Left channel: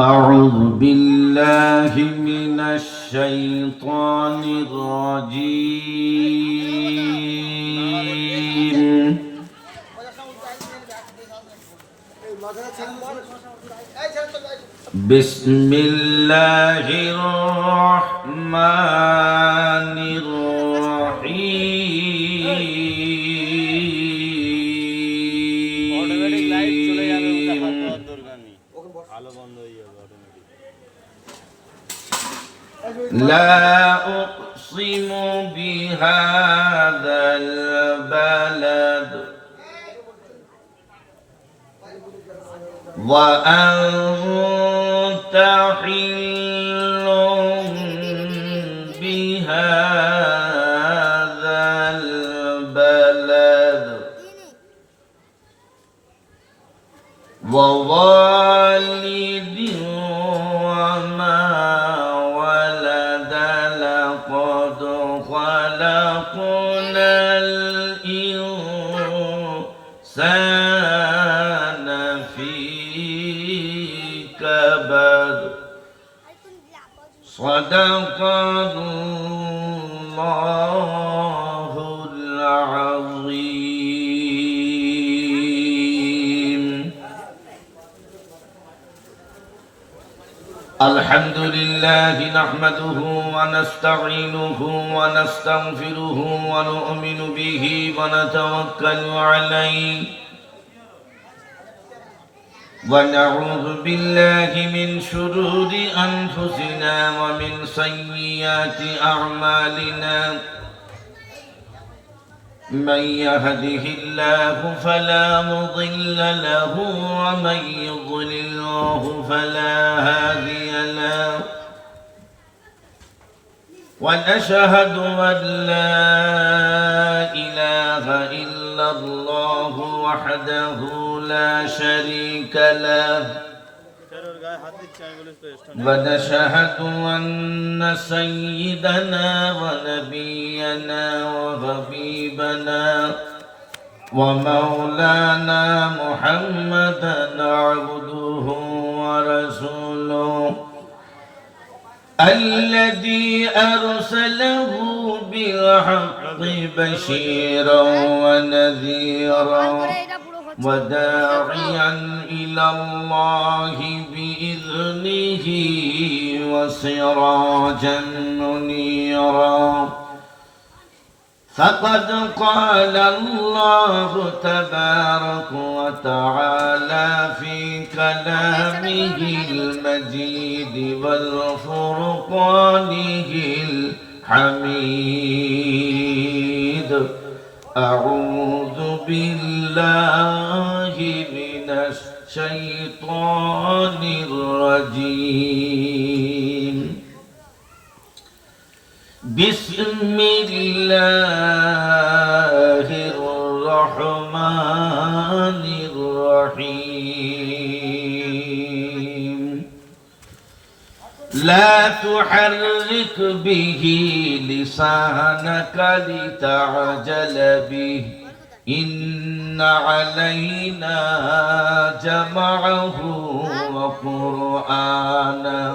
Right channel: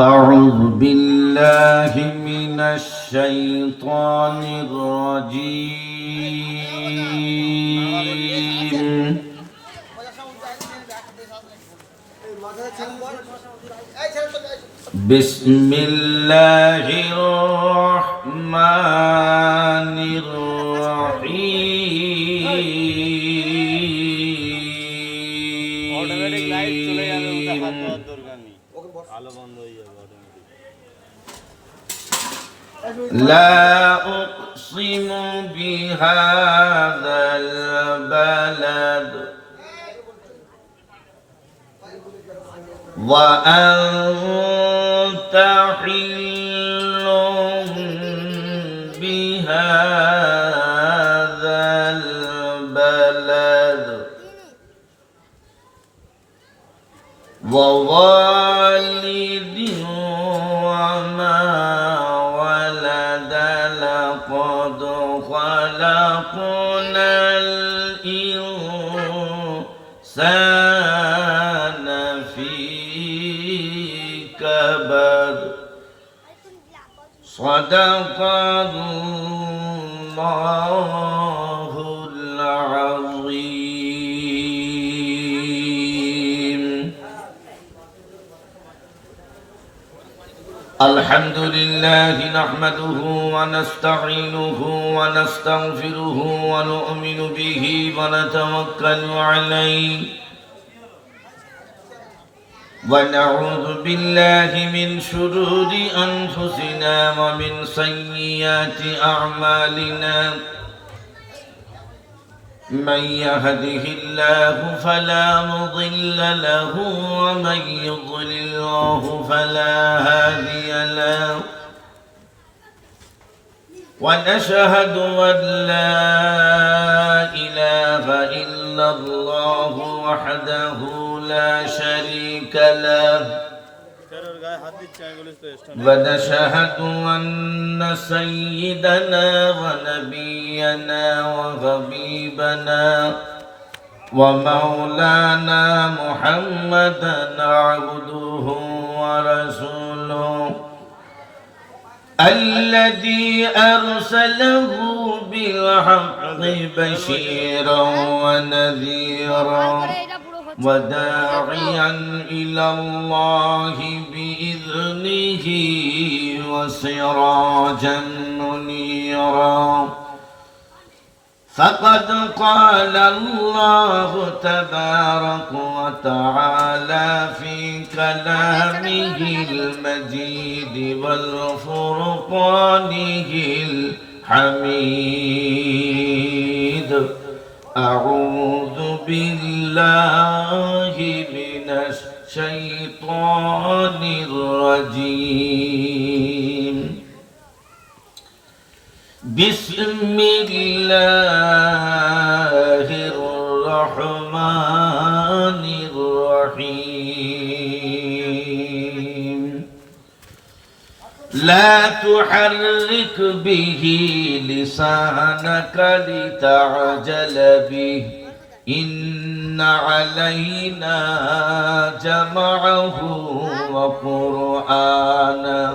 أعوذ بالله من الشيطان الرجيم بسم الله الرحمن لا أقسم بهذا البلد وأنت حل بهذا البلد ووالد وما ولد لقد خلقنا الإنسان في كبد صدق الله العظيم. الحمد لله نحمده ونستعينه ونستغفره ونؤمن به ونتوكل عليه ونعوذ بالله من شرور أنفسنا ومن سيئات أعمالنا من يهده الله فلا مضل له ومن يضلله فلا هادي له ونشهد أن لا إله إلا الله وحده لا شريك له ونشهد أن سيدنا ونبينا وحبيبنا ومولانا محمدا عبده ورسوله الذي أرسله بالحق بشيرا ونذيرا وداعيا إلى الله بإذنه وسراجا منيرا فقد قال الله تبارك وتعالى في كلامه المجيد والفرقانه الحميد أعوذ بالله من الشيطان الرجيم بسم الله الرحمن الرحيم لا تحرك به لسانك لتعجل به إن علينا جمعه وقرآنه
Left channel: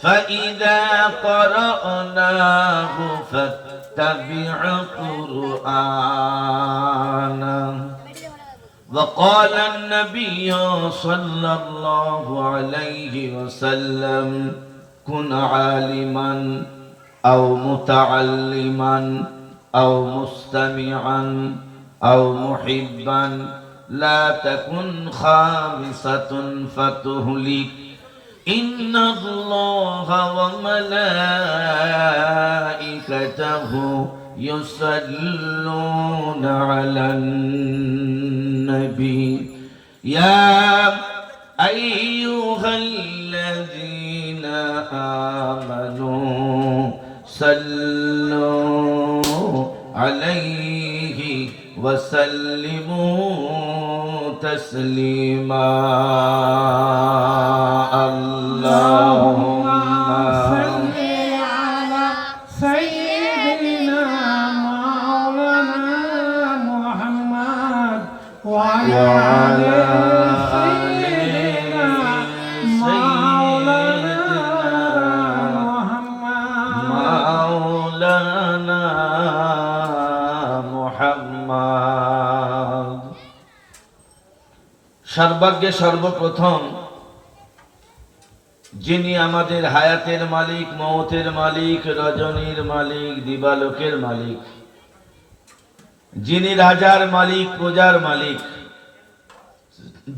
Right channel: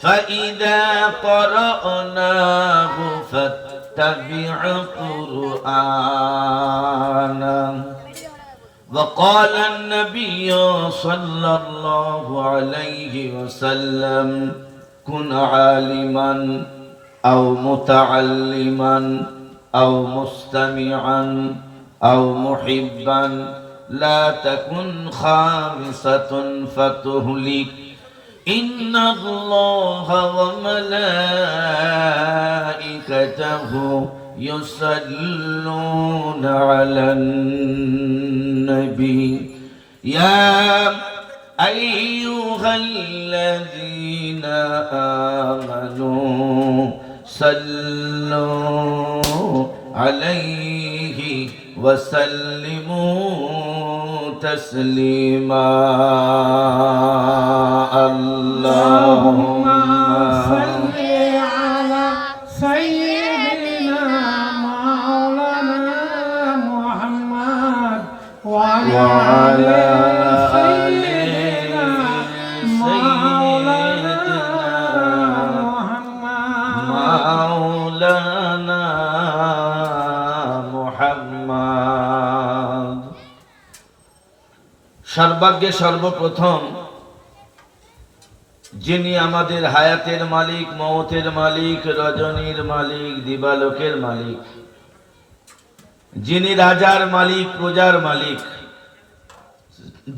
فإذا قرأناه فاتبع قرآنه وقال النبي صلى الله عليه وسلم كن عالما أو متعلما أو مستمعا أو محبا لا تكن خامسة فتهلك إن الله وملائكته يصلون على النبي يا أيها الذين آمنوا صلوا عليه وسلموا تسليما اللهم صل على سيدنا مولانا محمد وعلى سيدنا সর্বাগ্যে সর্বপ্রথম যিনি আমাদের হায়াতের মালিক, মৌতের মালিক, রজনীর মালিক, দিবালোকের মালিক, যিনি রাজার মালিক, প্রজার মালিক,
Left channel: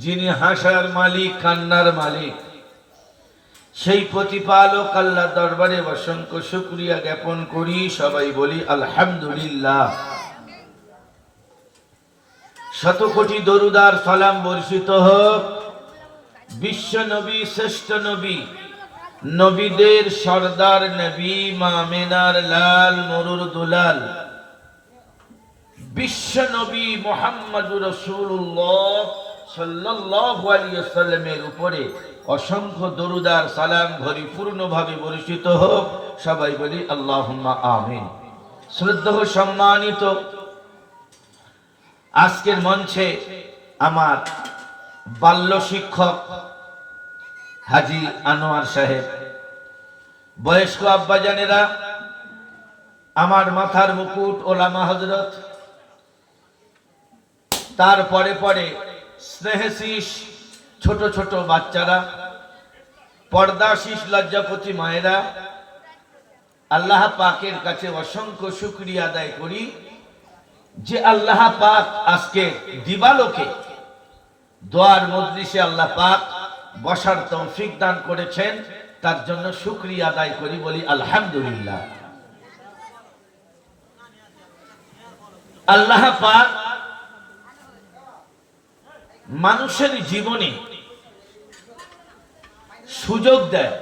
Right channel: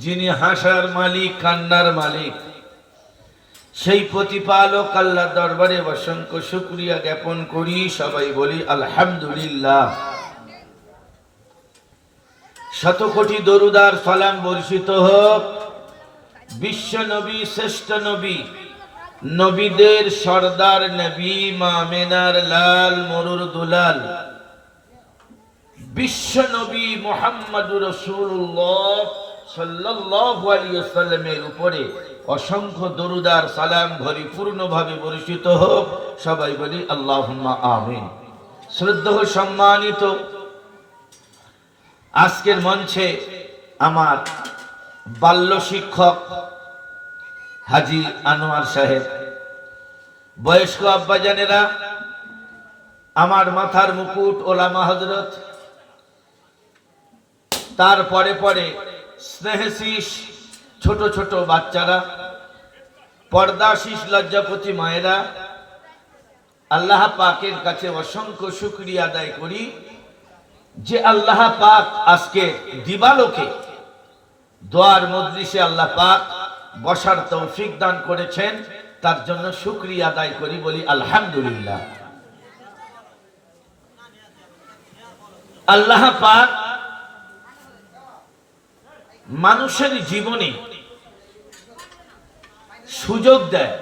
যিনি হাসার মালিক, কান্নার মালিক, সেই প্রতিপালক আল্লাহ দরবারে অসংখ্য শুকরিয়া জ্ঞাপন করি। সবাই বলি আলহামদুলিল্লাহ। শত কোটি দরুদার সালাম বর্ষিত হোক বিশ্ব নবী, শ্রেষ্ঠ নবী, নবীদের সর্দার নবী, মা আমেনার লাল, মরুর দুলাল, বিশ্ব নবী মুহাম্মদুর রাসূলুল্লাহ সাল্লাল্লাহু আলাইহি ওয়াসাল্লামের উপরে অসংখ্য দরুদার সালাম পরিপূর্ণভাবে বর্ষিত হোক। সবাই বলি আল্লাহুম্মা আমিন। শ্রদ্ধেয় সম্মানিত, আজকের মঞ্চে আমার বাল্য শিক্ষক হাজী আনোয়ার সাহেব, বয়স্ক আব্বাজানেরা, আমার মাথার মুকুট ওলামা হযরত, তার পরে পরে স্নেহশীষ ছোট ছোট বাচ্চারা, পর্দাশীষ লজ্জাপতি মায়েরা, আল্লাহ পাকের কাছে অসংখ্য শুকরিয়া আদায় করি যে আল্লাহ পাক আজকে দিবালোকে দোয়ার মজলিসে আল্লাহ পাক বসার তৌফিক দান করেছেন, তার জন্য শুকরিয়া আদায় করি, বলি আলহামদুলিল্লাহ। আল্লাহ পাক মানুষের জীবনে সুযোগ দেয়,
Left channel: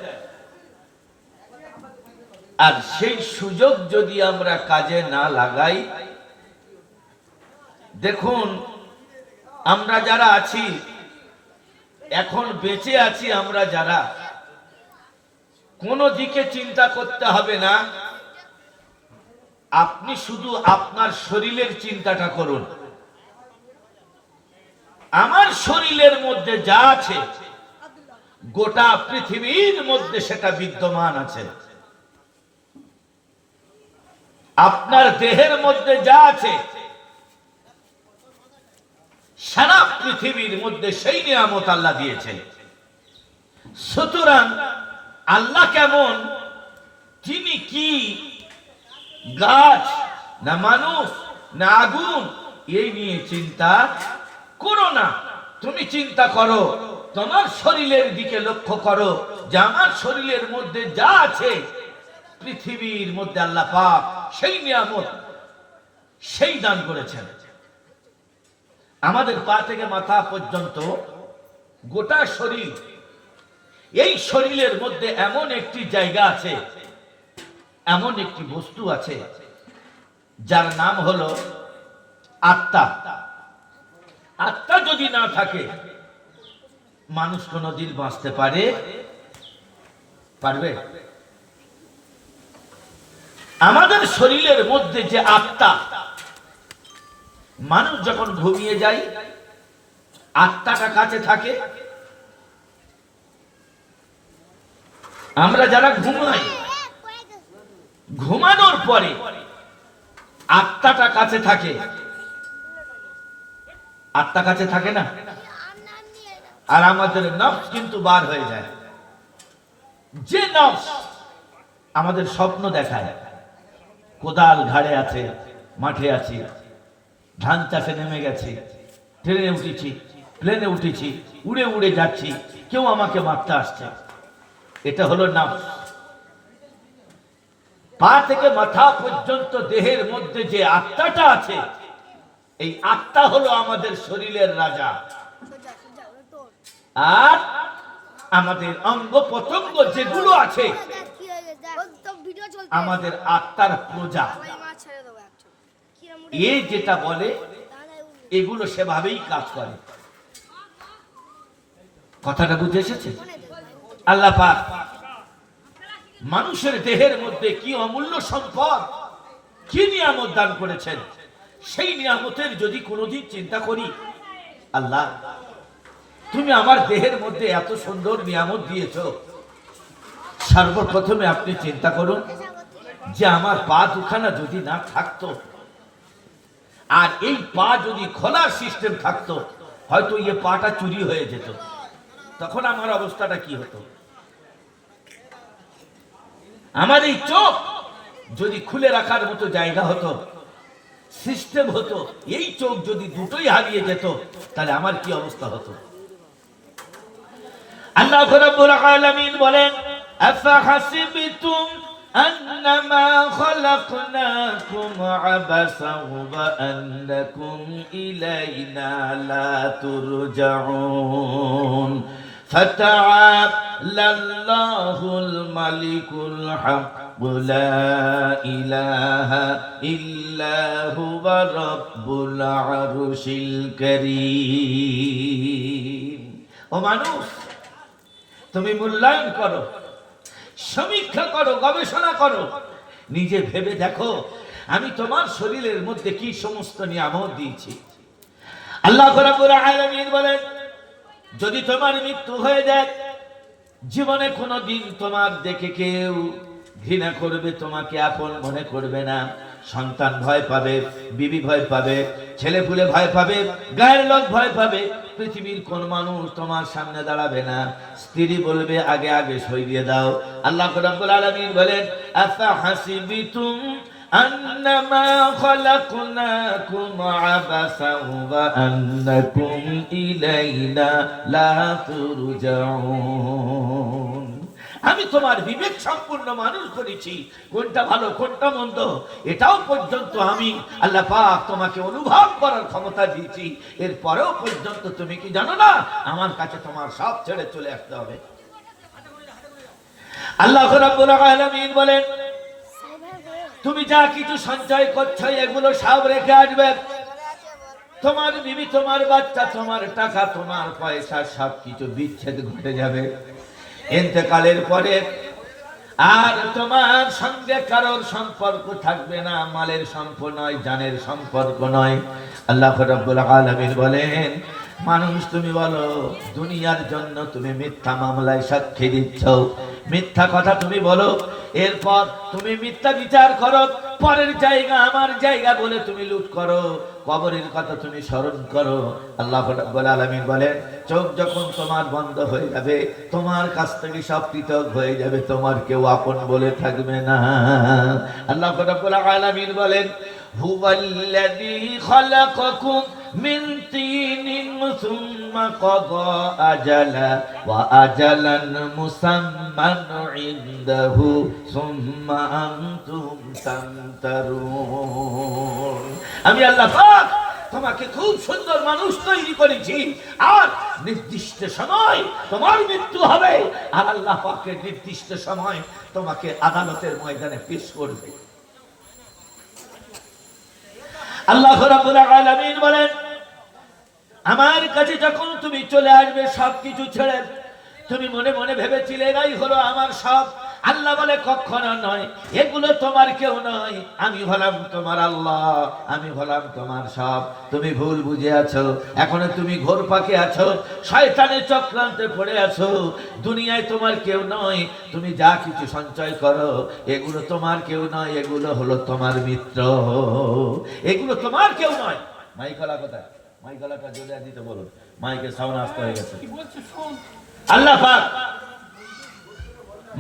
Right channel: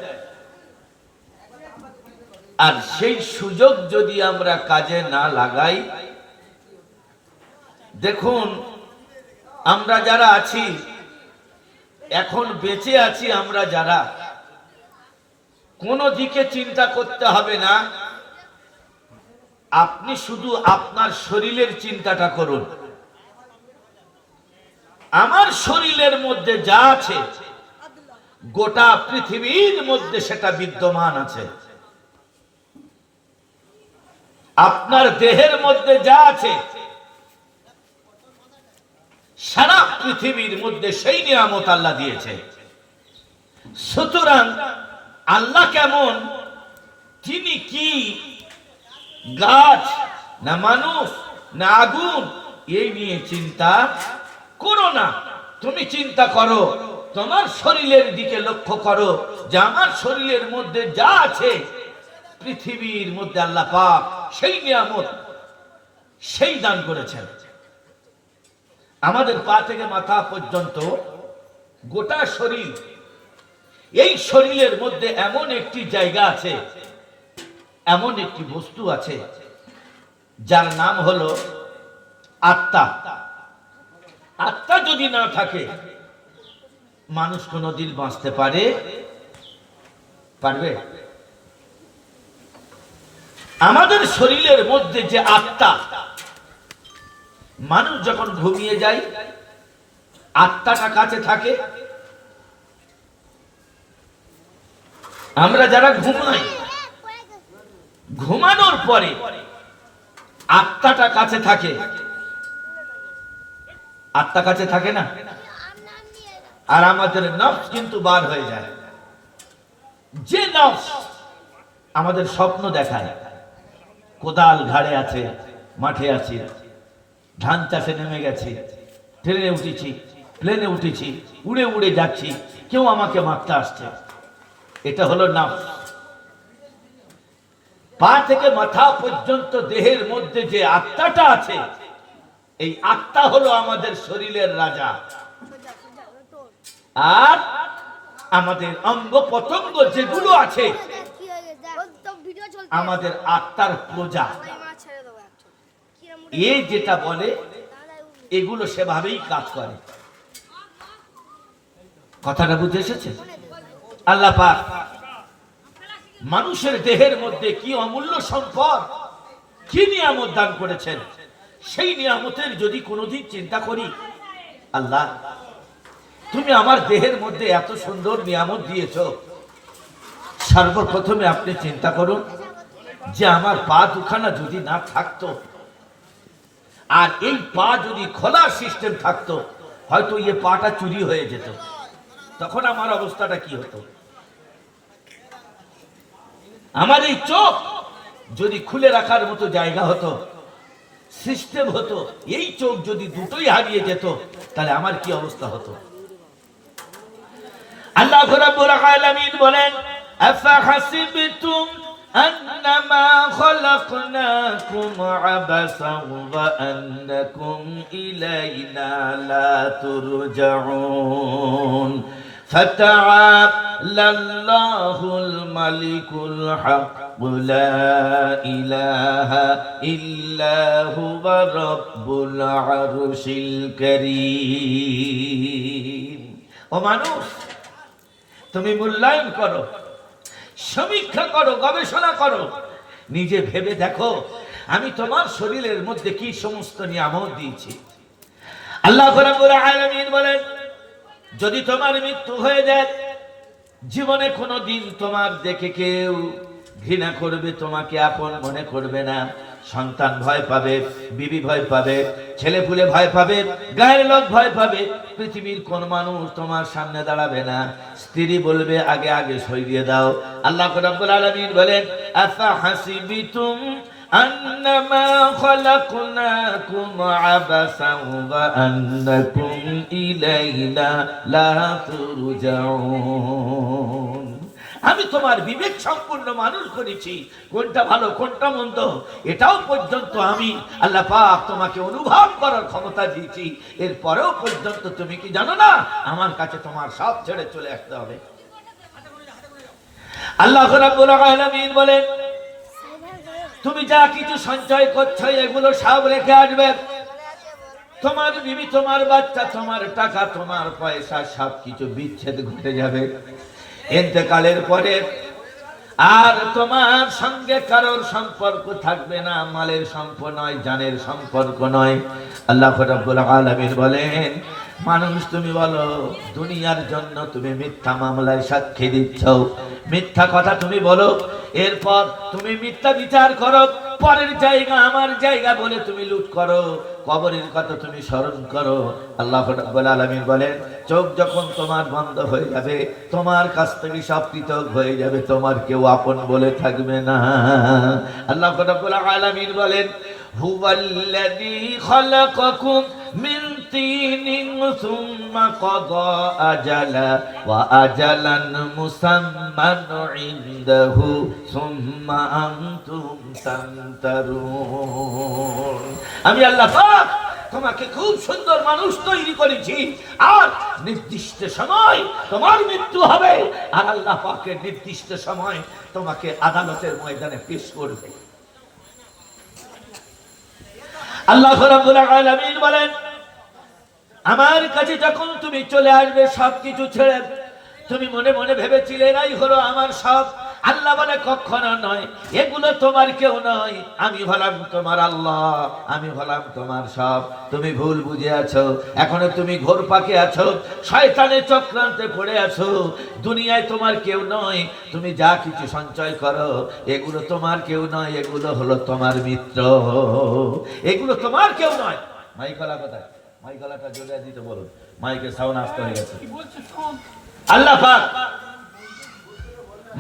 আর সেই সুযোগ যদি আমরা কাজে না লাগাই, দেখুন আমরা যারা আছি এখন বেঁচে আছি, আমরা যারা কোনো দিকে চিন্তা করতে হবে না, আপনি শুধু আপনার শরীরের চিন্তাটা করুন। আমার শরীরের মধ্যে যা আছে গোটা পৃথিবীর মধ্যে সেটা বিদ্যমান আছে। আপনার দেহের মধ্যে যা আছে সারা পৃথিবীর মধ্যে সেই নিয়ামত আল্লাহ দিয়েছে। সুতরাং আল্লাহ কেমন, তিনি কি গাছ না মানুষ না আগুন, এই নিয়ে চিন্তা করো না। তুমি চিন্তা করো তোমার শরীরের দিকে, লক্ষ্য করো যে আমার শরীরের মধ্যে যা আছে পৃথিবীর মধ্যে আল্লাহ পাক সেই নিয়ামত সেই দান করেছেন। আমাদের পা থেকে মাথা পর্যন্ত গোটা শরীর, এই শরীরের মধ্যে এমন একটি জায়গা আছে, এমন একটি বস্তু আছে যার নাম হলো আত্মা। আত্মা যদি না থাকে মানুষ কোনদিন বাঁচতে পারবে? আমাদের শরীরের মধ্যে যে আত্মা, মানুষ যখন ঘুমিয়ে যায় আত্মাটা কাছে থাকে। আমরা যারা ঘুমাই, ঘুমানোর পরে আত্মাটা কাছে থাকে, আত্মা কাছে থাকে না, আর আমাদের নফস কিন্তু বার হয়ে যায়। যে নফস আমাদের স্বপ্ন দেখায়, কোদাল ঘাড়ে আছে, মাঠে আছি, ধান চাষে নেমে গেছি, ট্রেনে উঠেছি, প্লেনে উঠেছি, উড়ে উড়ে যাচ্ছি, কেউ আমাকে মারতে আসছে, এটা হলো নফস। পা থেকে মাথা পর্যন্ত দেহের মধ্যে যে আত্মাটা আছে, এই আত্মা হলো আমাদের শরীরের রাজা, আর আমাদের অঙ্গ প্রত্যঙ্গ যেগুলো আছে আমাদের আত্মার প্রজা। এই যেটা বলে এগুলো সেভাবেই কাজ করে। কথাটা বুঝে এসেছে? আল্লাহ পাক মানুষের দেহের মধ্যে কি অমূল্য সম্পদ, কি নিয়ামত দান করেছেন, সেই নিয়ামতের যদি কোনোদিন চিন্তা করি, আল্লাহ তুমি আমার দেহের মধ্যে এত সুন্দর নিয়ামত দিয়েছ, সর্বপ্রথমে আপনি চিন্তা করুন যে আমার পা দুখানা যদি না থাকতো, আর এই পা যদি খোলার সিস্টেম থাকতো, হয়তো ইয়ে পাটা চুরি হয়ে যেত, তখন আমার অবস্থাটা কি হতো? আমার এই চোখ যদি খুলে রাখার মতো জায়গা হতো, সিস্টেম হতো, এই চোখ যদি দুটোই হারিয়ে যেত, তাহলে আমার কি অবস্থা হতো? আল্লাহ রাব্বুল আলামিন বলেন, আফাহাসিবতুম আন্নামা খালাকনাকুম আবাসান ওয়া আন্নাকুম ইলাইনা লা তুরজাউন ফাতাআলা আল্লাহুল মালিকুল হক লা ইলাহা ইল্লা হুয়া রাব্বুল আরশিল কারীম। ও মানুষ, তুমি মূল্যায়ন করো, সমীক্ষা করো, গবেষণা করো, নিজে ভেবে দেখো আমি তোমার শরীরের মধ্যে কি সমস্ত নিয়ামত দিয়েছি। আল্লাহ রাব্বুল আলামিন বলেন, যদি তোমার মৃত্যু হয়ে যায়, জীবনে কোনো দিন তোমার দেখে কেউ ঘৃণা করবে, তোমাকে আপন মনে করবে না। সন্তান ভয় পাবে, বিবি ভয় পাবে, ছেলে পুলে ভয় পাবে, গায়ের লোক ভয় পাবে, পৃথিবীর কোন মানুষ তোমার সামনে দাঁড়াবে না। স্ত্রী বলবে আগে আগে সরিয়ে দাও। আল্লাহ রাব্বুল আলামিন বলেন, আফাহাসিবিতুম আন্নামা খালাকনাকুম আবাসান ওয়া আন্নাকুম ইলাইনা লা তুরজাউন। আমি তোমার বিবেক সম্পূর্ণ মানুষ করেছি, কোনটা ভালো কোনটা মন্দ এটাও পর্যন্ত আমি আল্লাহ পাক তোমাকে অনুভব করার ক্ষমতা দিয়েছি। এরপরেও পর্যন্ত তুমি কি জানো না আমার কাছে তোমার সব ছেড়ে চলে আসতে হবে। আল্লাহ রাব্বুল আলামিন বলেন, তুমি যা কিছু সঞ্চয় করছো এগুলো সব রেখে আসবে। তোমার বিবি, তোমার বাচ্চা, তোমার টাকা, তোমার পয়সা সবকিছু বিচ্ছেদ ঘটে যাবে। ইন্তেকালের পরে আর তোমার সঙ্গে কারোর সম্পর্ক থাকবে না, মালের সম্পর্ক নয়, জানের সম্পর্ক নয়। আল্লাহ রাব্বুল আলামিন বলেন, মানুষ তুমি বলো দুনিয়ার জন্য তুমি মিথ্যা মামলায় সাক্ষী দিচ্ছ, মিথ্যা কথা তুমি বলো, এরপর তুমি মিথ্যা বিচার করো, পরের জায়গা আমার জায়গা বলে তুমি লুট করো, কবরের কথা তুমি স্মরণ করো। আল্লাহ রাব্বুল আলামিন বলেন, চোখ যখন তোমার বন্ধ হয়ে যাবে, তোমার কাছ থেকে সব পৃথক হয়ে যাবে, তোমার কেউ আপন বলে থাকবে না। আল্লাহ রাব্বুল আলামিন বলেন, হুয়াল্লাযী খালাকাকুম মিন তিনিন সুম্মা ক্বাদা আজালা ওয়া আজালান মুসাম্মান ইনদাহু সুম্মা আনতুম তামতারুন। আমি আল্লাহ পাক তোমাকে খুব সুন্দর মানুষ তৈরি করেছি, আর নির্দিষ্ট সময় তোমার মৃত্যু হবে, আর আল্লাহ পাকের নির্দিষ্ট সময় তোমাকে আদালতের ময়দানে পেশ করবে। আল্লাহ রাব্বুল আলামিন বলেন, আমার কাছে যখন তুমি চলে আসবে সবকিছু ছেড়ে, তুমি মনে মনে ভেবেছিলে এরাই হলো আমার সব। আল্লাহ বলে কখনো নয়, এগুলো তোমার কেউ নয়, আমি হলাম তোমার আল্লাহ, আমি হলাম তোমার সব। তুমি ভুল বুঝে আছো, এখনো তুমি ঘোর পাকে আছো, শয়তানের চক্রান্তে পড়ে আছো। দুনিয়ায় তোমার কেউ নয়, তুমি যা কিছু সঞ্চয় করো এগুলো তোমার কেউ নয়, এগুলো হলো তোমার মিত্র, এগুলো তোমার কেউ নয়। মাইকলা কোথায়? মাইকলাটা জোরে দিতে বলুন, মাইকের সাউন্ড আসতে হয়ে গেছে। আল্লাহ পাক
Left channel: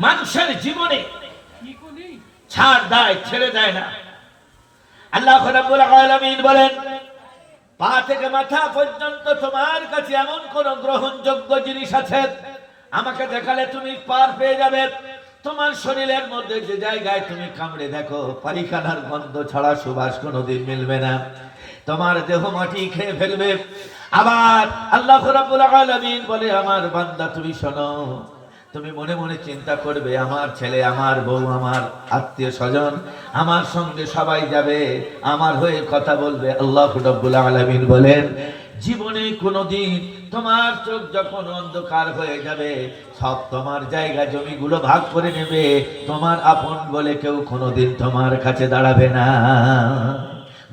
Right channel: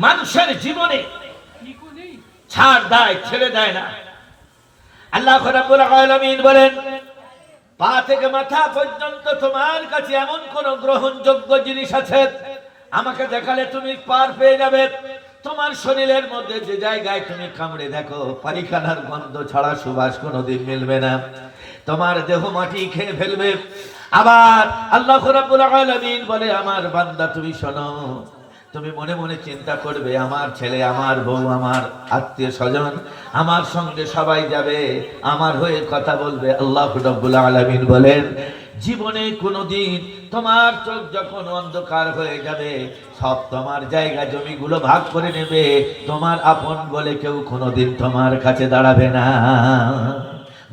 মানুষের জীবনে ছাড় দেয়, ছেড়ে দেয় না। আল্লাহ রাব্বুল আলামিন বলেন, পা থেকে মাথা পর্যন্ত তোমার কাছে এমন কোন গ্রহণযোগ্য জিনিস আছে আমাকে দেখালে তুমি পার পেয়ে যাবে। তোমার শরীরের মধ্যে যে জায়গায় তুমি কামড়ে দেখো পায়খানার গন্ধ ছাড়া সুবাস কোনোদিন মিলবে না, তোমার দেহ মাটি খেয়ে ফেলবে। আবার আল্লাহ রাব্বুল আলামিন বলে, আমার বান্দা তুমি শোনো, তুমি মনে মনে চিন্তা করবে আমার ছেলে, আমার বউ, আমার আত্মীয় স্বজন, আমার সঙ্গে সবাই যাবে, আমার হয়ে কথা বলবে। আল্লাহ রাব্বুল আলামিন বলেন, জীবনে কোনোদিন তোমার চোখ যখন অন্ধকার হয়ে যাবে, সব তোমার জায়গা জমিগুলো ভাগ করে নেবে, তোমার আপন বলে কেউ কোনোদিন তোমার কাছে দাঁড়াবে না।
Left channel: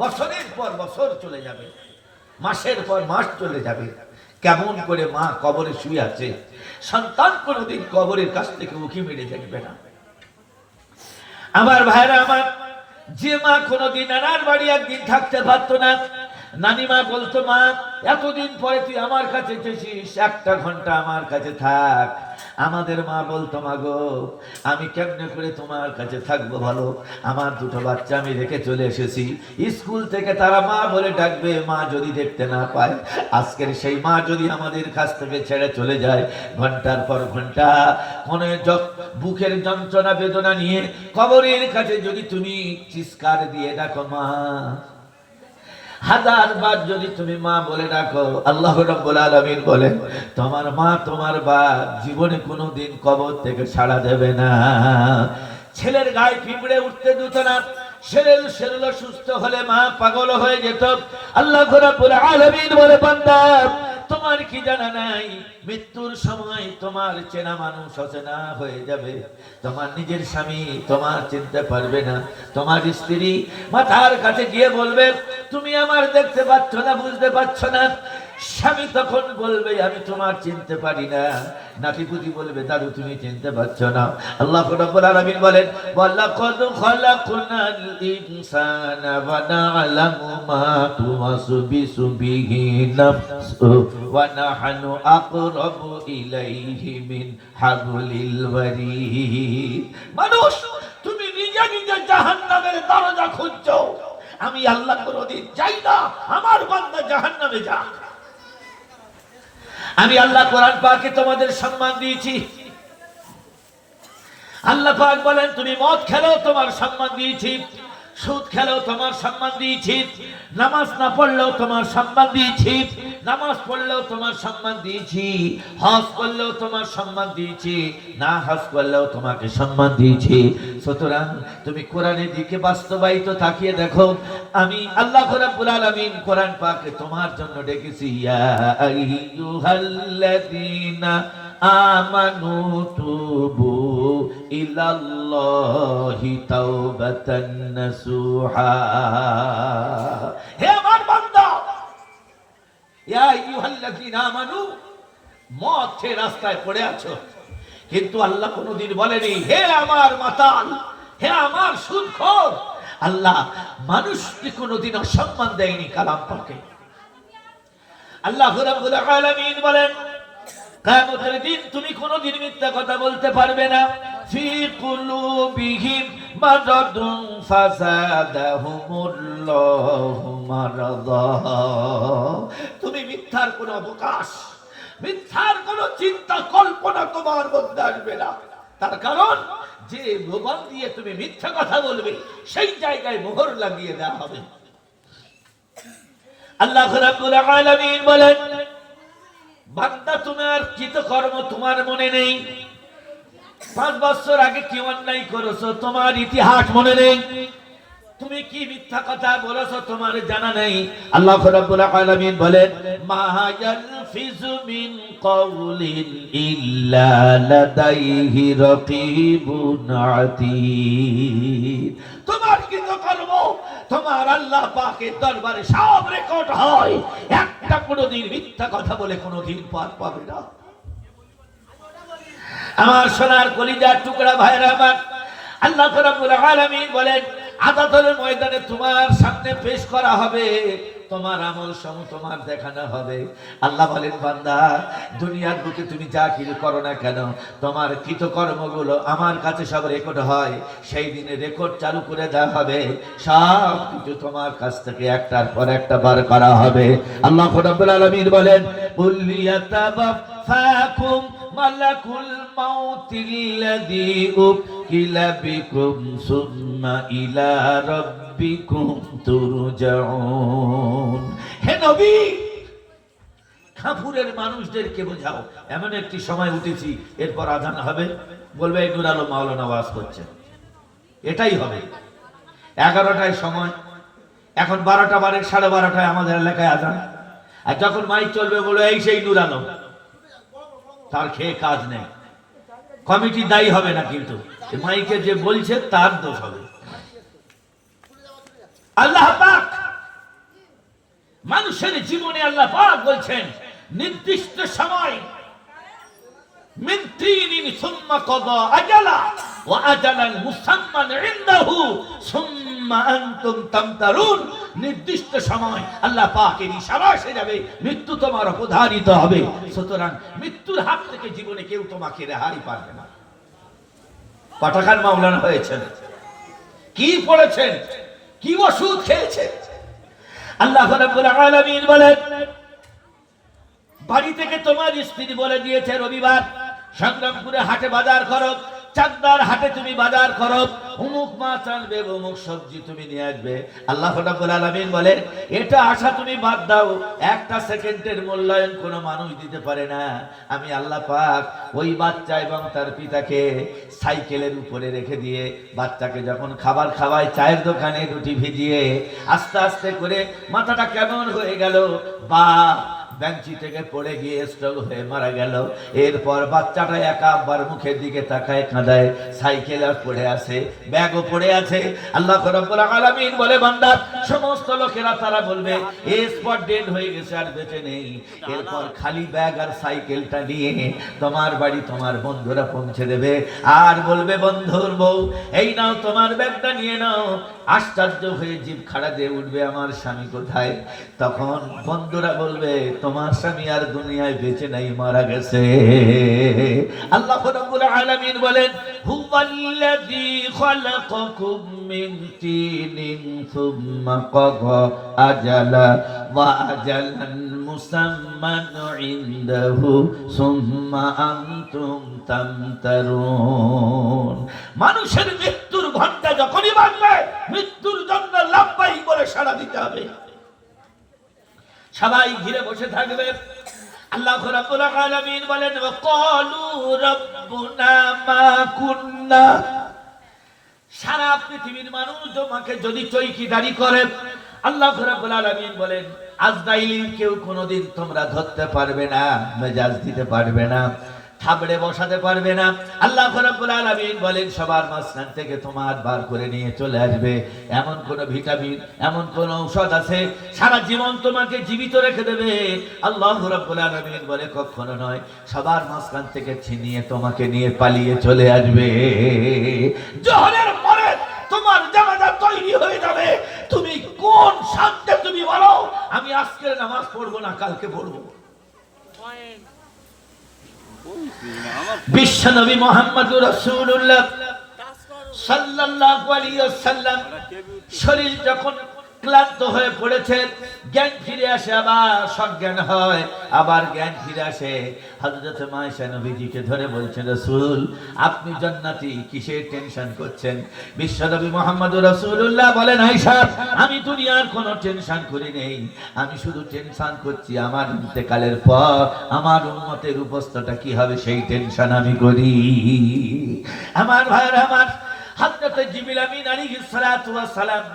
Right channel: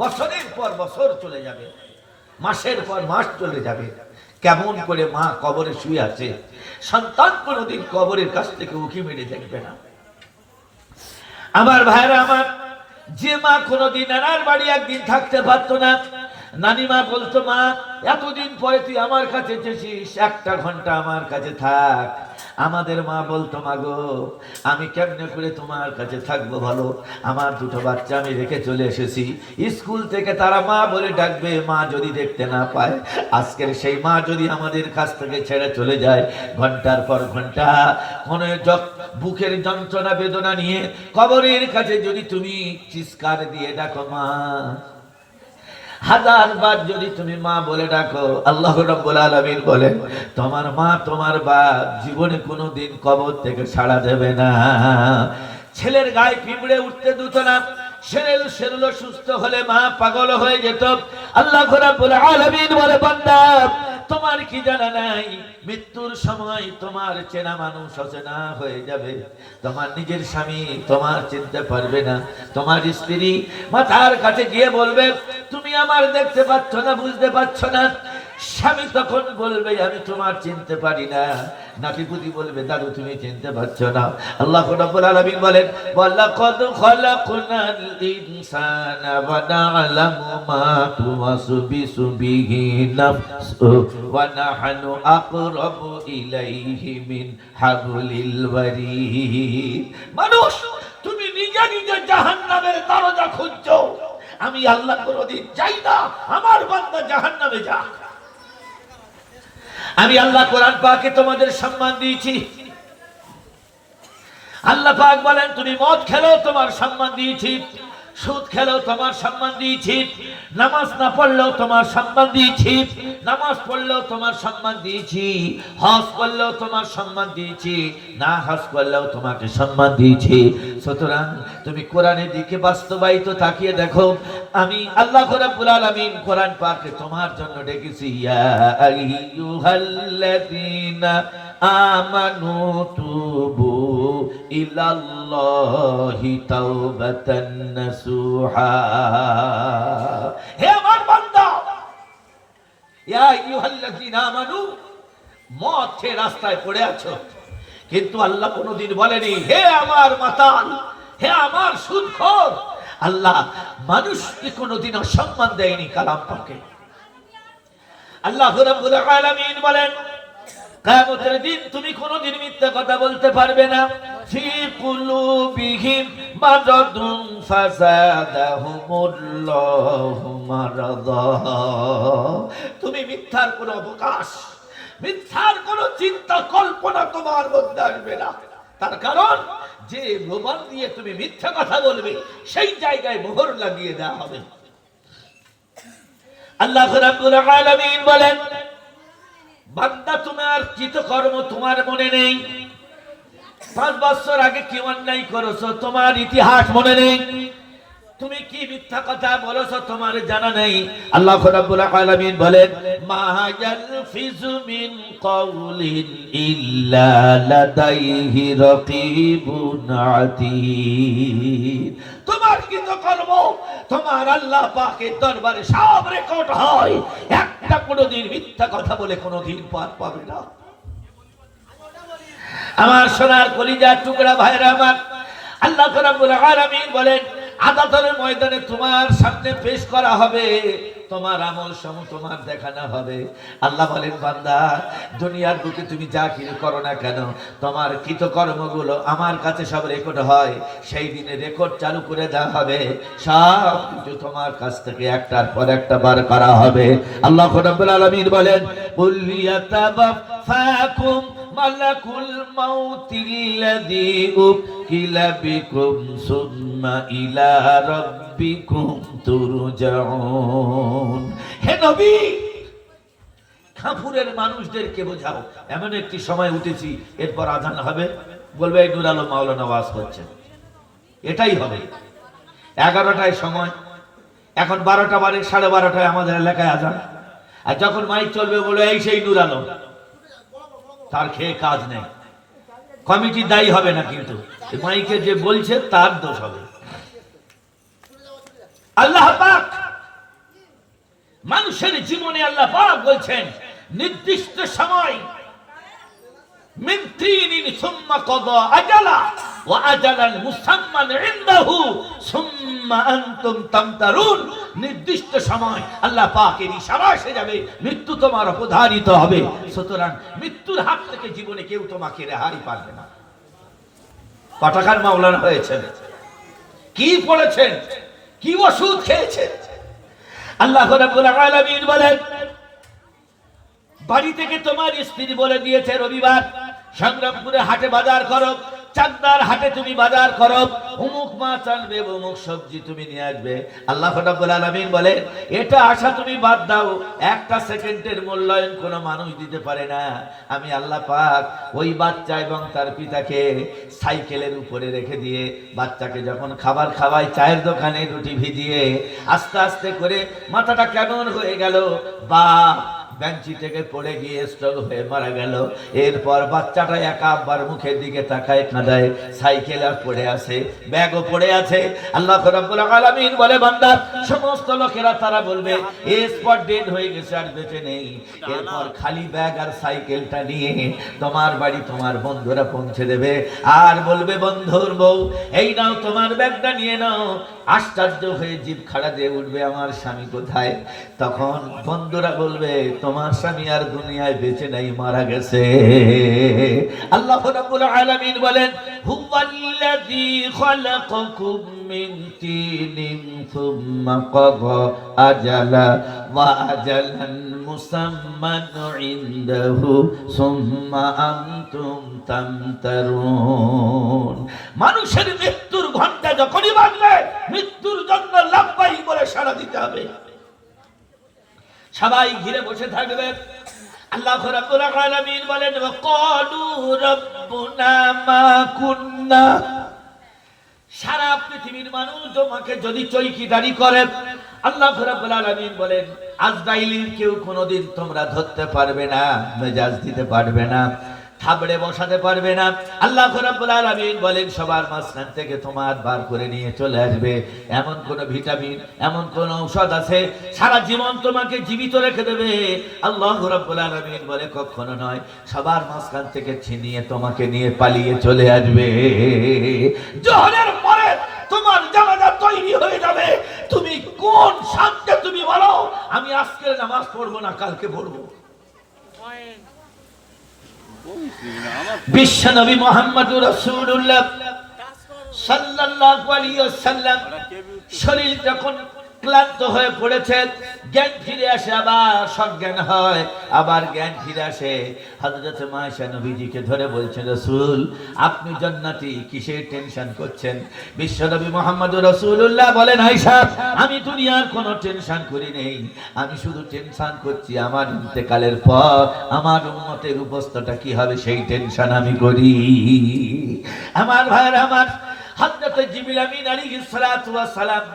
বছরের পর বছর চলে যাবে, মাসের পর মাস চলে যাবে। কেমন করে মা কবরে শুয়ে আছে, সন্তান কোনোদিন কবরের কাছ থেকে উঁকি মেরে দেখবে না। আমার ভাইরা আমার, যে মা কোনোদিন নানার বাড়ি একদিন থাকতে পারতো না, নানিমা বলতো, মা এতদিন পরে তুই আমার কাছে এসেছিস, একটা ঘন্টা আমার কাছে থাক। আমাদের মা বলতো, মা গো আমি কেমনে করে তোমার কাছে থাকবো বলো, আমার দুটো বাচ্চা আমি রেখে চলে এসেছি, স্কুল থেকে তারা মা বলে ডাকবে, মা যদি দেখতে না পায়, আজকের সেই মা যদি আমাদের কাছ থেকে ছেড়ে চলে যায়, ঘন্টার পর ঘন্টা মনে বুকের যন্ত্রণা বেদনা নিয়ে কবরের কাছে যদি তুমি চিৎকার দিয়ে ডাকো মা, হাজার বার যদি তুমি মা বলে ডাকো, আল্লাহ রাব্বুল আলামিন বলেন তোমার মা তোমার বাপ জীবনে কোনোদিন কবর থেকে ছাড়া দেবে না। ছেলের গায়ে পিঁপড়ে উঠতে দিত না, শরীর সুস্থ হলে মা পাগল হয়ে যেত। আল্লাহ রাব্বুল আলামিন বলে, বান্দা তোমার কি জানা নাই, মৃত্যুর সময় তোমার চেনা মানুষ অচেনা হয়ে যাবে, তোমার নিজের স্বামী তোমার চিনতে পারবে না, তোমার স্ত্রী মাথার কাছে গিয়ে বলবে তুমি আমার দেখতে পাচ্ছ না, বুঝতে পারছো না। স্বামী তখন বলবে আমি তোমার চিনতে পারি না, নাতিপুতি বলবে দাদু তুমি চিনতে পারছো না। আল্লাহ রাব্বুল আলামিন বলেন, ওয়ালাকাদ খালাকনাল ইনসানা ওয়া না'লামু মা তুওয়াসবিসু বিহি নাফসু ওয়া নাহনু আকরাবু ইলাইহি মিন হাবলিল ওয়ারিদ। মানুষ তুমি নিজে নিজে জাহান্নামের দরজা খুঁজছো, আমি আল্লাহ কোনদিন চাই না আমার বান্দা জাহান্নামে যাক। আমি আল্লাহ কোরআন পাকে তোমাদের সম্মান দিয়েছি। আল্লাহ পাক বলেন তুমি মদ খেলো তোমার সম্মান দিয়েছি, সুদ খেলেও তোমার সম্মান দিয়েছি, নামাজ না পড়লেও তোমার সম্মান দিয়েছি, নামাজ পড়লেও তোমার সম্মান দিয়েছি, হজ করলেও তোমার সম্মান দিয়েছি, না হজ করলেও তোমাকে সম্মান দিয়েছি। সুতরাং তুমি কোরআনের দিকে বাস্তবায়িত তাকিয়ে দেখো, আমি আল্লাহ রাব্বুল আলামিন কোরআন পাকে তোমার জন্য ডেকেছি, ইয়া আইয়ুহাল্লাযীনা আমানু তুবু ইলাল্লাহি তাওবাতান নাসুহা। হে আমার বান্দা, ইয়া আইয়ুহাল্লাযীনা আমানু, মদ খেয়ে রাস্তায় পড়ে আছো, কিন্তু আল্লাহ কোনদিন বলেনি হে আমার মাতাল, হে আমার সুদখোর। আল্লাহ মানুষকে কোনদিন সম্মান দেয়নি কালাম পাকে। আল্লাহ রাব্বুল আলামিন বলেন কিয়ামতের দিন তুমি কোনদিন মিথ্যা কথা বলতে পারবে না। ফি কুলুবিহিম মারাদুন ফাযাদাহুমুল্লাহু মারাদা। তুমি মিথ্যার কোনো অবকাশ, মিথ্যার কোনো চিন্তা কল্পনা তোমার মধ্যে আসবে না। তার কারণ যে জবান দিয়ে তুমি মিথ্যা কথা বলবে সেই জায়গায় মোহর লাগিয়ে দেওয়া হবে। আল্লাহ রাব্বুল আলামিন বলেন, বান্দা তোমার কৃতকর্ম তোমার মনে নেই, 5 বছর আগে কি অন্যায় করেছো তোমার ইতিহাস মনে নেই, তুমি কি মিথ্যা কথা বলেছো তোমার জানা নেই। আল্লাহ রাব্বুল আলামিন বলেন, মা ইয়ালফিজু মিন কাউলিন ইল্লা লাদাইহি রাকিবুন আতীদ। তোমার কৃতকর্ম তোমার আল্লাহ পাকের দরবারে সব রেকর্ড হয়, একটা কোনদিন মিথ্যা কথা বলে কোনদিন পার পাবে না। আমার সোনার কলিজার টুকরা ভাইরা আমার, আল্লাহ রাব্বুল আলামিন বলেন আদালতের ময়দানে তোমার সামনে পেশ করা হবে, তোমার আমল সমূহ তোমার দেখানো হবে। আল্লাহ বলেন বান্দা দুনিয়ার বুকে তুমি যা কিছু করো না কেন, তোমার কৃতকর্মগুলো আমার কাছে সব রেকর্ড হয়, সেই দিনে রেকর্ড চালু করে দেওয়া হবে, সব কিছু তোমার কাছ থেকে একটার পর একটা বার করা হবে। আল্লাহ রাব্বুল আলামিন বলেন, কুল ইয়াতাওয়াফাকুম মালাকুল মাউতিল্লাযী উকিলা বিকুম সুম্মা ইলা রাব্বিকুম তুরজাউন। হে নবী, কাপুরের মানুষদেরকে বোঝাও এমন একটি সময় উঠেছি, এরপর আযান হবে, বলবে এই নূর আলম মাওলানা ওয়াজ করছেন, এটাই হবে। 11টায় সময়, এখন 12টা বারে 12:30টায় আমাদের এলাকায় আযান, আর যখন মাইক চলবে বলবে এই সেই নূর আলম, তার খেয়ে কাজ নেই। কমিটি দায়ী হবে না, কিন্তু মাইকে যে বলছে তার দোষ হবে। আল্লাহ পাক মানুষের জীবনে আল্লাহ পাক বলছেন নির্দিষ্ট সময়, মিন তিনিন সুম্মা কাদা আজালা ওয়া আজালান মুসাম্মান ইনদাহু সুম্মা আনতুম তামতারুন। নির্দিষ্ট সময় আল্লাহ পাকের ইশারা এসে যাবে, মৃত্যু তোমার অবধারিত হবে। সুতরাং মৃত্যুর হাত থেকে জীবনে কেউ তোমাকে রেহাই পারবে না। কটাকার মাওলানা হয়েছেন, কি পড়েছেন, কি ওষুধ খেয়েছেন? আল্লাহ রাব্বুল আলামিন বলেন, বাড়ি থেকে তোমার স্ত্রী বলে দিয়েছে রবিবার সংগ্রামপুরে হাটে বাজার করো, চাকদার হাটে তুমি বাজার করো, অমুক মাছ আনবে, অমুক সবজি তুমি নিয়ে আসবে। আল্লাহ রাব্বুল আলামিন বলেন, এটা আশা তুমি বাদ দাও, একটা সেকেন্ডের মূল্যায়ন কোনো মানুষ দিতে পারে না। আমি আল্লাহ পাক ওই বাচ্চা এবং তার পিতাকে সাইকেলের উপরে রেখে দিয়ে বাচ্চাকে যখন খাবার খাওয়ায়, চায়ের দোকানে রুটি ভিজিয়ে আস্তে আস্তে করে মাথাটা কেমন হয়ে গেল, বা বেঞ্চি থেকে পড়ে গিয়ে স্ট্রোক হয়ে মারা গেল। এরপর বাচ্চাটা একাবার মুখের দিকে তাকায়, কাঁদায়, সাইকেল আর পড়ে আছে, ব্যাগও পড়ে আছে। আল্লাহ রাব্বুল আলামিন বলে, বান্দা, সমস্ত লোকেরা তারা বলবে এ স্পট ডেড হয়ে গেছে, আর বেঁচে নেই। এরপর খালি ব্যাগ আর সাইকেলটা নিয়ে তোমার বাড়ি তোমার বন্ধুরা পৌঁছে দেবে, আর বলবে, বন্ধুর বউ, এই নাও তোমার ব্যাগটা নিয়ে নাও। আশ্চর্য হয়ে জিভ খাড়া দিয়ে উঠবে, আমার স্বামী কোথায়? তখন বন্ধুরা বলবে, তোমার স্বামী আর দুনিয়ায় বেঁচে নাই, মারা গেছে। আল্লাহ রাব্বুল আলামিন বলেন, হুয়াল্লাযী খালাকাকুম মিন তিনিন সুম্মা কাযা আজালা ওয়া আজালান মুসাম্মান ইনদাহু সুম্মা আনতুম তামতারুন। মানুষের মৃত্যুর ঘন্টা যখনই বাজবে, মৃত্যুর জন্য লাফাই করে সাড়া দিতে হবে। সবাই ঘিরে বসে থাকবে। আল্লাহ রাব্বুল আলামিন বলেন, ওয়াকালু রাব্বুনা মা কুন্না। সারা পৃথিবীর মানুষ তোমাকে যদি চৌকিদারি করে, আল্লাহ রাব্বুল আলামিন বলেন, আজরাইলের কেউ কোনোদিন তোমরা ধরতে পারবে না, মেজাজ দিতে পারবে না, থাবড়ে বসাতে পারবে না। আল্লাহ রাব্বুল আলামিন বলেন, সবার মাঝখান থেকে তোমার বার করে নিয়ে চলে আসবে। এমন কোন ভিটামিন, এমন কোন ঔষধ আছে সারা জীবন তোমাকে জীবিত রেখে দেবে? আল্লাহ রাব্বুল আলামিন বলে, কখনো নয়। সবার মাঝখান থেকে ছিনিয়ে তোমাকে নিয়ে পালিয়ে চলে আসবে। জোহরের পরে তোমার জানাজা তৈরি হয়ে যাবে। তুমি কোন শান্তে তুমি বলো, আমি আজকের নামাজ পড়বো না, কালকে পড়বো। বিশ্বনবী মুহাম্মদুর রাসূলুল্লাহ সাল্লাল্লাহু আলাইহি ওয়াসাল্লাম শরীর যখন ক্লান্ত হয়ে পড়েছেন, জ্ঞান ফিরে আসে, আবার সজ্ঞান হয়, আবার জ্ঞান ফিরে আসে। হযরত মায়েশা নবীজিকে ধরে বলছেন, রাসূল, আপনি জান্নাতি, কিসের টেনশন করছেন? বিশ্বনবী মুহাম্মদুর রাসূলুল্লাহ বলেন, আয়েশা, আমি দুনিয়ার কোনো টেনশন করি নেই, আমি শুধু টেনশন করছি আমার ইন্তেকালের পর আমার উম্মতের উপস্থিতিটা কি হবে, সেই টেনশন আমি করি। আমার ভাইরা, আমার হযরত জিবরিল আমিন আলাইহিস সালাতু ওয়াস সালাম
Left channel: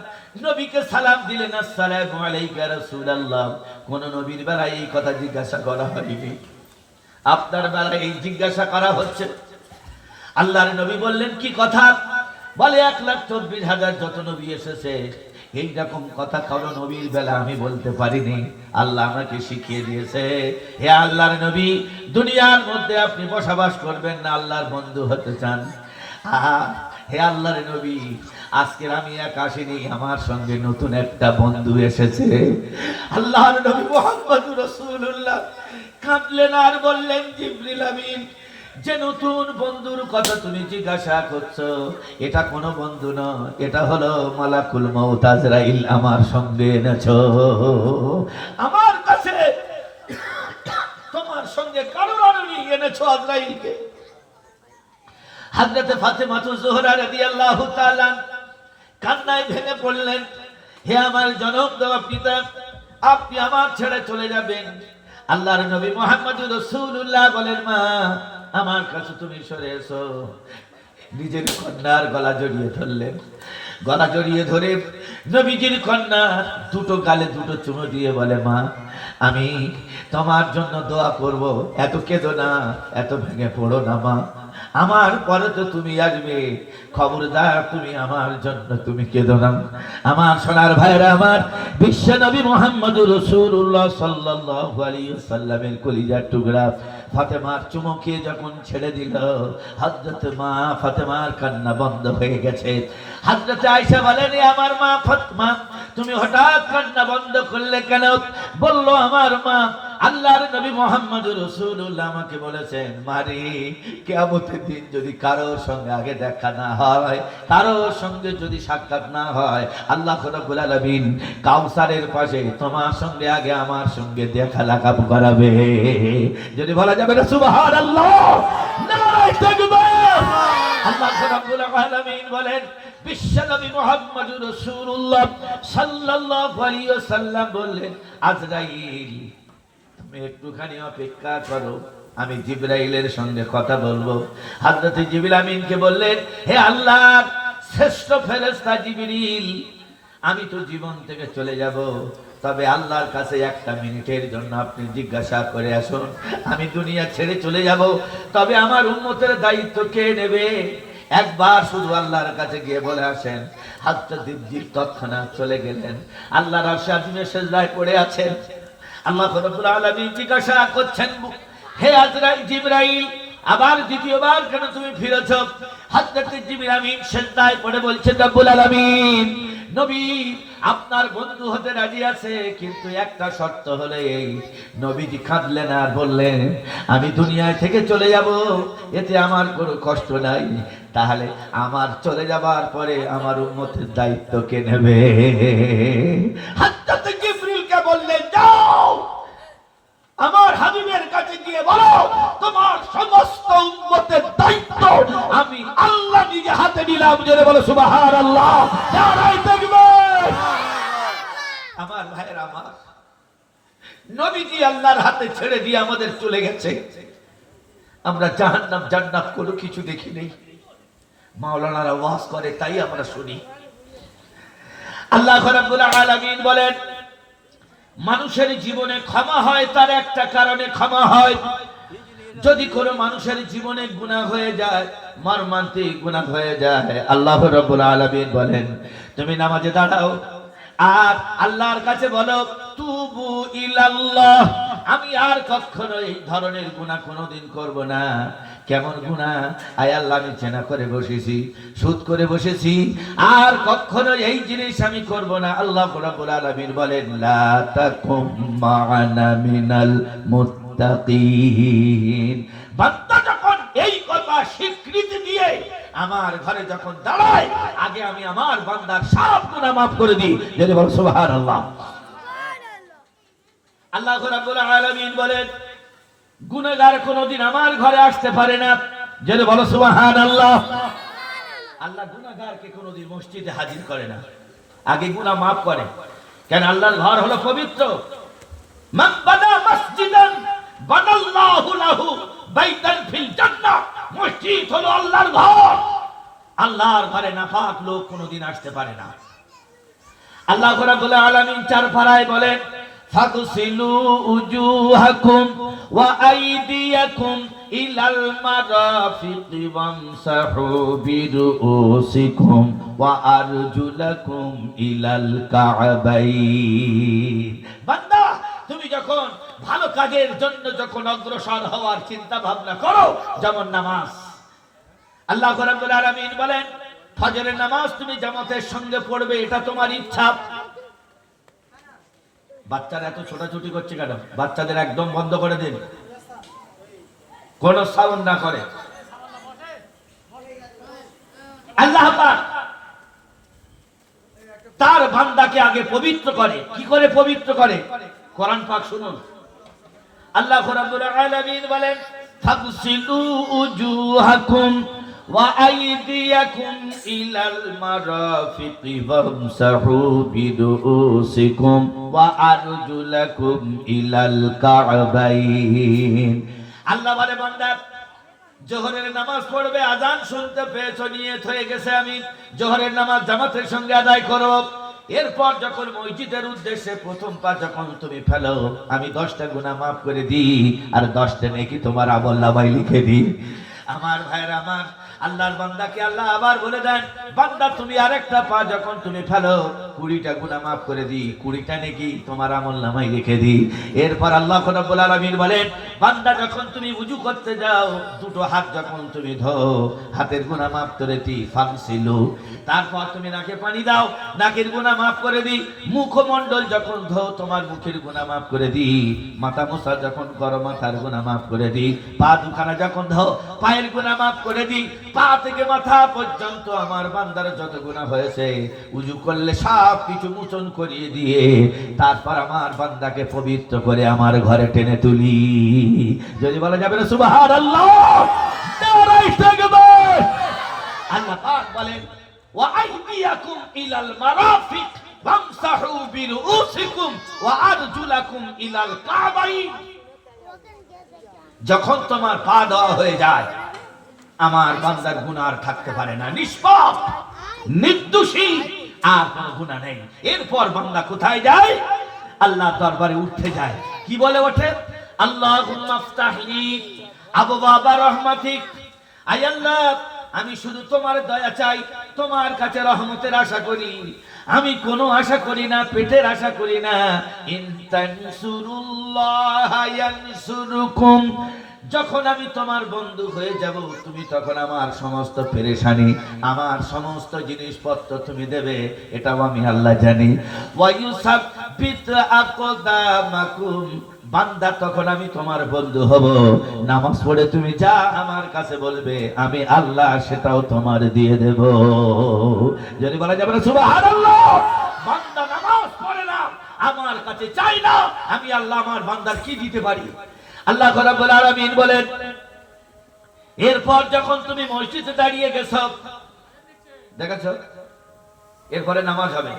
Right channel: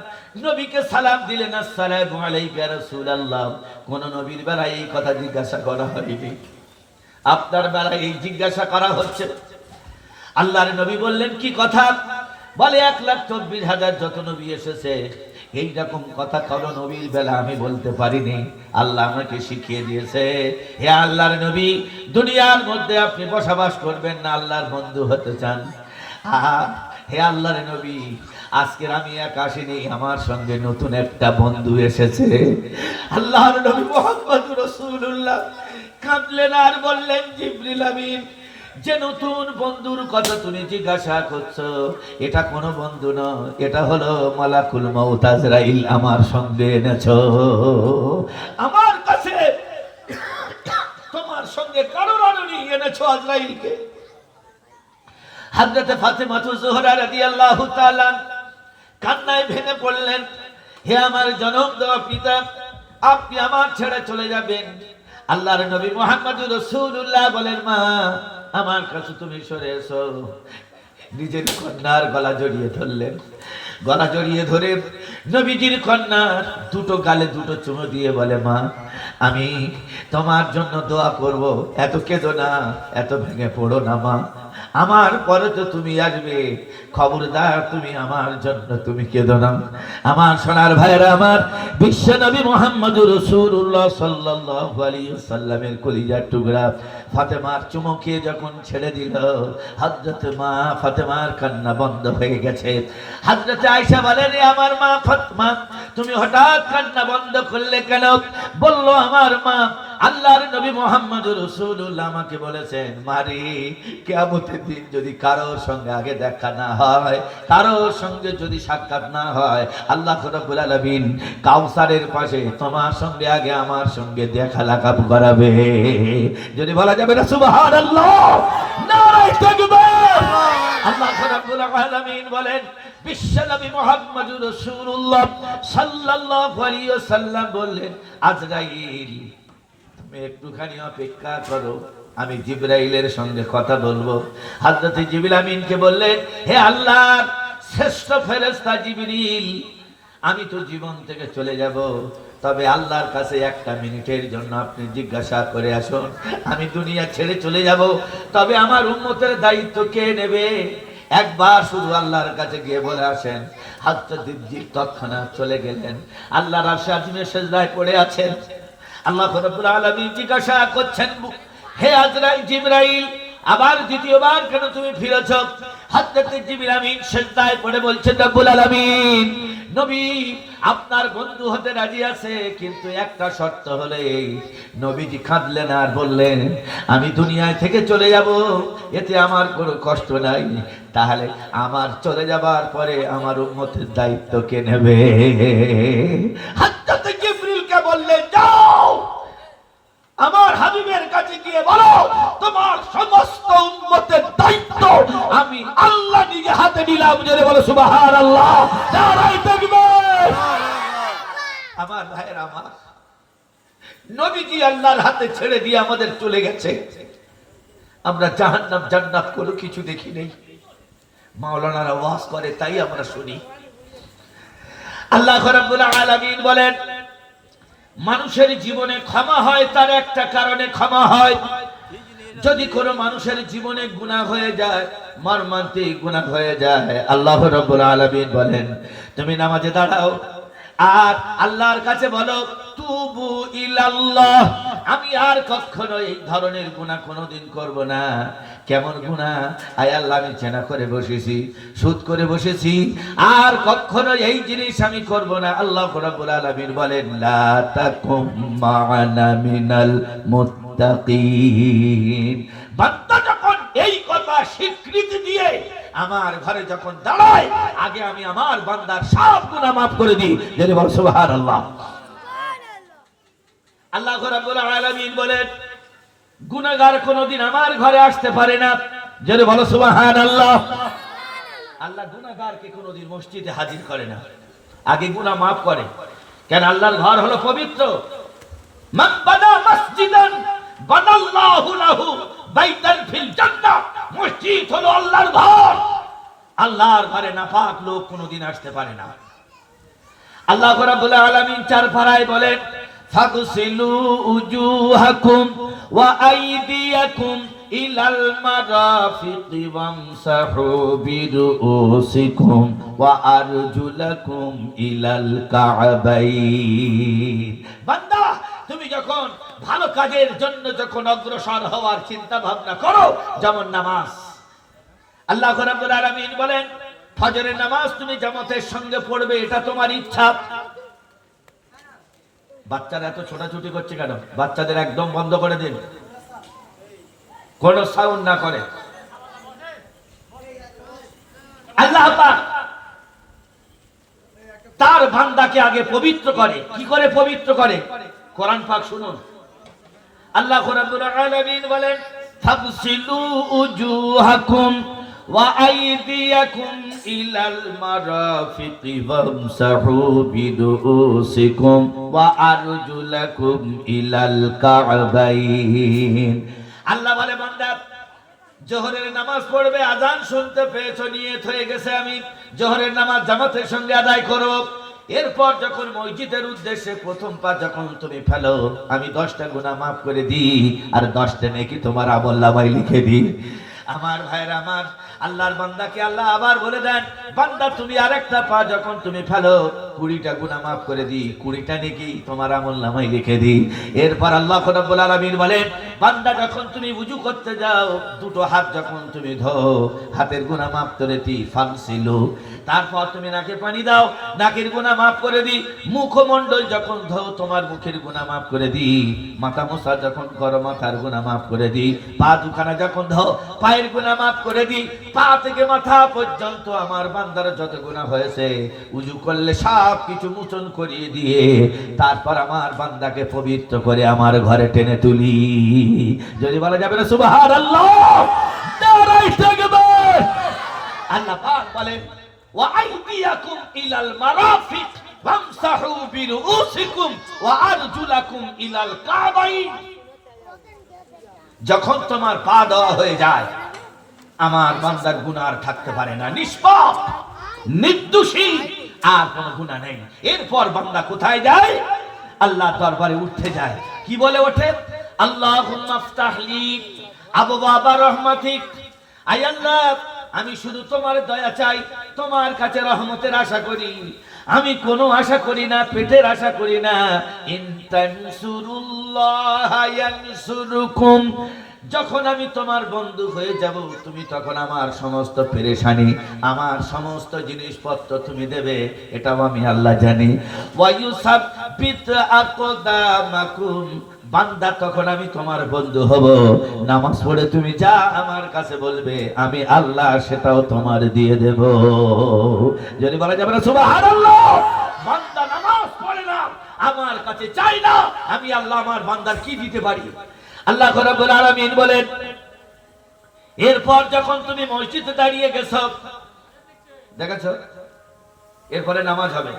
নবীকে সালাম দিলেন, আসসালামু আলাইকা রাসূলুল্লাহ। কোন নবীর বেলায় এই কথা জিজ্ঞাসা করা হয়নি, আপনার বেলায় এই জিজ্ঞাসা করা হচ্ছে। আল্লাহর নবী বললেন, কি কথা? বলে, 1,24,000 যত নবী এসেছে, এই রকম কথা কারো নবীর বেলা আমি বলতে পারিনি, আল্লাহ আমাকে শিখিয়ে দিয়েছে। হে আল্লাহর নবী, দুনিয়ার মধ্যে আপনি বসবাস করবেন না, আল্লাহর বন্ধু হতে চান। হে আল্লাহর নবী, আজকের আমি একা আসিনি, আমার সঙ্গে নতুন একটা বন্ধু এসেছে। আল্লাহর নবী মুহাম্মদুর রাসূলুল্লাহ কাঁদলেন আর বললেন, জিবরিল আমিন, যে নতুন বন্ধুর কথা তুমি জিজ্ঞাসা করছো, এটা কোনো বন্ধু নয়, এটা হলো মালাকুল মউত আজরাইল আমার সঙ্গে এনেছো। আমার কাছে তোমার সঙ্গে কারণ আনুনি, এনেছো আজরাইলকে। হযরত ফাতেমাতুজ জোহরা রাদিয়াল্লাহু তাআলা কান্নায় ভেঙে পড়লেন, হে আমার জনম দেওয়া পিতা, আপনি আমার ছেড়ে চলে যাবেন। আল্লাহর নবী মুহাম্মদুর রাসূলুল্লাহ বলেন, মা, আমার কাছে তুমি সরে এসো। নিজের কন্যার গলা জড়িয়ে ধরলেন, গলা জড়িয়ে ধরে নবীজির কন্যা দুটো গালে দুটো চুমু দিয়ে বলে, মা, আমি তোমার জন্য দোয়া করব, এত কেঁদো না, এত ভেঙে পড়ো না মা, আমার পরে তো তুমি আসবে, খবরদার তুমি আমার জন্য তুমি কেঁদো না। আমার সোনার ভাইরা, আমার বিশ্ব নবী মুহাম্মদুর রাসূলুল্লাহ সাল্লাল্লাহু আলাইহি ওয়াসাল্লামের কলিজার টুকরা ফাতেমার চুমুকে যখন ছেড়ে দিল, হযরত মা ফাতেমার কান্না বন্ধ হয়ে গেছে। হযরত আয়েশা বলেন, আমার মা ফাতেমা, তুমি হঠাৎ কান্না বন্ধ করলে কেন? বলল, আমার মা, আল্লাহর নবী মুহাম্মদুর রাসূলুল্লাহ আমাকে বলেছেন, মারে কিয়ামতের দিন যদি কারোর সঙ্গে আগে দেখা না হয়, কারোর সঙ্গে যদি সাক্ষাৎ না হয়, আল্লাহ রাব্বুল আলামিন কাউসারের পাশে তোমার সঙ্গে আগে আমার সঙ্গে দেখা লাগাব করাবে। যদি বলা যাবে না সুবহানাল্লাহ, নারায়ে তাকবীর। আল্লাহ রাব্বুল আলামিন বলেন, বিশ্বনবী মুহাম্মদুর রাসূলুল্লাহ সাল্লাল্লাহু আলাইহি ওয়াসাল্লাম বললেন, আজরাইল তুমি একটুখানি অপেক্ষা করো, আমি জিবরাইলের সঙ্গে কথা বলবো। হযরত জিবরিল আমিনকে বললেন, হে আল্লাহর শ্রেষ্ঠ ফেরেশতা জিবরিল, আমি তো জীবন থেকে চলে যাব, তবে আল্লাহর কাছে একটা মিনিটের জন্য আপনি জিজ্ঞাসা করে আসুন, আমি দুনিয়া ছেড়ে চলে যাব, তবে আমার উম্মতের দায়িত্ব কে নেবে? একবার শুধু আল্লাহর কাছে গিয়ে বলে আসেন। হযরত জিবরিল তৎক্ষণাৎ চলে গেলেন, আল্লাহর আরশে আজিমে সিজদায় পড়ে আছেন। আল্লাহ রাব্বুল আলামিন জিজ্ঞাসা করছেন, হে আজরাইল, জিবরাইল, আবার দ্বিতীয়বার কেন তুমি ফিরেছ? হযরত জিবরিল আমিন সিজদায় পড়ে বলছেন, রব্বুল আলামিন, নবী আপনার বন্ধু হতে রাজি আছে, কিন্তু একটা শর্ত হলে। নবীজি কাঁদলেন আর বললেন, আমি দুনিয়া থেকে চলে যাব, এতে আমার কোনো কষ্ট নাই, তাহলে আমার চলে যাবার পরে আমার উম্মতের দায়িত্ব কে নেবে? হযরত জিবরিলকে বললেন, যাও আমার হাবিবের কাছে গিয়ে বলো, তোমার সমস্ত উম্মতের দায়িত্ব আমি আল্লাহ নিজে হাতে নিলাম। জোরে বলো সুবহানাল্লাহ, নারায়ে তাকবীর। আমার ভাইয়েরা, আমার নবীজি আল্লাহর হাতে ছেড়ে দিয়ে আমাদের চলে গেছে, আমরা জাহান্নাম জান্নাত কোনো কিছু দেখি নেই। মাওলানারা ওয়াজ করে তাই আমরা শুনি। আল্লাহ রাব্বুল আলামিন বলেন, মানুষের জীবনে ক্ষমা হয় তার একটা কারণে ক্ষমা হয়। যদি কোনো মানুষের জীবনে গুনাহ হয়ে যায়, মর্মান্তিক গুনাহ হয়ে যায়, আল্লাহ রাব্বুল আলামিন বলেন, তুমি নামাজে দাঁড়াও আর আল্লাহর কাছে বলো, তুবু ইলাল্লাহ, আমি আর কখনো এই ধরনের গুনাহ কোনোদিন করব না। কেমন গুনাহ? আয় আল্লাহ, আমি জেনা করে বসেছি, সুদ করে বসেছি, আর কখনো এই জিনিস আমি করব না। আল্লাহ রাব্বুল আলামিন বলেন, লা তাকুম মা'ানা মিনাল মুত্তাকিন। বান্দা যখন এই কথা স্বীকৃতি দিয়ে আমার ঘরে যখন দাঁড়ায়, আগে আমি আমার বান্দার সব গুনাহ maaf করে দিই। যদি বল সুবহানাল্লাহ। আল্লাহ রাব্বুল আলামিন বলেন, গুনাহগার কোনদিন আমার ঘরে আসতে পারে না। যদি বল সুবহানাল্লাহ। আল্লাহ গুনাহগারকে কোনদিন মসজিদে হাজির করে না, আগে গুনাহ maaf করে। কেন? আল্লাহর ঘর হলো পবিত্র। মান বানা মসজিদান বানাল্লাহু লাহু বাইতান ফিল জান্নাহ। মসজিদ হলো আল্লাহর ঘর। আল্লাহর ঘরে নাপাক লোক কোনদিন আসতে পারে না। আল্লাহ রাব্বুল আলামিন চার পারায় বলেন, ফাগসিলু উজুহাকুম ওয়া আইদিয়াকুম ইলাল মারাফিকি ওয়ামসাহু বিরুসিকুম ওয়া আরজুলাকুম ইলাল কা'বাইন। বান্দা, তুমি যখন ভালো কাজের জন্য যখন অগ্রসর হওয়ার চিন্তা ভাবনা করো, যেমন নামাজ, আল্লাহ রাব্বুল আলামিন বলেন, ফজরের নামাজ তুমি জামাতের সঙ্গে পড়বে, এটা তোমার ইচ্ছা। বাচ্চারা এত ছোটাছুটি করছে কেন? বাচ্চাদের একদম বন্ধ করে দিন, কোনো সাউন্ড না করে। আল্লাহ পাক তার বান্দাকে আগে পবিত্র করে। কি করে পবিত্র করে? কোরআন পাক শুনুন। আল্লাহ রাব্বুল আলামিন বলেন, ফাগসিলু উজুহাকুম ওয়া আইদিয়াকুম ইলাল মারাফিকি ওয়ামসাহু বিরুসিকুম ওয়া আরজুলাকুম ইলাল কা'বাইন। আল্লাহ বলে, বান্দা জোহরের নামাজ পড়বে, আযান শুনতে পেয়েছো, নিয়ত হয়ে গেছে আমি জোহরের নামাজ জামাতের সঙ্গে আদায় করব। এরপর যখন মসজিদের উদ্দেশ্যে প্রথম পা যখন তুমি ফেলো, আমি 10টা গুনাহ maaf করে দিই আর 10টা নেকি তোমার আমলনামায় লিখে দিই। আমার ভাইরা আমার, আল্লাহর বান্দাকে আল্লাহ আবার বলে দেন, বান্দা তুমি আরেকটা পা যখন তুমি ফেলো 20টা গুনাহ মাফ করে দিই, 20টা নেকি তোমার আমলনামায় লিখে দিই। এরপর আল্লাহ রাব্বুল আলামিন বলেন, বান্দা যখন তুমি ওযু করতে যাও, দুটো হাত যখন তুমি ধোও, হাতের গুনাহ মাফ করে দিই, ফামসিলু। তারপর তুমি নাকে পানি দাও, নাকের গুনাহ মাফ করে দিই। মুখমণ্ডল যখন ধোও, তোমার মুখের গুনাহ মাফ করে দিই। মাথা মুছা যখন করো, মাথার গুনাহ মাফ করে দিই। পা দুখানা যখন ধোও, পায়ের গুনাহ মাফ করে দিই। পা থেকে মাথা পর্যন্ত আমার বান্দার যত গুনাহ হয়েছে, ওযু করলে সব কিছু মোচন করিয়ে দিয়ে তারপর আমার বান্দাকে পবিত্র করে আমার ঘরে টেনে তুলি। যদি বলা যাবে না সুবহানাল্লাহ, নারায়ে তাকবীর। আল্লাহ পাক বলেন, ওয়া আইদিয়াকুম ইলাল মারাফিক ওয়ামসাহু বিরুউসিকুম ওয়া আরজুলাকুম ইলাল কাবাইন। যখন তোমার পা দেওয়া হয়ে যায়, আমার বান্দার গুনাহ আর থাকতে পারে না, নিষ্পাপ নির্দোষী, আর কোনো গুনাহ নেই। এরপর বান্দা কোথায় যায়? আল্লাহ দরবারে উঠতে যায়। কি বলে ওঠে? আল্লাহুম্মা ইফতাহলি আবওয়াবা রাহমাতিক। আয় আল্লাহ, আমি শুধু তোমার দয়া চাই, তোমার কাছে রহমতের আশা করি। আমি কোনো আশা করি না, পেটের আশা করি না। ইন তানসুরুল্লাহ ইয়ানসুরুকুম। যখন আমি তোমার বন্ধু হয়ে যাব, তুমি তখন আমার সমস্ত পেরেশানি, আমার সমস্ত জিনিসপত্র তুমি দেবে, এটাও আমি আল্লাহ জানি। ওয়া ইউসাব্বিত আকদামাকুম। বান্দা, তখন আমি তোমার বন্ধু হব। নামাজ পড়ে তুমি যা আমার কাছে বলবে, আমি আল্লাহ সেটাও তোমার দিয়ে দেব। যদি বলা যাবে না সুবহানাল্লাহ। বান্দা নামাজ পড়ে না, আমার কাছে চাই না, আমি আল্লাহ আমার বান্দার কি দিতে পারি। আল্লাহ রাব্বুল আলামিন বলেন, এরপর যখন তুমি মসজিদে দাঁড়িয়ে গেছো, দেখেছো, এরপরে নামাজ হবে।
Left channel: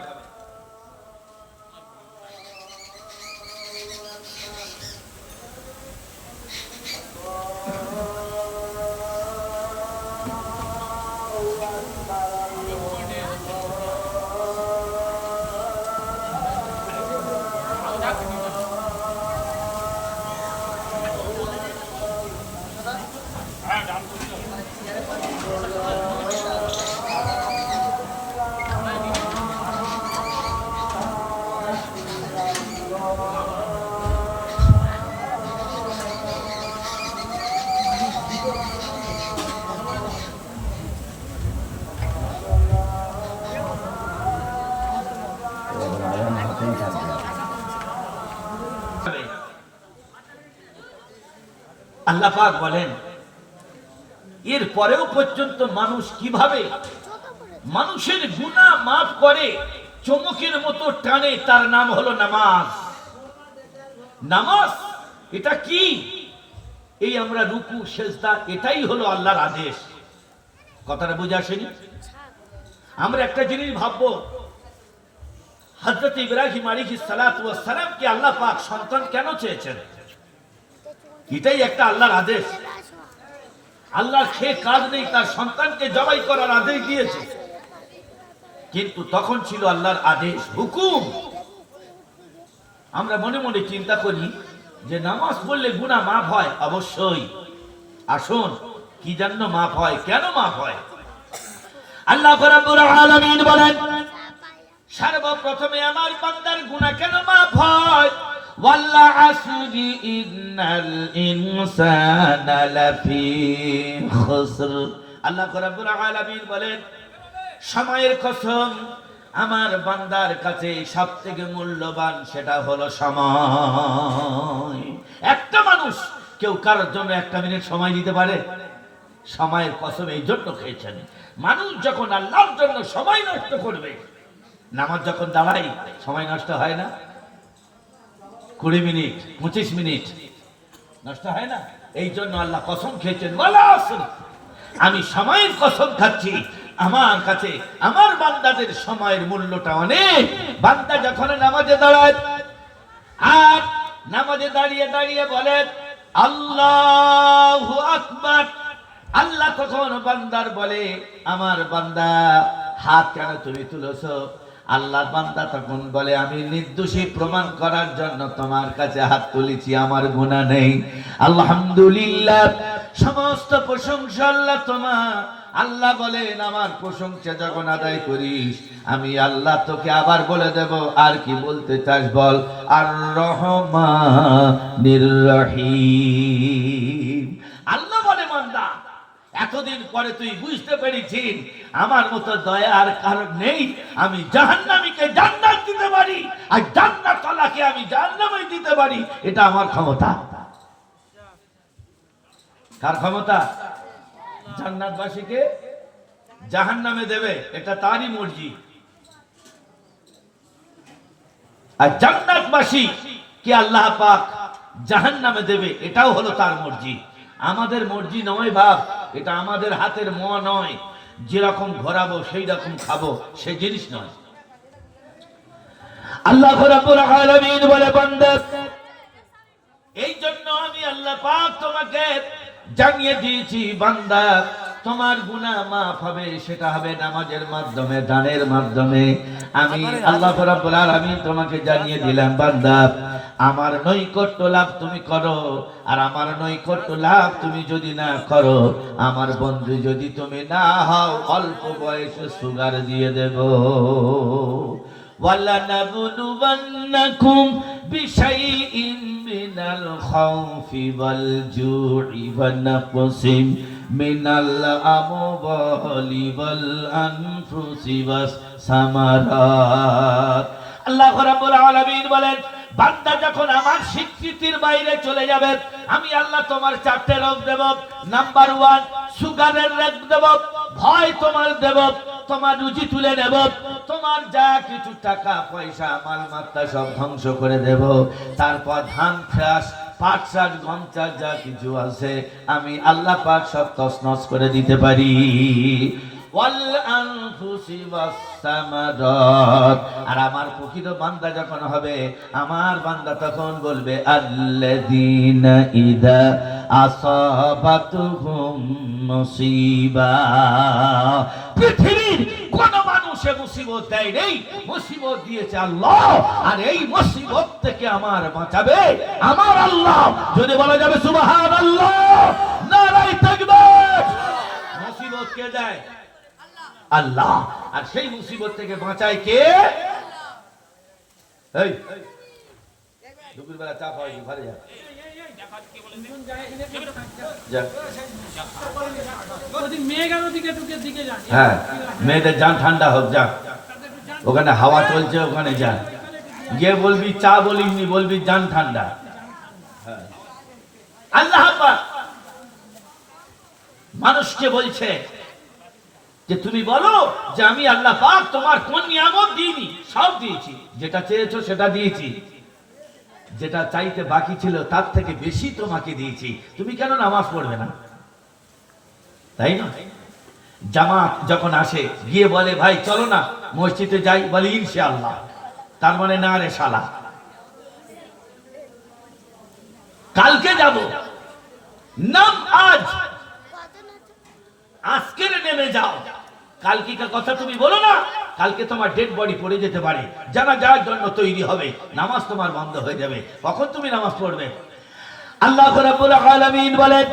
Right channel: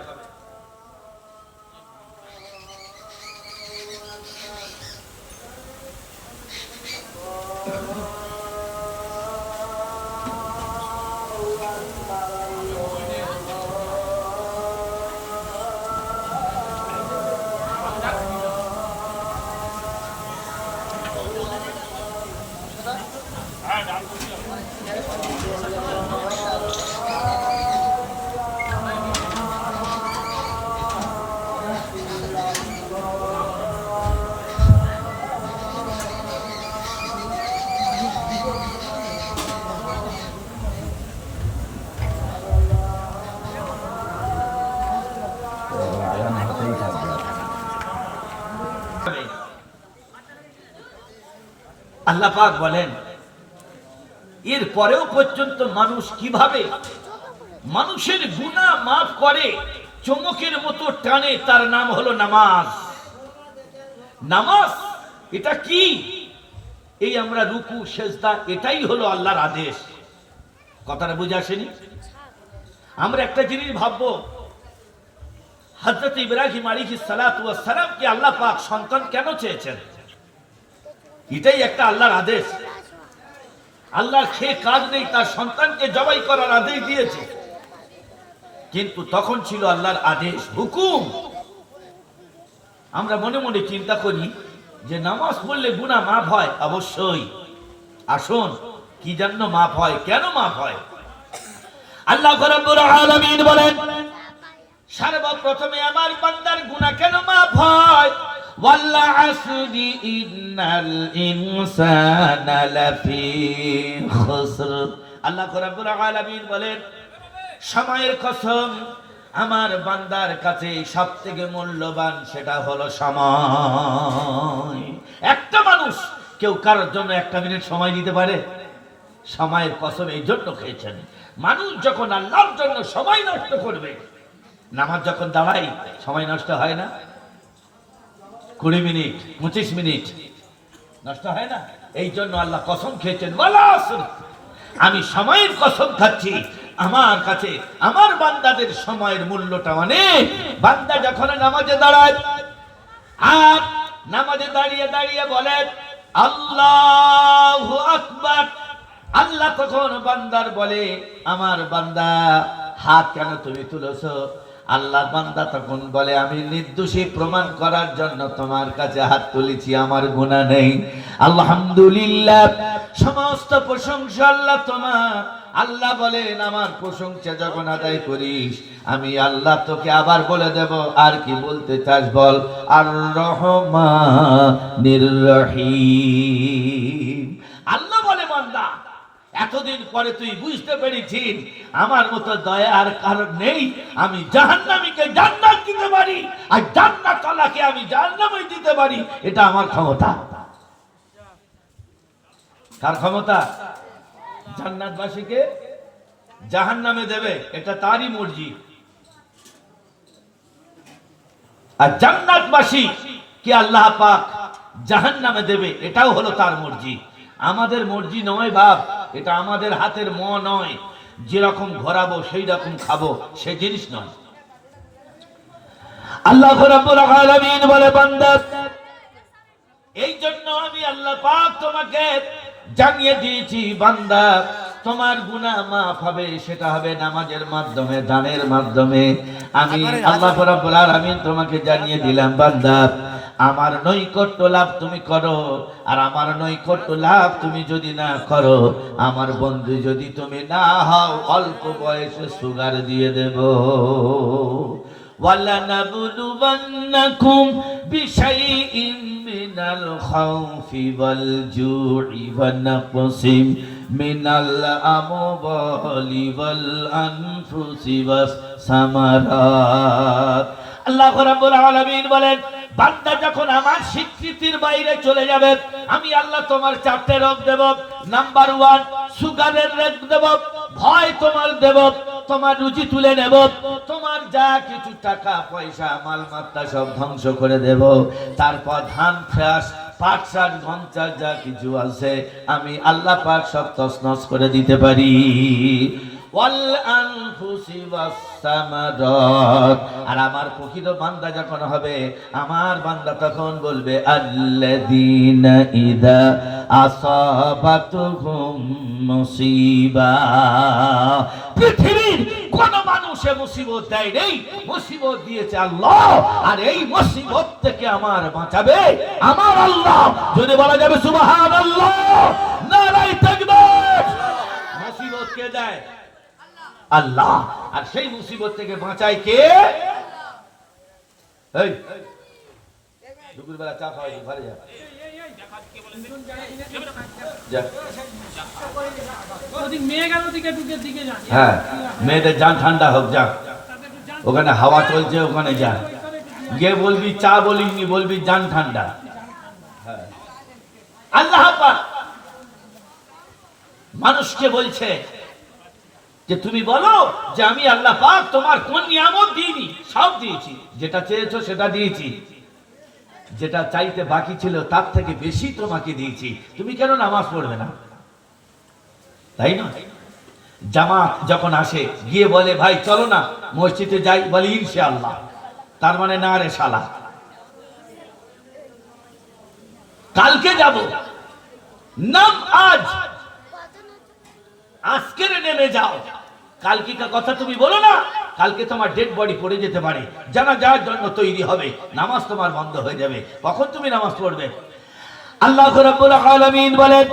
আল্লাহ পাক বলেন, এর পরেও পর্যন্ত মানুষ কিভাবে মানুষের গুনাহ মাফ করে, চমকের মতো টানে, তার নাম হলো নামাজ। নামাজ এটা কি? এই আমরা রুকু সেজদা, এটাই হলো আল্লাহর আদেশ। কথাটা বুঝে আসেনি? আমরা একটা জিনিস ভাববো, হযরত ইব্রাহিম আলাইহিস সালাতু ওয়াস সালামকে আল্লাহ পাক সন্তান কেন চেয়েছেন? এটাই একটা আল্লাহর আদেশ। আল্লাহ খেয়ে কাজ নেই, তার সন্তানকে জবাই করার আদেশ দিয়েছে, কিন্তু তখন ছিল আল্লাহর আদেশ, হুকুম। আমরা মনে মনে চিন্তা করি যে নামাজ পড়লে গুনাহ মাফ হয়। অবশ্যই। আসুন, কি জন্য মাফ হয়, কেন মাফ হয়? আল্লাহ রাব্বুল আলামিন বলেন, সর্বপ্রথমে আমার বান্দার গুনাহ কেন মাফ হয়? ওয়াল্লা আসরি ইন্নাল ইনসানা লাফি খুসর। আল্লাহ রাব্বুল আলামিন বলেন, সময়ের কসম, আমার বান্দার কাছে সবথেকে মূল্যবান সেটা হলো সময়। একটা মানুষ কেউ কারোর জন্য 1 মিনিট সময় দিতে পারে? সময়ের কসম এই জন্য খেয়েছেন, মানুষ যখন আল্লাহর জন্য সময় নষ্ট করবে, নামাজ যখন দাঁড়াই সময় নষ্ট হয় না? 20 মিনিট 25 মিনিট নষ্ট হয় না? এই জন্য আল্লাহ কসম খেয়েছেন, ওয়ালা আসর, আমি সময়ের কসম খাচ্ছি, আমার কাছে আমার বান্দাদের সময়ের মূল্যটা অনেক। বান্দা যখন নামাজে দাঁড়ায়, আর নামাজে দাঁড়িয়ে দাঁড়িয়ে বলে আল্লাহু আকবার, আল্লাহ তখন বান্দার বলে, আমার বান্দা হাত কেন তুমি তুলেছো? আল্লাহ বান্দা তখন বলে, আমি নির্দোষী প্রমাণ করার জন্য তোমার কাছে হাত তুলেছি, আমার গুনাহ নেই। আলহামদুলিল্লাহ, সমস্ত প্রশংসা আল্লাহ তোমার। আল্লাহ বলেন আমার প্রশংসা যখন আদায় করিস আমি আল্লাহ তোকে আবার বলে দেব আর কি বলতে চাস বল। আর রহমানির রহিম। আল্লাহ বলে বান্দা এতদিন পরে তুই বুঝতে পেরেছিস আমার মতো দয়ার কারণ নেই। আমি জাহান্নামীকে জান্নাত দিতে পারি আর জান্নাতওয়ালাকে আমি জাহান্নামে দিতে পারি। এটা আমার ক্ষমতা। কার ক্ষমতা? জান্নাতবাসীকে জাহান্নামে দেবে, এটা তারই মর্জি। আর জান্নাতবাসী কে আল্লাহ পাক জাহান্নামে দেবে, এটাও হলো তার মর্জি। আমাদের মর্জি নয় বাপ, এটা আমাদের হাতের ম নয়। যেরকম ঘোরাবো সেই রকম খাবো, সেই জিনিস নয়। আল্লাহ রাব্বুল আলামিন বলে বান্দা এই জন্য আমি আল্লাহ পাক তোমাকে জানিয়ে দিয়েছি বান্দা তোমার গুনাহ মাফ হবে, সেটা হবে নামাজের মাধ্যমে, দানের মাধ্যমে। আমি আল্লাহ রাব্বুল আলামিন তোমাকে জানিয়ে দিলাম বান্দা আমার নৈকট্য লাভ তুমি করো, আর আমার নৈকট্য লাভ তুমি যদি না করো, আমার বন্ধু যদি তুমি না হও, অল্প বয়সে সুগার দিয়ে দেব। وَلَنَبْلُوَنَّكُمْ بِشَيْءٍ مِّنَ الْخَوْفِ وَالْجُوعِ وَنَقْصٍ مِّنَ الْأَمْوَالِ وَالْأَنفُسِ وَالثَّمَرَاتِ। আল্লাহ রাব্বুল আলামিন বলেন বান্দা যখন আমার স্বীকৃতির বাইরে চলে যাবে আমি আল্লাহ তোমার 4টে রোগ দেব। নাম্বার 1 সুগারের রোগ দেব, ভয় তোমার দেব, তোমার রুচি তুলে নেব, তোমার যা কিছু টাকা পয়সা মালমাত্রা সব ধ্বংস করে দেব। তারপর ধান চাষ, পাট চাষ, গম চাষ যা কিছু আছে আমি আল্লাহ পাক সব তছনছ করে দিতে পারি। ওয়াল আনফুসি ওয়াস সামারাত। আর আমার প্রকৃত বান্দা যখন হবে আমার বান্দা তখন বলবে আল্লাযীনা ইযা আসাবাতুহুম মুসিবা। পৃথিবীর কোন মানুষে মুসিবত দেয় নেই, মুসিবত দিয়েছে আল্লাহ। আর এই মুসিবত থেকে আমার বাঁচাবে আমার আল্লাহ। যদি বলা যাবে সুবহানাল্লাহ, নারায়ে তাকবীর। মুসিবত কে দেয়? আল্লাহ। আর সেই মুসিবত থেকে বাঁচায় কে? এই দুপুরবেলা চা খাওয়াই ঘরে যা। হ্যাঁ, মেয়েদের যান ঠান্ডা হোক, যা ওখানে হাওয়া চলছে, ওখানে যা গিয়ে বলবি চা বলিনি, বলবি যান ঠান্ডা। আল্লাহ মানুষকে বলছে যে তুমি বলো যে আমি আল্লাহ পাক তোমার কোন নিয়ামত দিইনি, সব দিয়েছি। যেটা চেয়েছো সেটা দিয়েছি, যেটা চাইতে বাকি ছিল তার থেকে বেশি তোমাকে দিয়েছি। তুমি কেন নামাজ পড়বে না? তাই না? জামাত যখন আসে গিয়ে বলে ভাই চলো না মসজিদে যাই, বলে ইনশাআল্লাহ। তার মানে না রে শালা, কালকে যাব। নাম আজ, আজকে নেমে যাও। কালকে কথা তুমি বলো না, কালকে তোমার ডেড বডি পড়ে যেতে পারে, যারা যার জন্য তৈরি হবে, নামাজ তোমার বন্ধ হয়ে যাবে। কখন তুমি নামাজ পড়বে? আল্লাহ রাব্বুল আলামিন বলেন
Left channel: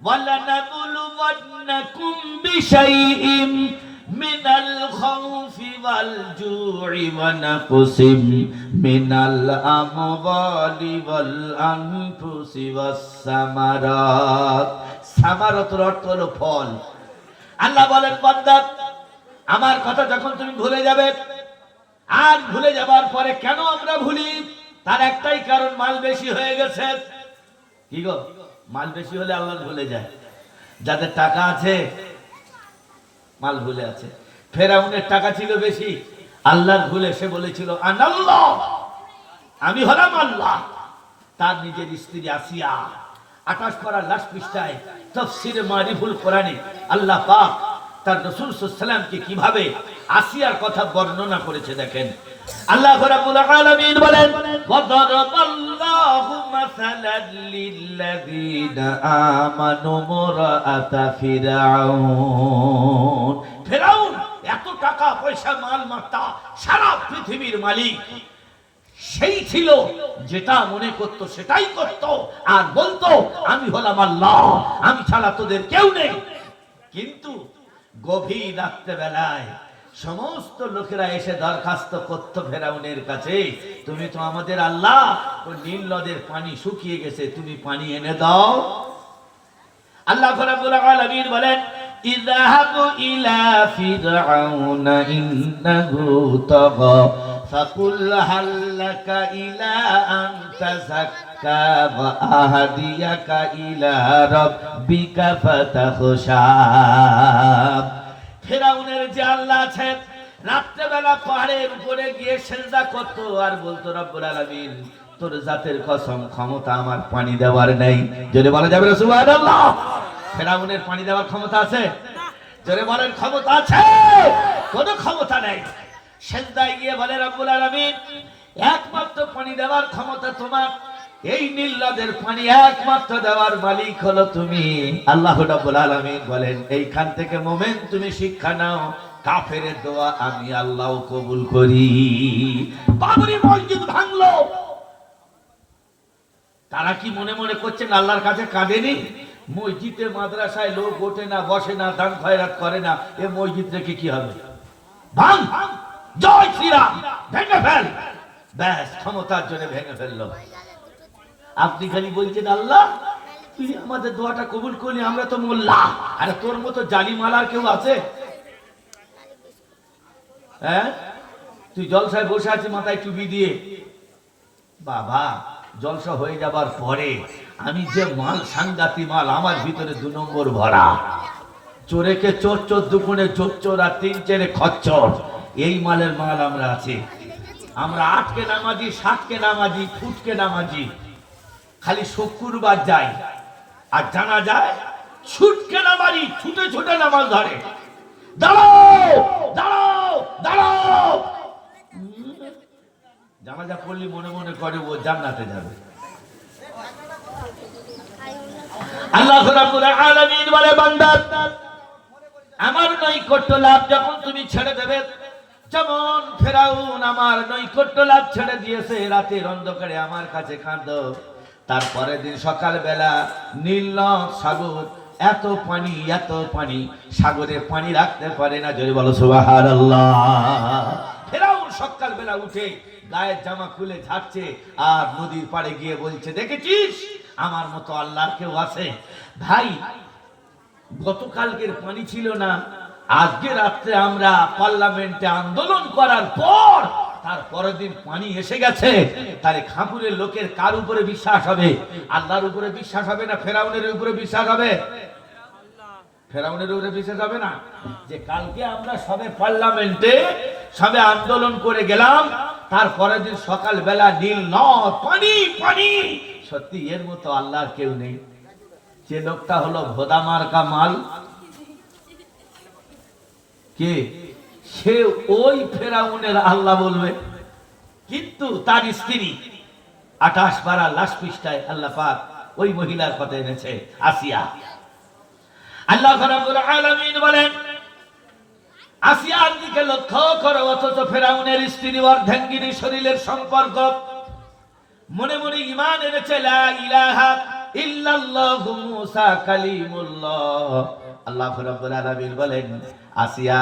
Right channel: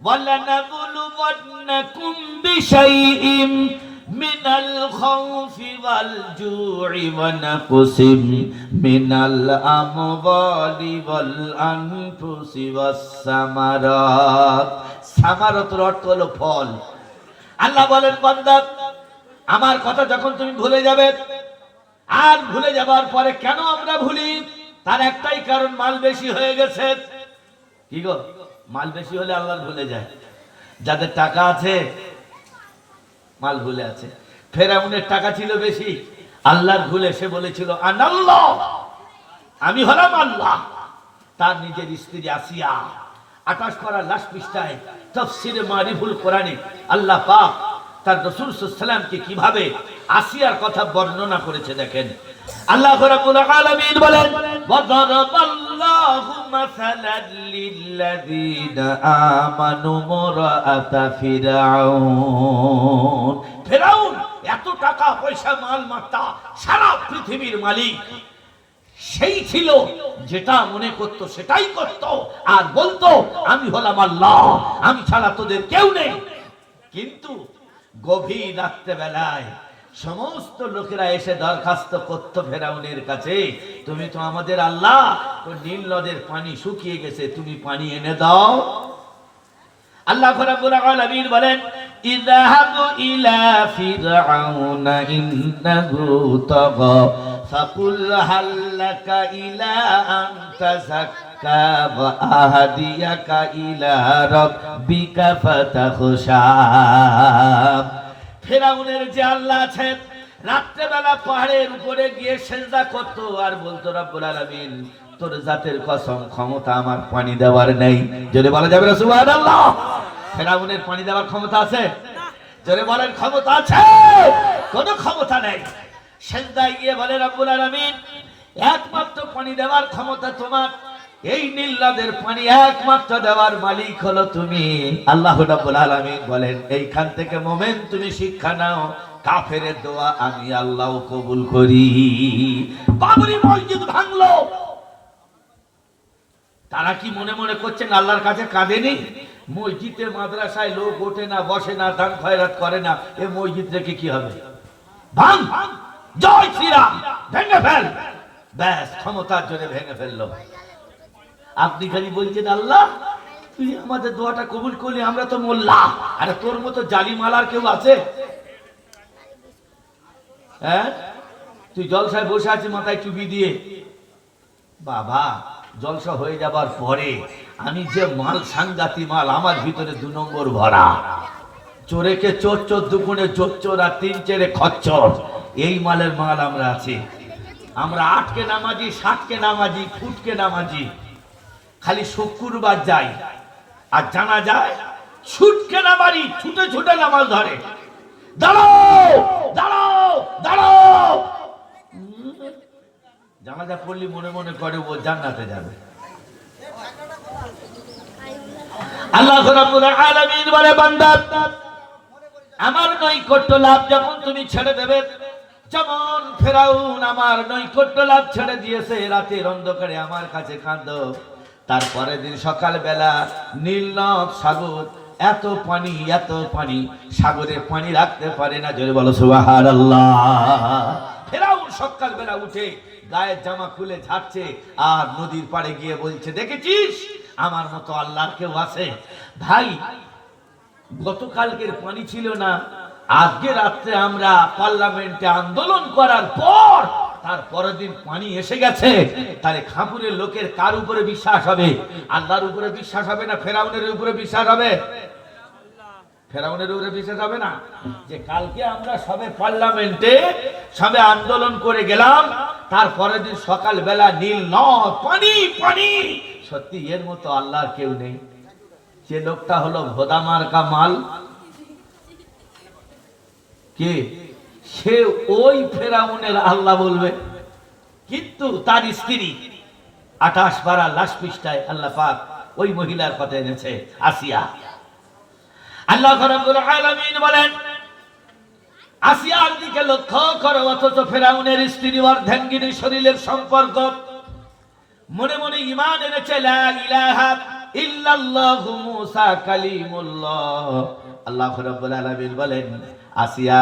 ওয়ালানাবলুওয়ান্নাকুম বিশাইইম মিনাল খাউফি ওয়াল জু'i ওয়া নাকসিম মিনাল আমওয়ালি ওয়াল আনফুসি ওয়াস সামারাত। সামারাতের অর্থ হলো ফল। আল্লাহ বলেন বান্দা আমার কথা যখন তুমি ভুলে যাবে, আর ভুলে যাবার পরে কেন আমরা ভুলি? তার একটাই কারণ, মাল বেশি হয়ে গেছে। কি গো, মাল বেশি হলে আল্লাহ ভুলে যায়। যাদের টাকা আছে মাল ভুলে আছে। ফেরাউনের টাকা ছিল বেশি, আল্লাহর ভুলে সে বলেছিল আনাল্লাহ, আমি হলাম আল্লাহ। তার নিজের স্ত্রী আসিয়া 28 পারা লাস্ট পৃষ্ঠায় তাফসীরে মারিফুল কোরআনে আল্লাহ পাক তার রাসূল সাল্লাল্লাহু আলাইহি ওয়াসাল্লামকে কিভাবে আসিয়ার কথা বর্ণনা করেছে দেখেন। আল্লাহ রাব্বুল আলামিন বলেন ওয়াদারাবাল্লাহু মাসালাল লিল্লাযীনা আমানু মুরাআতা ফিরআউন। ফিরআউন এত টাকা পয়সা মাল মাত্তা, সারা পৃথিবীর মালিক, সেই ছিল, যেটা মনে করতো সেটাই করত, আর বলতো আমি হলাম আল্লাহ, আমি ছাড়া তোদের কেউ নেই। কিন্তু গভীর রাত্রে বেলায় সমস্ত লোকেরা এসে দরখাস্ত করত ফেরাউনের কাছে, তুমি তো আমাদের আল্লাহ, ও নীল নদের পানি শুকিয়ে গেছে, তুমি পানি এনে দাও। আল্লাহ রাব্বুল আলামিন বলেন, ইযহাবু ইলা ফিরআউনা ইন্নাহু তাগা ফাকুল হাল লাকা ইলা আন তাযাক্কা ওয়া আহদিয়াকা ইলা রাব্বিকা ফাতাখশা। ফিরআউনের যে আল্লাহ আছেন, রাত্রেবেলা পাহাড়ের উপরে গিয়ে সিজদা করত আর বলতো, রব্বুল আলামিন তোর জাতের কসম, ক্ষমতা আমার পানি দেওয়ার নেই। যদি বলা যাবে সুবহানাল্লাহ, ফেরাউনের পানি দেওয়ার ক্ষমতা আছে? জোরে বলেন, ক্ষমতা আছে? কোনো ক্ষমতা নেই। সিজদায় গিয়ে বলে, রব্বুল আলামিন একমাত্র পানি দেওয়ার ক্ষমতা তোমার, এই নীল নদের পানি একমাত্র দেওয়ার মালিক হলো তুমি। আল্লাহ রাব্বুল আলামিন বলেন, এইখান থেকে মোমেন তুমি শিক্ষা নাও, কাফেরের দোয়া আমি আল্লাহ কবুল করি। বাবরি মসজিদ ভাঙলো, তারা কি মনে মনে করছেন আল্লাহর কাছে কাঁদেনি? মসজিদের মাদ্রাসায় লোক ওঠে না, বসে না, দান খয়রাত করে না, এ মসজিদ রেখে কি হবে? ভাঙ, জয় শ্রীরাম, ভেঙে ফেল। ব্যাস, ক্ষমতার জন্য ভেঙে ফেললো। আপনি খালি বলছেন আল্লাহ তুই আমাদের দোয়াটা কবুল করলি, আমরা তো মোল্লা। আরে তোর মতো জালিমালার কেউ আছে? হ্যাঁ, তুই জলসায় বসে আছিস মাথায় টুপি দিয়ে। বাবা, জলসা হয়ে যাবার পরে আমি যে মাল, সাংঘাতি মাল, আমার ভিতরে 2 নম্বর ভরা। চোরেকে চোর, চোর দুগুণে চোর চোর, আর 3 চেরে খচ্চর, এই মালের মাল আমরা আছি। আমরা 8কে নামাজি, 7কে নামাজি, ফুটকে নামাজি। খালি শুক্রবার যাই আর জানা যায় ছুটকে নামাজি, ছুটে ছুটে নামাজ ধরে। দাঁড়াও দাঁড়াও দাঁড়াও, জানাজা পড়লি মনে মনে করে ও জান্নাতে যাবে। আল্লাহ রাব্বুল আলামিন বলে, বান্দা আমার নৈকট্য লাভ যখন তুমি ছেড়ে দেবে, যেমন ফেরাউন আমার নৈকট্য লাভ ছেড়ে দিয়েছে, রাতের অন্ধকারে আমার কাছে কাঁদো। তারপরে দিন সকালবেলা নীল নদ সাগর, এত পানি, এত পানি, সাগরে পানি রাখতে পারে না। যদি বলো সুবহানাল্লাহ। ফেরাউন সকালবেলা উঠে গায়ের জামা খুলে ঝাড়ছে আর নদীর পাড়ে গিয়ে বলছে, দেখেছিস আমার মতো আল্লাহর কেউ আছে? ভাই, গতকালকের পানি ছিল না, আজকে রাত্রে আমরা পার্লামেন্টে আন্দোলন করার পর তার পরের দিন পানি এসে গেছে। তাহলে খাপুরের লোকের কার উপরে বিশ্বাস হবে? আল্লাহর উপরে বিশ্বাস হবে না ফেরাউনের উপরে বিশ্বাস হবে? ফেরাউনের উপরে বিশ্বাস হবে না? যে কালকে আমরা সবে পার্লামেন্টে সবে আন্দোলন করে গেলাম, তারপরের দিন সকাল বেলা নীল নদ, পানি পানি। সত্যি এর মতো আল্লাহর কেউ নেই। যে লোকটা হলো ভোদা মার্কা মাল, কে সে? ওই ফেরাউনের আল্লাহ বলবে। কিন্তু তার স্ত্রী 28 পারা লাশ পৃষ্ঠায় আল্লাহ পাক ওই মহিলার কথা এনেছে, আসিয়া। আল্লাহ রাব্বুল আলামিন বলেন, আসিয়ার দিকে লক্ষ্য করো, অথচ ফেরাউনের স্ত্রী অর্ধাঙ্গিনী শরীরের সম্পর্ক। মনে মনে ঈমান এনেছে, লা ইলাহা ইল্লাল্লাহু মুসা কালিমুল্লাহ। আল্লাহ রাব্বুল আলামিন বলেন, আসিয়া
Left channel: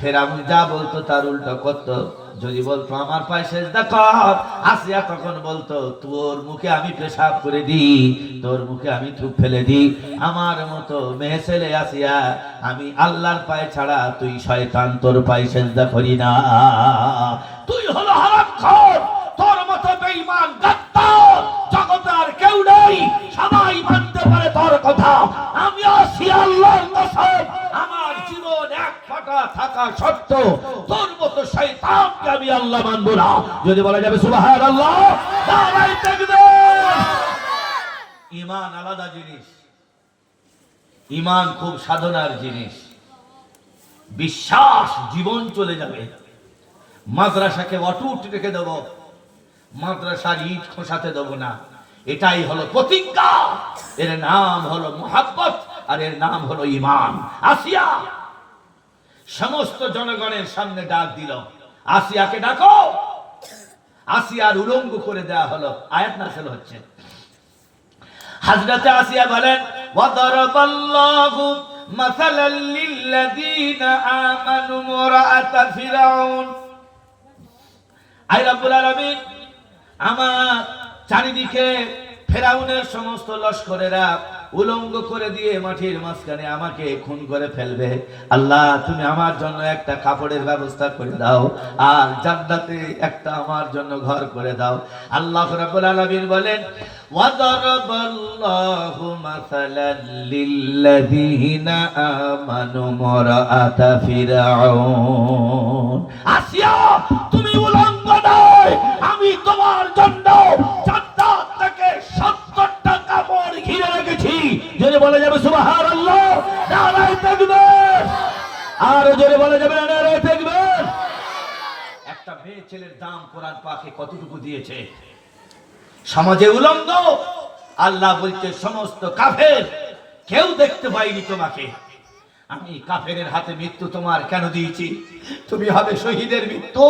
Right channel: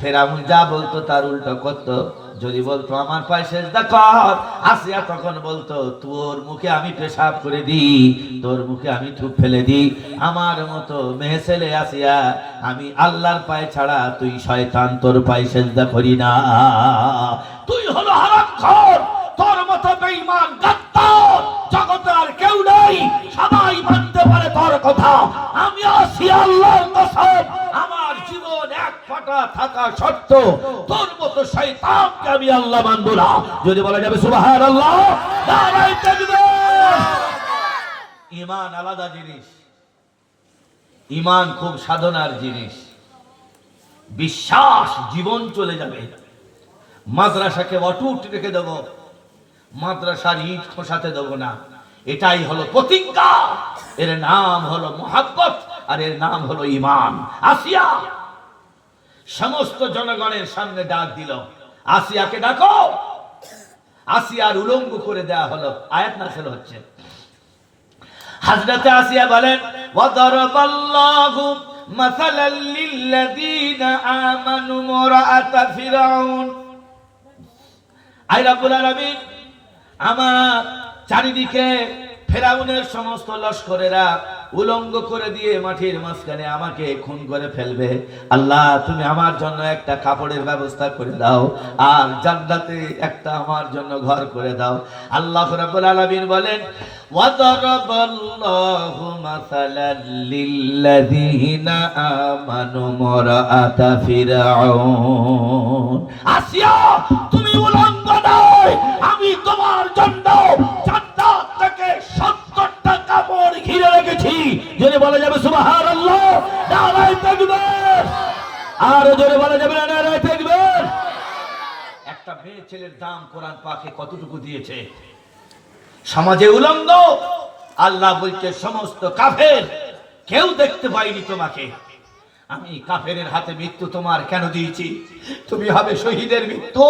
ফেরাউন যা বলতো তার উল্টো করতো। যদি বলতো আমার পায়ে সিজদা কর, আসিয়া তখন বলতো তোর মুখে আমি পেশাব করে দিই, তোর মুখে আমি থুক ফেলে দিই। আমার মতো মেয়ে ছেলে আসিয়া, আমি আল্লাহর পায়ে ছাড়া তুই শয়তান, তোর পায়ে সিজদা করি না। তুই হলো হারামখোর, তোর মতো বেঈমান গাদ্দার জগতে আর কেউ নেই, সবাই মানতে পারে তোর কথা। আমি আসিয়া আল্লাহর কসম, আমার জীবন এক ফোঁটা থাকা সত্ত্বেও তোর মতো শয়তানকে আমি আল্লাহ মানব না। যদি বলা যাবে সুবহানাল্লাহ, নারায়ে তাকবীর। ঈমান আলাদা জিনিস, ঈমান খুব সাধনার জিনিস। বিশ্বাস জীবন চলে যাবে। মাদ্রাসাকে অটুট রেখে দেব, মাদ্রাসার ইট খোসাতে দেব না। এটাই হলো প্রতিজ্ঞা। এর নাম হলো মুহাব্বত, আর এর নাম হলো ঈমান। আসিয়া সমস্ত জনগণের সামনে ডাক দিল, আসিয়াকে ডাকো। আসিয়ার উলঙ্গ করে দেওয়া হলো। আয়াত নাযিল হচ্ছে। হযরত আসিয়া বলেন, ওয়াদারাবাল্লাহু মাসালাল লিল্লাযীনা আমানু মুরাআতা ফিরআউন। আয় রব্বুল আলামিন, আমার চারিদিকে ফেরাউনের সমস্ত লস্করেরা উলঙ্গ করে দিয়ে মাটির মাঝখানে আমাকে খুন করে ফেলবে। আল্লাহ, তুমি আমার জন্য একটা কাপড়ের ব্যবস্থা করে দাও, আর জান্নাতে একটা আমার জন্য ঘর করে দাও। আল্লাহ রাব্বুল আলামিন বলেন, ওয়াদারাবাল্লাহু মাসালাল লিল্লাযীনা আমানু মুরাআতা ফিরআউন। আসিয়া, তুমি উলঙ্গ নয়, আমি তোমার জন্য জান্নাত থেকে 70টা কাপড় ঘিরে রেখেছি। যদি বলা যাবে সুবহানাল্লাহ, নারায়ে তাকবীর। আর যদি বলা যাবে নারায়ে তাকবীর। একটা মেয়ে ছেলের দাম কোরআন পাকে কতটুকু দিয়েছে। সমাজে উলঙ্গ, আল্লাহ বলছে সমস্ত কাফের, কেউ দেখতে পাইনি তোমাকে। আমি কাফেরের হাতে মৃত্যু তোমার কেন দিয়েছি? তুমি হবে শহীদের মৃত্যু।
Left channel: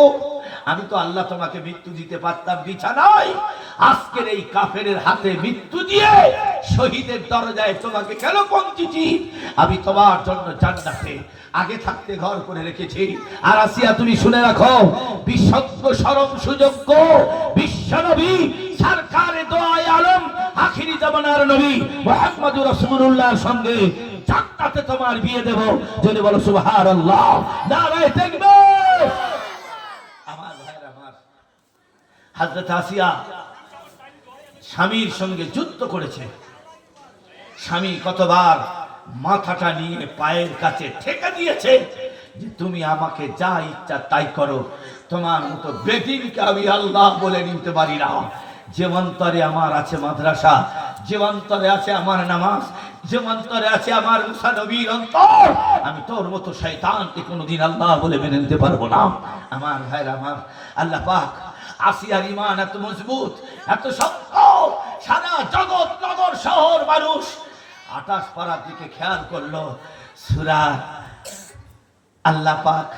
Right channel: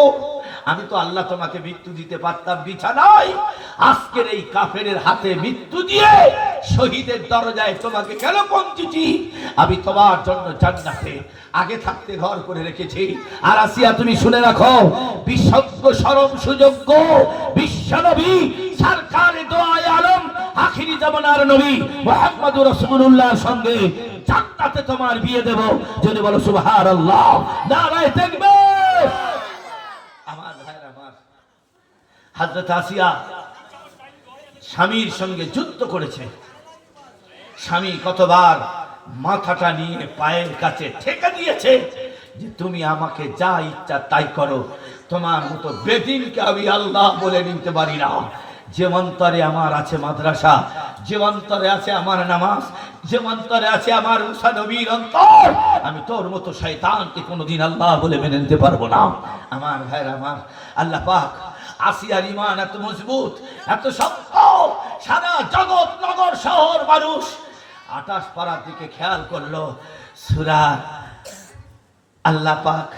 আমি তো আল্লাহ তোমাকে মৃত্যু দিতে পারতাম বিছানায়, আজকের এই কাফেরের হাতে মৃত্যু দিয়ে শহীদের দরজায় তোমাকে কেন পৌঁছেছি? আমি তোমার জন্য জান্নাতে আগে থাকতে ঘর করে রেখেছি। আর আসিয়া, তুমি শুনে রাখো, বিশ্বজ্ঞ শরম সুযোগ্য বিশ্বনবী সরকারে দোয়ায়ে আলম আখিরি জামানার নবী মুহাম্মদুর রাসূলুল্লাহর সঙ্গে জান্নাতে তোমার বিয়ে দেব। যদি বলো সুবহানাল্লাহ, নারায়ে তাকবীর। আমার ভাইরা, আমার হযরত আসিয়া স্বামীর সঙ্গে যুদ্ধ করেছে। স্বামী কতবার মাথাটা নিয়ে পায়ের কাছে ঠেকে দিয়েছে যে তুমি আমাকে যা ইচ্ছা তাই করো, তোমার মতো বেদিনকে আমি আল্লাহ বলে নিতে পারি না। যে অন্তরে আমার আছে মাদ্রাসা, যে অন্তরে আছে আমার নামাজ, যে অন্তরে আছে আমার মুসা নবীর অন্তর, আমি তোর মতো শয়তানকে কোনোদিন আল্লাহ বলে মেনে নিতে পারবো না। আমার ভাইরা, আমার আল্লাহ পাক আসিয়ার ঈমান এত মজবুত, এত শক্ত, সারা জগৎ নগর শহর মানুষ 28 পারার দিকে খেয়াল করলো। সূরা আল্লাহ পাক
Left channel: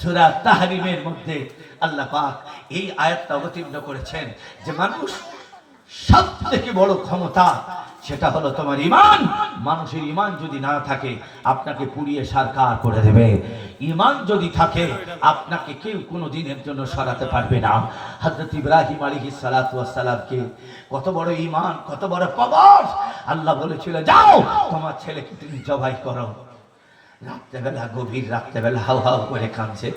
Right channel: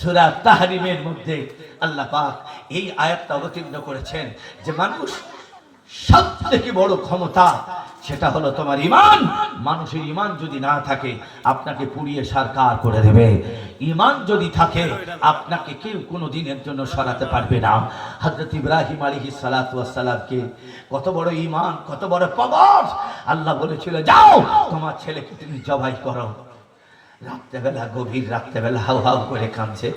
সূরা তাহরিমের মধ্যে আল্লাহ পাক এই আয়াতটা অবতীর্ণ করেছেন যে মানুষ সবথেকে বড় ক্ষমতা সেটা হলো তোমার ঈমান। মানুষের ঈমান যদি না থাকে আপনাকে পুড়িয়ে সারকার করে দেবে। ঈমান যদি থাকে আপনাকে কেউ কোনো দিনের জন্য সরাতে পারবে না। হযরত ইব্রাহিম আলাইহিস সালাতু ওয়াস সালামকে কত বড় ঈমান, কত বড় পাওয়ার। আল্লাহ বলেছিল, যাও তোমার ছেলেকে তুমি জবাই করো। রাত্রেবেলা, গভীর রাত্রেবেলা হাউ হাউ করে কাঁদছে।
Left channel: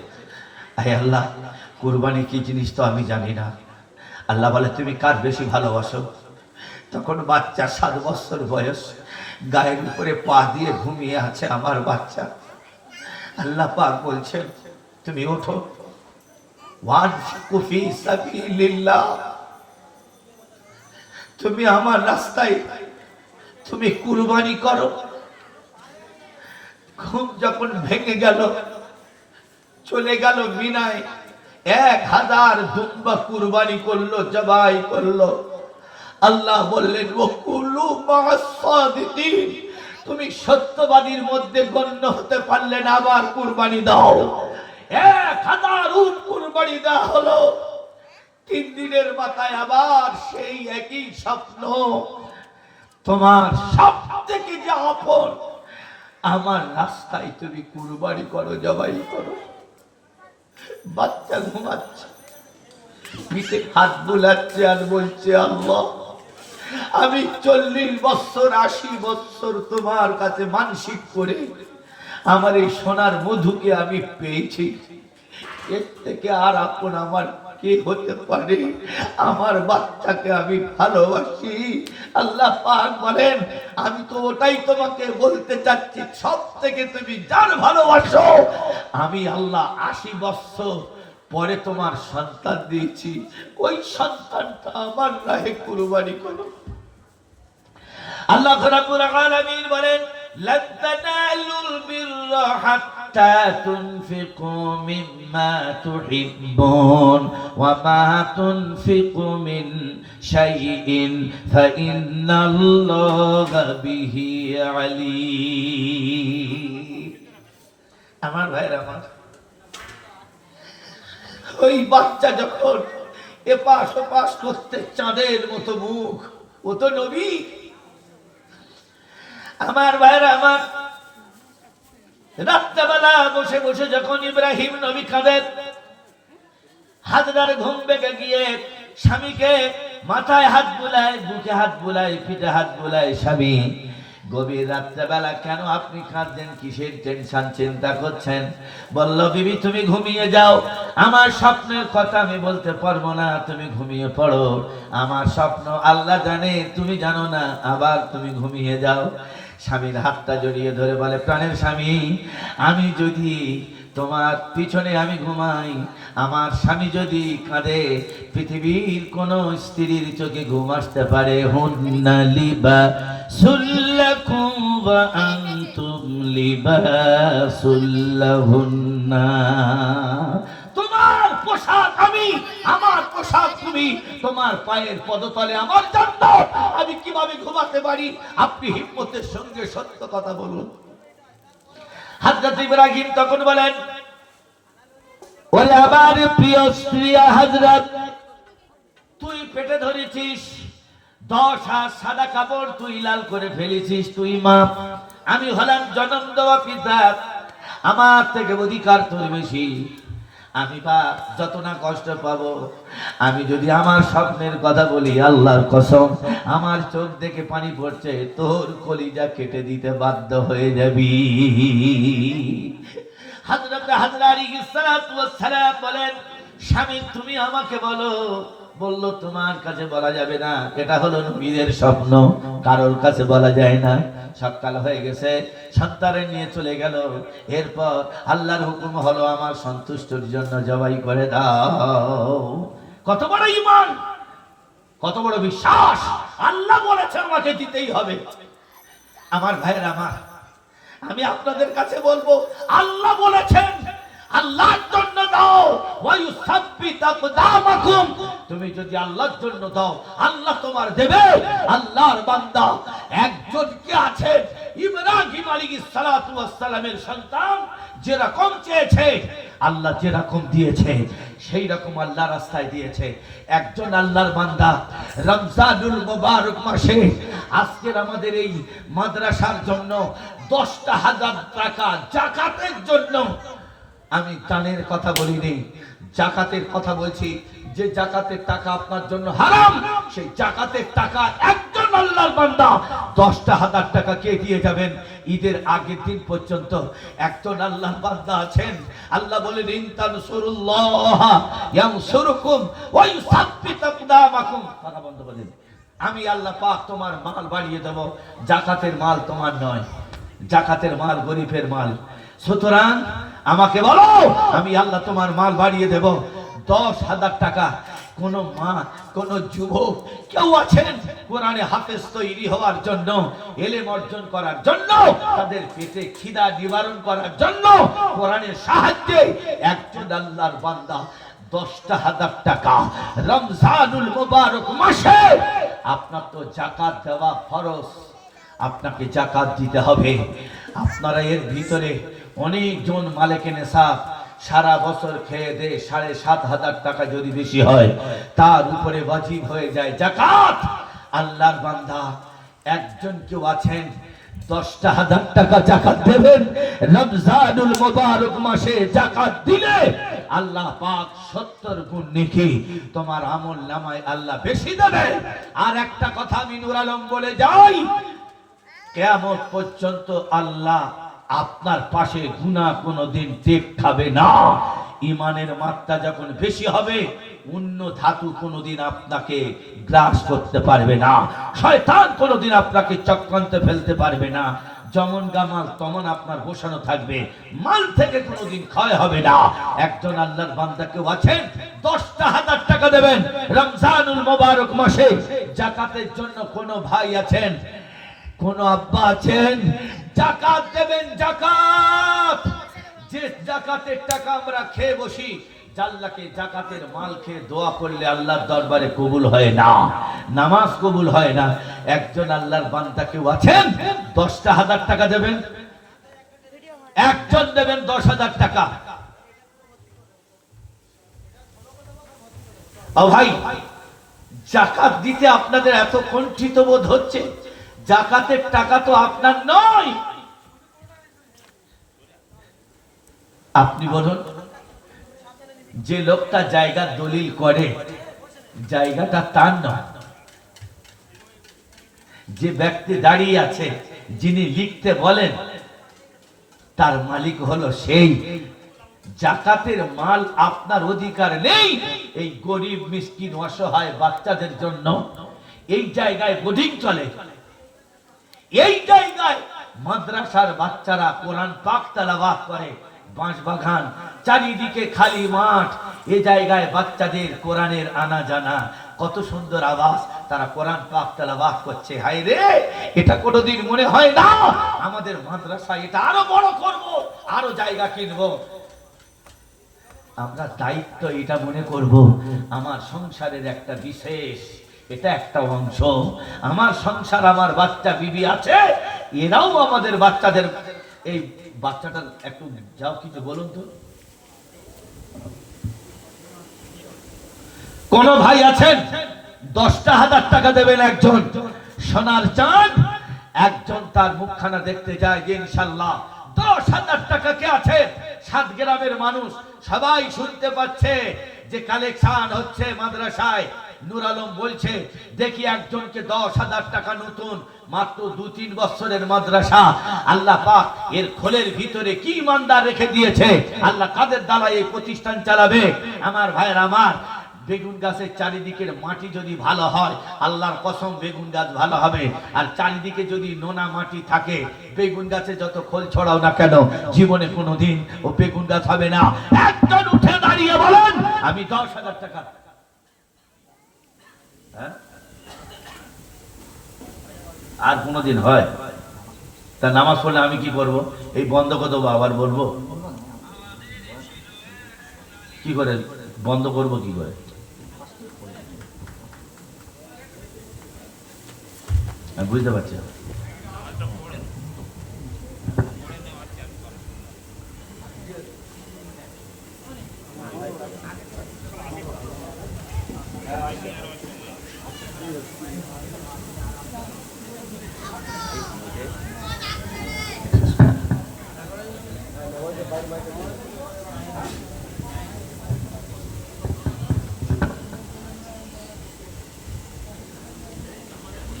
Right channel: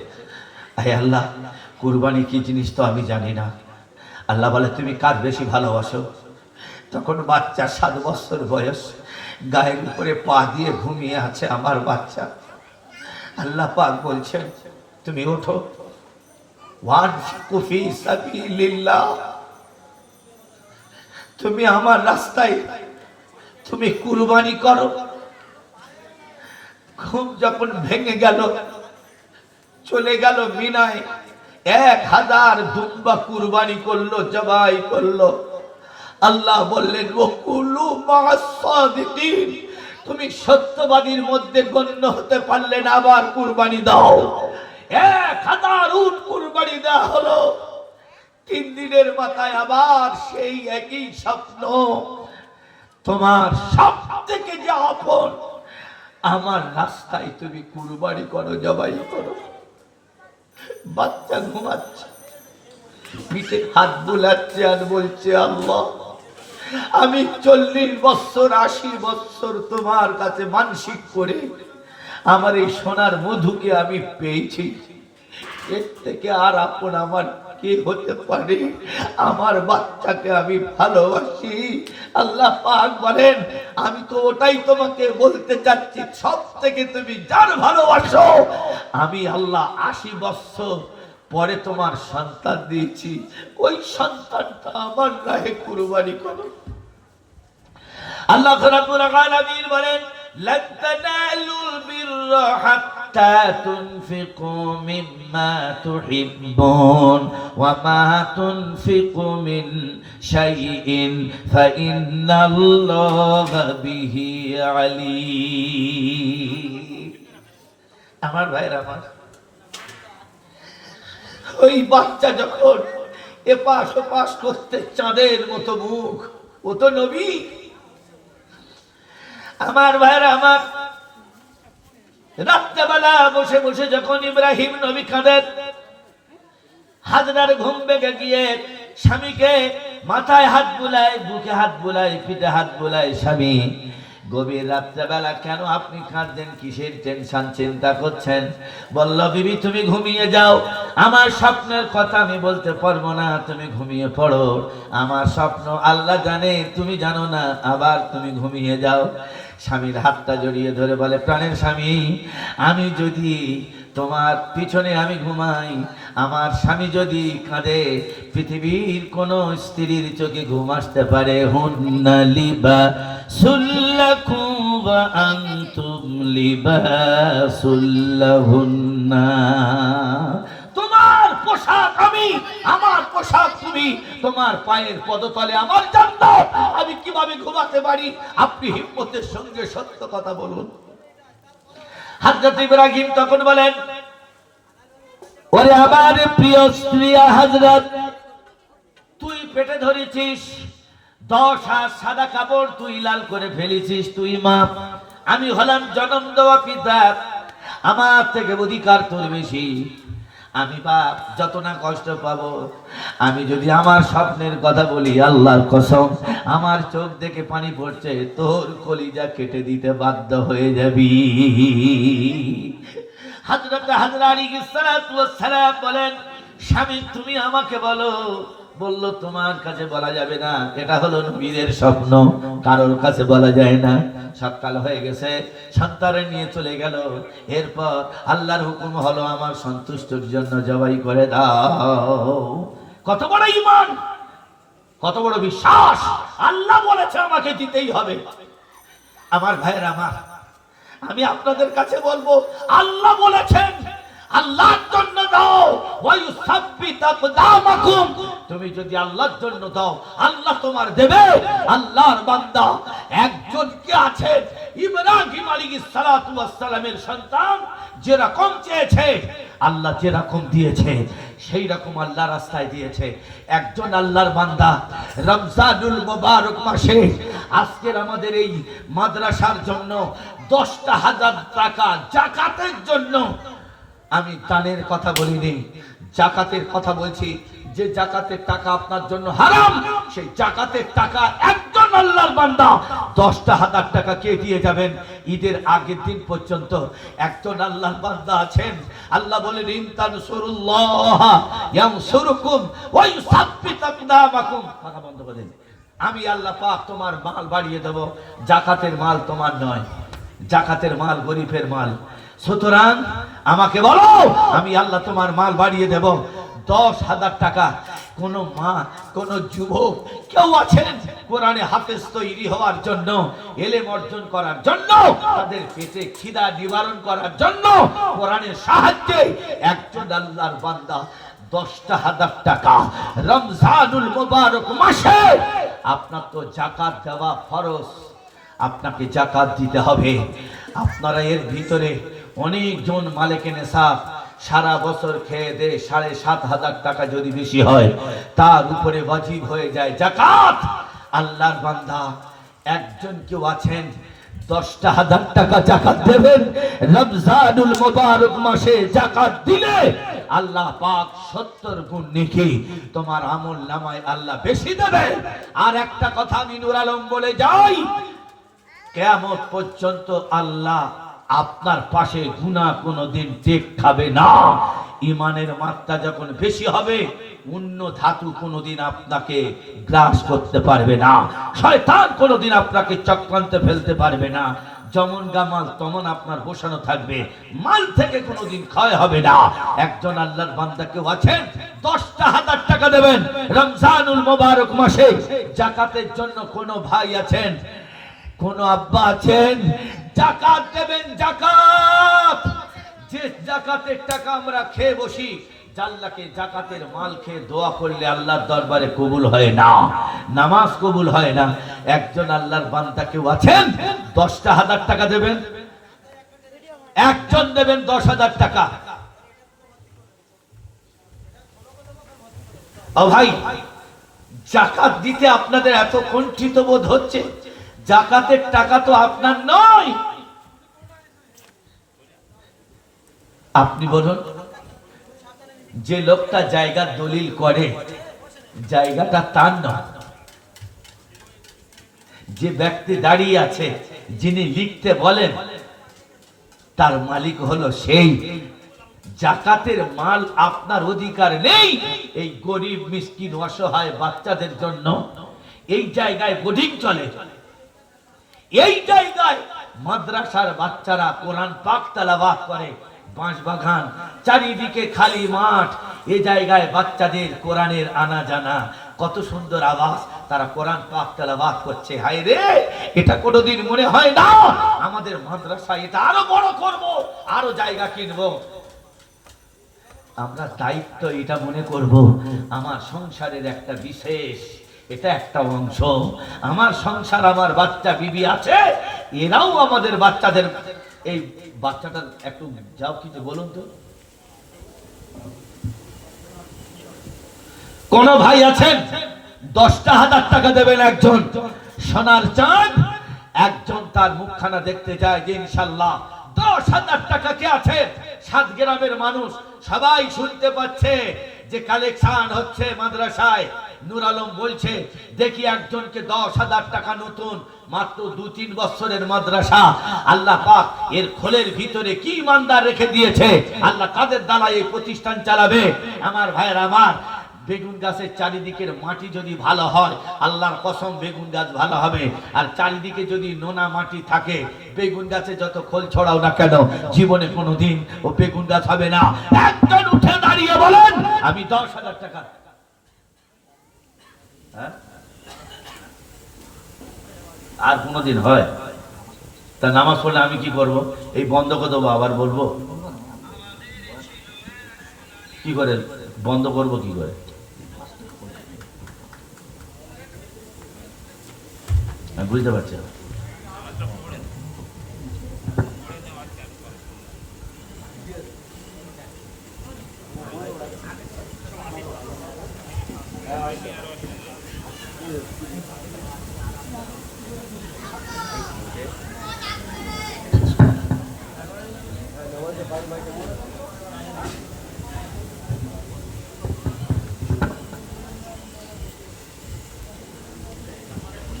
হে আল্লাহ, কুরবানি কি জিনিস তো আমি জানি না। আল্লাহ বলে, তুমি কার বেশি ভালোবাসো? তখন বাচ্চা 7 বছর বয়স, গায়ের উপরে পা দিয়ে ঘুমিয়ে আছে আমার বাচ্চা। আল্লাহ পাক বলছেন, তুমি ওঠো, ওয়ানফিকু ফি সাবিলিল্লাহ, তুমি আমার রাস্তায় তুমি কুরবানি করো। ঘুম যখন ভেঙে গেল, চলে গেল মিনায়, 1000 দুম্বা কুরবানি করলো, জবাই করলো। আল্লাহ বললেন, ওকুলু মা'আস সাদিকিন, তুমি সত্যবাদীর মধ্যে গণ্য হতে পারলে না, আবার কুরবানি দাও। 1000 উট কুরবানি দেওয়া হলো। 3 দিনের মাথায় আবার সেই একই স্বপ্ন, তোমার সব থেকে যে আপন আমার রাস্তায় তুমি কুরবানি করো, জবাই করো। বাচ্চা ঘুমাচ্ছে, পিঠে হাত বোলাচ্ছে আর বলছে, আল্লাহ আমি 40 বছর 80 বছর তোমার কাছে মানসিক করে আমার এই সোনার মধুকে আমি পেয়েছি, এর থেকে আর আপন আমার কে হতে পারে? আমার বাচ্চাকে আমি ভালোবাসি। আল্লাহ পাক বলেন, আমি তো ওটাই তোমাকে বলতে চাচ্ছি, সব থেকে তুমি যার ভালোবাসো আমি আল্লাহ 80 বছর পরে তোমার সন্তান দিয়েছি, ওই সন্তানটা আমার রাহে কুরবানি করো। আল্লাহ রাব্বুল আলামিন বলেন, লান তানালুল বিররা হাত্তা তুনফিকু মিম্মা তুহিব্বুন ওয়া মা তুনফিকু মিন শাইইন ফাইন্নাল্লাহা বিহি আলীম। আমার ভাইরা, আমার ওই বাচ্চা যখন এপাশ ওপাশ করতে, চাঁদের মতো মুখ, ও তো নবী। আমার ভাইরা আমার, রাত্রেবেলা বসে বসে যখন ইব্রাহিম নবী কাঁদেন, হাজরার ঘুম ভেঙে গিয়ে স্বামীকে মাথায় হাত বুলায়, বুকে হাত বুলায়, পিঠে হাত বুলায়, স্বামী গভীর রাত্রেবেলা কেন আপনি কাঁদছেন, কিসের টেনশন, চিন্তা করছেন? বলল, বিবি তুমি ঘুমিয়ে যাও, আমার স্বপ্নের কথা আমি বলতে পারবো না, তুমি ঘুমিয়ে পড়ো, আমার স্বপ্ন আল্লাহ জানে, তুমি জানো না, আবার তুমি ঘুমিয়ে যাও। স্বামীর হাতটা জড়িয়ে ধরে বলে, প্রাণের স্বামী, আমি যদি তোমার পিছনে আমি ঘুমাই, আমার স্বামী যদি কাঁদে, পৃথিবীর কোন স্ত্রীর চোখে ঘুম আসতে পারে? হুন্না লিবাসুল লাকুম ওয়া আনতুম লিবাসুল লাহুন্না। তোমার পোশাক আমি, আমার পোশাক তুমি, তোমার পায়ের পদতলে আমার জান্নাত, আমি কিভাবে ঘুমাতে পারি? আপনি হিম্মতের সঙ্গে সত্য কথা বলুন। হযরত ইব্রাহিম তখন বলেন, ওরে আমার প্রিয় স্ত্রী হযরত, তুই পেটে ধরেছিস 10 হাত সাদা কাপড়, তুই লাল করে ফেলেছিস, তুই মা, আমি হলাম জন্ম দেওয়া পিতা, আমার থেকে অধিকার তোর বেশি। আমি বা যত না কষ্ট পাবো, আমি যদি আমার স্বপ্নের কথা বলি, আল্লাহর কসম আমার চোখ দেখে পানি পড়ছে, তোর কলিজা কেটে দিতে বাধ্য হয়ে যাবি। হযরত আলাইহিস সালাতু ওয়াস সালাম বলেন, স্বামী তুমি আমাকে বলো। বলল, তোমার কাছে বলা যাবে না, এটা হলো নবীদের স্বপ্ন, কারোর কাছে বলা যায় না। সকাল হয়ে গেছে, সন্তানে নিয়ে চলে গেল। এরপর আল্লাহর হুকুম হলো, আমার সন্তুষ্টির জন্য জবাই করে দাও। কত বড় ঈমান, কত বড় বিশ্বাস! আল্লাহ বলেছে আমাকে দিতেই হবে। আমার ভাইরা আমার, আমি আপনাদের কাছে বলবো, আল্লাহ বলেছেন, আল্লাহর জন্য দাও, ওয়ায়ুসাব্বিত আকদামাকুম। তুমি যদি আল্লাহর জন্য দাও, আল্লাহ তোমার দেবে। আল্লাহর বান্দা একজন কে আছে, ইব্রাহিম আলাইহিস সালাতু ওয়াস সালামের সন্তান, যেরকম চেয়েছে আল্লাহ যেরকম দিয়েছে, সেই রকম আল্লাহ রাস্তায় দিয়েছে। একজন আল্লাহর বান্দা রমজানুল মুবারক মাসে আজকের আমাদের এই মাদ্রাসার জন্য 10,000 টাকা যাকাতের জন্য, আমি দানের কথা বলিনি, যাকাতের কথা বলছি। যে যাকাতের টাকা আপনার জন্য হারাম, সেই যাকাতের টাকা একজন আল্লাহর বান্দা 10,000 টাকা কে দিয়ে যাবেন? ঈদের আগের দিন পর্যন্ত একজন আল্লাহর বান্দা আছেন, আল্লাহ বলেন, ইন তানসুরুল্লাহ ইয়ানসুরকুম ওয়া ইউসাব্বিত আকদামাকুম। কথা বন্ধ করে দিন। আমি আল্লাহ পাক তোমার মাল বাড়িয়ে দেব। যাকাতের মাল তোমার নয়, যাকাতের মাল গরিবের মাল। সুতরাং আমাকে বলো, আমি আল্লাহ তোমার মাল বাড়িয়ে দেব। 10,000 টাকা। কোন মা, কোন যুবক কেউ আছেন কোরআনে হাফেজ তৈরি হওয়ার জন্য, এলেম অর্জন করার জন্য, তাদের পেটে খিদা নিবারণ করার জন্য, কোরআনের সাহায্যে একজন আল্লাহর বান্দা 10,000 টাকা রমজানুল মুবারক মাসে, আপনার তো যাকাত দেওয়া ফরজ, আপনাকে যাকাত দিতে হবে। আপনারা এর ভিতরে অনেকজন মালিকে নেশাব সারা বছর খেয়ে দে 7,500 টাকা যদি বেশি হয়, তার উপরে ওয়াজিব হয়ে যায় যাকাত। আল্লাহর বান্দা একজন কেউ আছেন 10,000 টাকা যাকাত দেবেন, রমজানুল মুবারক মাসে যাকাত দিলে আল্লাহ পাক 70 গুণ নেকি তোমার আমল নামায় আল্লাহ বেশি দেবে। আর একটা কথা আমি নূর আলম বলে যাই, কিয়ামত পর্যন্ত আল্লাহ আপনার পাশে গুনাহ কোনোদিন টেক খাবে না। ইমানের মাত্রা যখন বেশি হবে, অন্য ধাতু কোনোদিন আপনাকে গ্রাস করতে পারবে না, শয়তান কোনোদিন আপনাকে চক্রান্তে ফেলতে পারবে না। যেমন গামাল তেমন আপনার বসানো থাকবে, মাল থেকে কোনোদিন ক্ষয় হবে না। একজন আল্লাহর বান্দা কেউ আছেন 10,000 টাকা দেবেন রমজানুল মুবারক মাসে যাকাতের জন্য। কোন ভাই আছেন, কোন আব্বা আছেন, যাকাত দেবেন। যাকাত, যে যাকাতের টাকা আমরা খেয়ে বসি, আল্লাহকে যাকাতের মাল খেয়ে দোয়া করলে আল্লাহর দরবারে কবুল হয় না, নামাজ কবুল হয় না। একজন আল্লাহর বান্দা কেউ আছেন 10,000 টাকা দেবেন, একজন দেবেন 10,000 টাকা। ও ভাই, জাকাত দিতে আপনাদের এত কুণ্ঠিত বোধ হচ্ছে, জাকাতের টাকা তো আপনার নয়। আপনি বলুন, যে লোকটা জায়গা দলিল করে জায়গাটা তার নয়, যে ব্যক্তি দাঁড়িয়ে আছে যিনি লিখতে বলেন তার মালিক হলো সেই। জাকাতের মাল আপনার অধিকার নেই। এই গরিব মিসকিন অসহায় বাচ্চাদের জন্য এই জায়গায় বোর্ডিং চলে, এই জায়গায় মাদ্রাসার বাচ্চারা কোরআন পাক তেলাওয়াত করে, বাঁশবাগান চারিদিকে খালি মাঠ, এই জায়গায় বাচ্চাদের কোরআনের আনা জানা, কত সুন্দর আওয়াজ, তারা কোরআন পাক তেলাওয়াত করছে। হায় রে, এটা কোনোদিন মনে হয় না আমাদের মাদ্রাসা এটা আরো বড় করব, আরো জায়গা কিনবো। আমরা দায়িত্ব এটা মনে করব, আমার সংসারের একটা বিশেষ, এটা একটা অংশ, আমার সংসার, আমার বাচ্চা বিবি আছে, এরাও আমাদের বাচ্চাদের। এই বাচ্চাটা একটু যাও, কিছু বলুন তো। কোন ভাই আছেন 10,000 টাকা দেবেন একজন সোনার চাঁদ, একজন তার মুখখানা দেখতে যায় যে ইনশাল্লাহ 10,000 টাকা কে আছে। 7 গ্রামের মানুষ সবাই শুনতে পাচ্ছে যে কালেকশন হচ্ছে মাদ্রাসায়। নূর আলম বলছে, দেখি একজনকে 10,000 টাকা নতুন, মাত্র 2-3 বছরের মাদ্রাসা, আল্লাহ পাক এর খোলের ভিতরে কি ইমানদার রেখে দিয়েছে, আল্লাহ তাদের দ্বারা এই প্রতিষ্ঠান চালাবে। আমার ভাইয়ের, আমার বেগুন গাছের চারিদিকের মাটি যদি ভালো হয়, আল্লাহর কসম বেগুন গাছ ভালো হবে। আর চারিদিকে যদি নোনা মাটি থাকে, বেগুন গাছে যত খোল ছড়াও না কেন, জীবনে কোনোদিন ও বেগুন গাছ হবে না। একজন উঠে দাঁড়িয়ে বলেন, আমি 10,000 টাকা। হ্যাঁ, আর কোনোদিন হয় তা নামাজ পড়লে আমি কি করব? এই বন্ধ করে দেবো, আবার বলবো কি করে? বন্ধ করব কি করে? বুঝতে পারছি।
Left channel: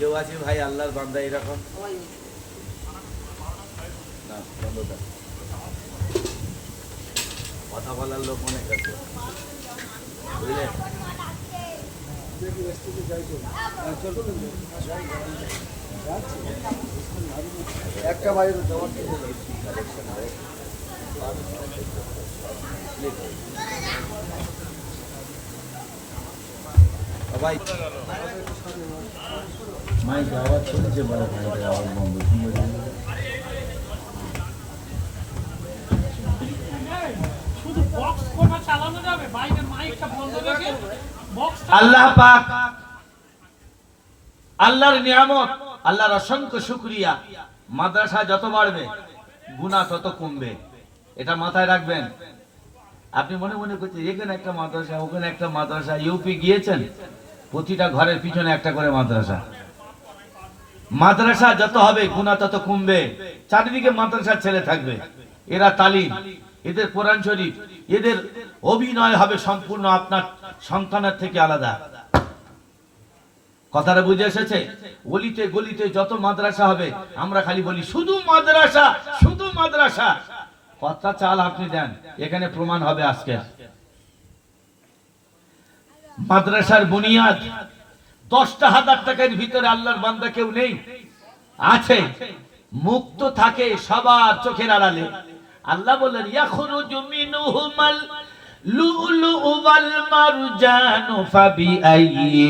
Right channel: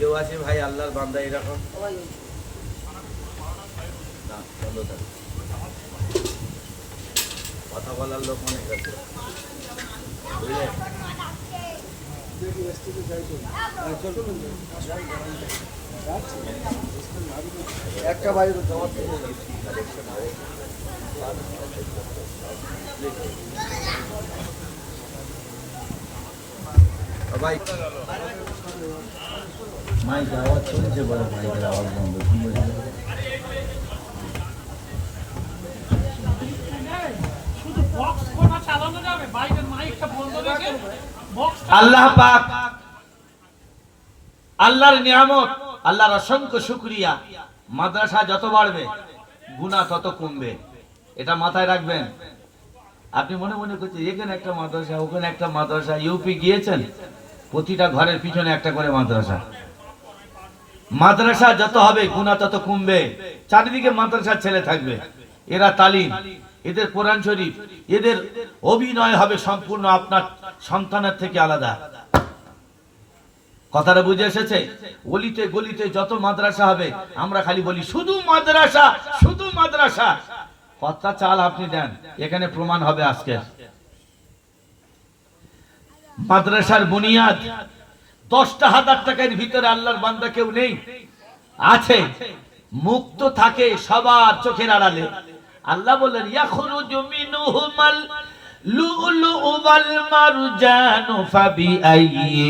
কেউ আছে ভাই আল্লাহর বান্দা এরকম? না, কথা বলার লোক অনেক আছে, বুঝলেন? একটা বাইরে কালেকশন হয় ভাই, মাই যাওয়া ছিল যে বড় ভাইদের আওয়াজ বন্ধ। আল্লাহ পাক, আল্লাহর নিয়ামত, আল্লাহর অসংখ্য শুকরিয়া। মাদ্রাসা যত বাড়বে গুনাহ তত কমবে, এটা মাথায় রাখবেন। আপনি মনে মনে করছেন এখানে একটা মাদ্রাসা, ওখানে একটা মাদ্রাসা, ইউপি গিয়েছেন, প্রতিটা ঘরের পিছনে একটা করে মাদ্রাসা। মাদ্রাসা যত হবে গুনাহ তত কমবে। চারিদিকে মাদ্রাসার ছেলে থাকবে, এরা তালিম, এদের কোরআন শরীফ, এদের অভিনয় হবে সম্পূর্ণ আপনার সন্তানের থেকে আলাদা। কথাটা বুঝে এসেছে? গলিতে গলিতে যত মাদ্রাসা হবে, আমরা খালি বলি শুধু মাদ্রাসা, শুধু মাদ্রাসা। কথা চাল আপনি দেন, এখানে প্রমাণ হবে আজকে। মাদ্রাসার বুনিয়াদ 10,000 টাকার ভিতরে আল্লাহর বান্দা কেউ নেই, আছে মুক্ত থাকে সবার চোখের আড়ালে। আল্লাহ বলেন, ইয়াখরুজু মিনহুমাল লুলু ওয়াল মারজানু ফাবিআইয়ি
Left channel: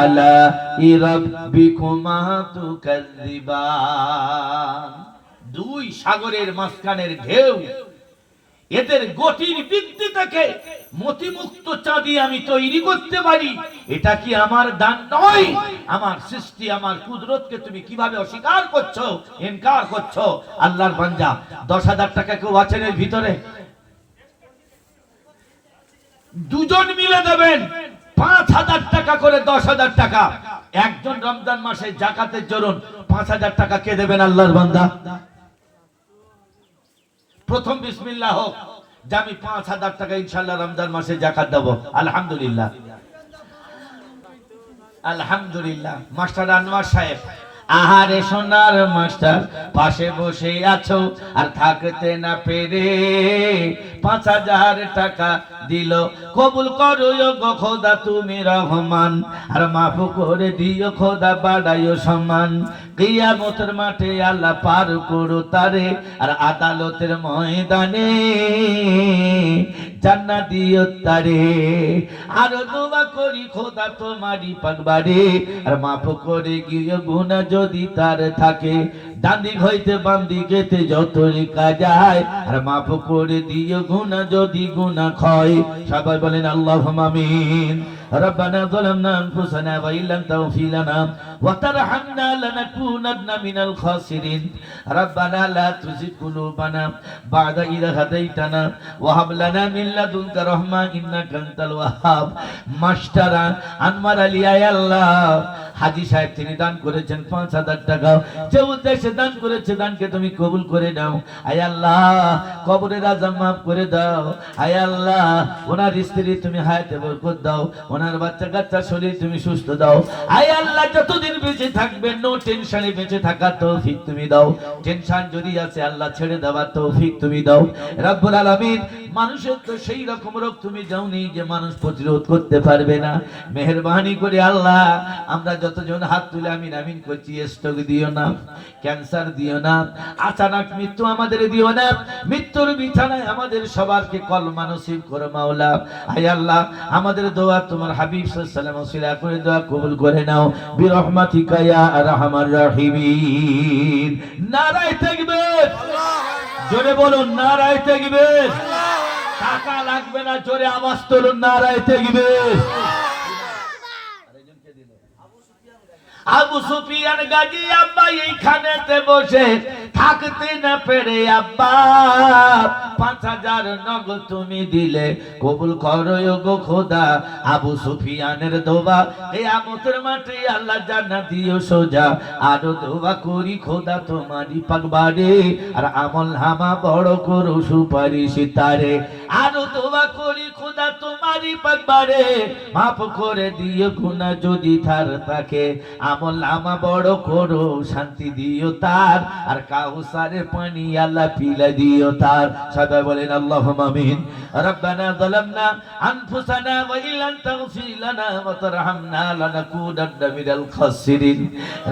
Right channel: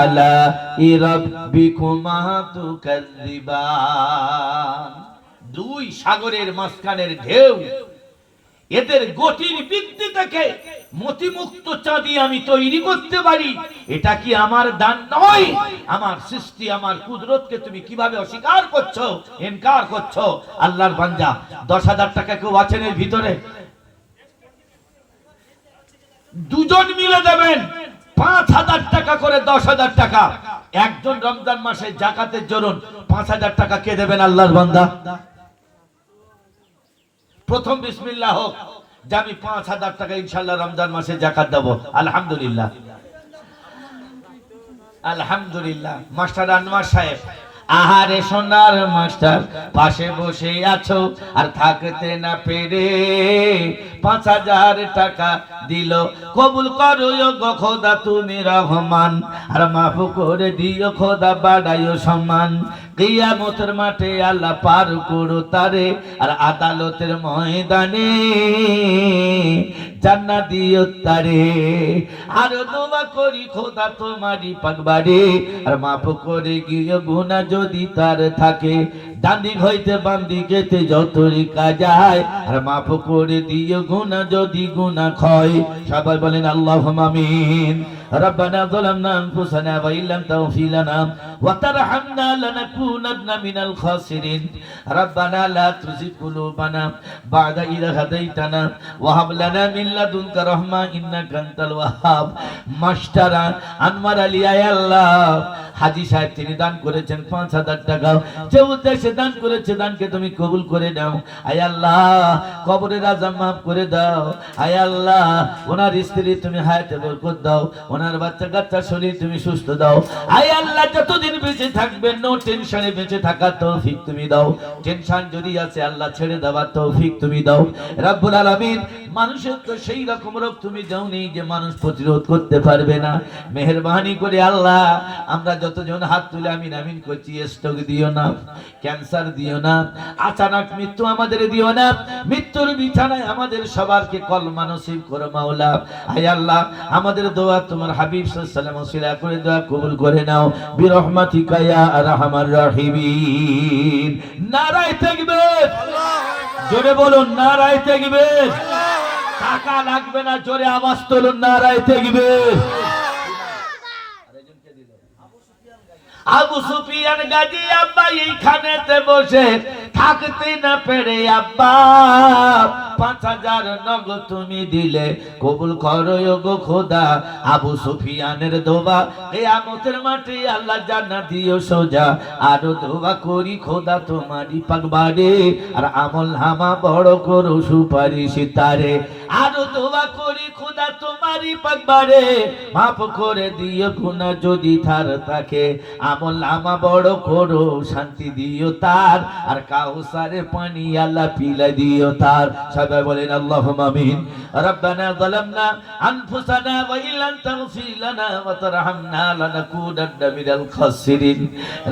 আলা'i রাব্বিকুমা তুকাযযিবান। দুই সাগরের মাঝখানের ঢেউ, এদের গতির বৃদ্ধি থেকে মতিমুক্ত চাঁদি আমি তৈরি করতে পারি। এটা কি আমার দান নয়? আমার সৃষ্টি, আমার কুদরতকে তুমি কিভাবে অস্বীকার করছো, ইনকার করছো? আল্লাহর বান্দা, 10,000 টাকা কেউ আছেন এর ভিতরে? দুজন মিলে দেবেন, 5,000 টাকা করে 10,000 টাকা একজন রমজান মাসে জাকাতের জন্য 5,000 টাকা কে দেবেন আল্লাহর বান্দা? প্রথম বিসমিল্লাহ হোক যে আমি 5,000 টাকা ইনশাআল্লাহ রমজান মাসে জাকাত দেব। আলহামদুলিল্লাহ, আলহামদুলিল্লাহ। মাস্টার আনোয়ার সাহেব, আহারে সোনার মাস্টার, পাশে বসে আছো আর থাকতে না পেরে 5,000 টাকা দিল, কবুল করো গো খোদা তুমি রহমান, আর মাফ করে দিও খোদা বাড়াইও সম্মান। কিয়ামতের মাঠে আল্লাহ পার করো তারে, আর আদালতের ময়দানে জান্নাত দিও তারে। আর দোয়া করি খোদা তোমারই পাকবারে, আর মাফ করে গিয়ে গুনাহ যদি তার থাকে, ডান্দিক হইতে বান্দিকেতে যতই কাজায়, আর মাফ করে দিও গুনাহ যদি গুনাহ ক্ষয়। সবাই বলেন আল্লাহুম্মা আমিন। ربنا ظلمنا أنفسنا وإن لم تغفر لنا وترحمنا لنكونن من الخاسرين ربنا لا تزغ قلوبنا بعد إذ هديتنا وهب لنا من لدنك رحمة إنك أنت الوهاب। মাস্টার আনোয়ার আলী আল্লাহ হাজী সাহেব তিনি দান করেছেন 5,000 টাকা, যে উদ্দেশ্যে দান করেছে দানকে তুমি কবুল করে নাও। আয় আল্লাহ কবরের আযাব মাফ করে দাও। আয় আল্লাহ ওনার স্ত্রী তুমি হায়াতে বরকত দাও, ওনার বাচ্চা কাচ্চা শরীর তুমি সুস্থ দাও। আয় আল্লাহ যতদিন বেঁচে থাকবেন নো টেনশনে বেঁচে থাকার তৌফিক তুমি দাও। টেনশন যদি আছে আল্লাহ ছেড়ে দেওয়ার তৌফিক তুমি দাও রব্বুল আলামিন। মানুষের তো সেই রকম রোগ তুমি দাওনি যে মানুষ প্রতিরোধ করতে পারবে না। মেহেরবানি করে আল্লাহ আমরা যতজন হাত তুলে আমিন আমিন করছি, স্ট্রোক দিও না, ক্যান্সার দিও না, আচানক মৃত্যু আমাদের দিও না, মৃত্যুর বিছানায় আমাদের সবারকে কলমা নসিব করো মাওলা। আয় আল্লাহ আমাদের দোয়া তোমার হাবিব সাল্লাল্লাহু আলাইহি ওয়াসাল্লাম ওসিলা করে দোয়া কবুল করে নাও বিরহমাতিকা ইয়া আরহামার রাহিমিন। নারায়ে তাকবীর, জোরে বলুন নারায়ে তাকবীর। টাকা লাগবে না, জোরে আওয়াজ তুলুন নারায়ে তাকবীর। আবু সুফিয়ান গাজী আব্বা এইখানেতে বসে থাকতে না পেরে আব্বা 5,000 নগদ তুমি দিলে, কবুল করো গো খোদা আবু সুফিয়ানের দোয়া কিয়ামতের মাঠে আল্লাহ জান্নাত দিও সোজা। আর দোয়া করি খোদা তোমারই পাকবারে, আর আমল নামা বড় করো সুপারিশ তারে। আর দোয়া করি খোদা তোমারই পাকবারে, মাফ করে দিও গুনাহ যদি তার থাকে, আমল নামা বড় করো শান্তি দিও তার, আর কাউসারের পানি আল্লাহ পিলা দিও তার। সবাই বলেন আল্লাহুম্মা আমিন। রব্বানা যালামনা আনফুসানা ওয়া ইল্লাম তাগফির লানা ওয়া তারহামনা লানাকুনান্না মিনাল খাসিরিন।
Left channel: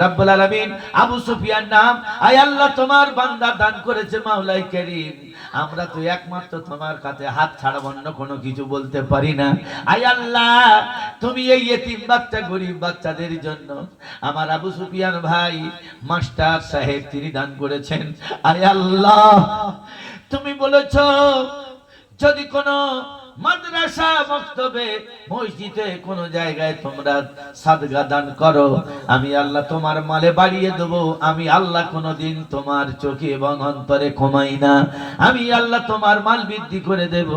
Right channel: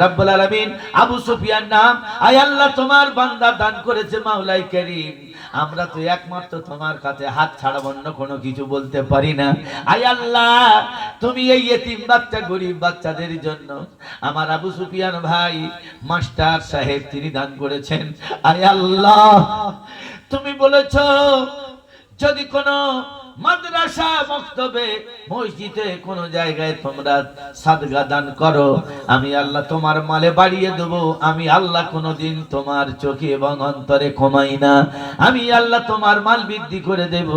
রব্বুল আলামিন আবু সুফিয়ান নাম, আয় আল্লাহ তোমার বান্দা দান করেছে মাওলাই কারীম, আমরা তো একমাত্র তোমার কাছে হাত ছাড়া অন্য কোনো কিছু বলতে পারি না। আয় আল্লাহ তুমি এই ইতিম বাচ্চা গরিব বাচ্চাদের জন্য আমার আবু সুফিয়ান ভাই মাস্টার সাহেব তিনি দান করেছেন। আরে আল্লাহ তুমি বলেছো যদি কোনো মাদ্রাসা মক্তবে মসজিদে কোন জায়গায় তোমরা সাদকা দান করো, আমি আল্লাহ তোমার মালে বাড়িয়ে দেব। আমি আল্লাহ কোনদিন তোমার চোখে এবং অন্তরে কমাই না, আমি আল্লাহ তোমার মাল বৃদ্ধি করে দেব।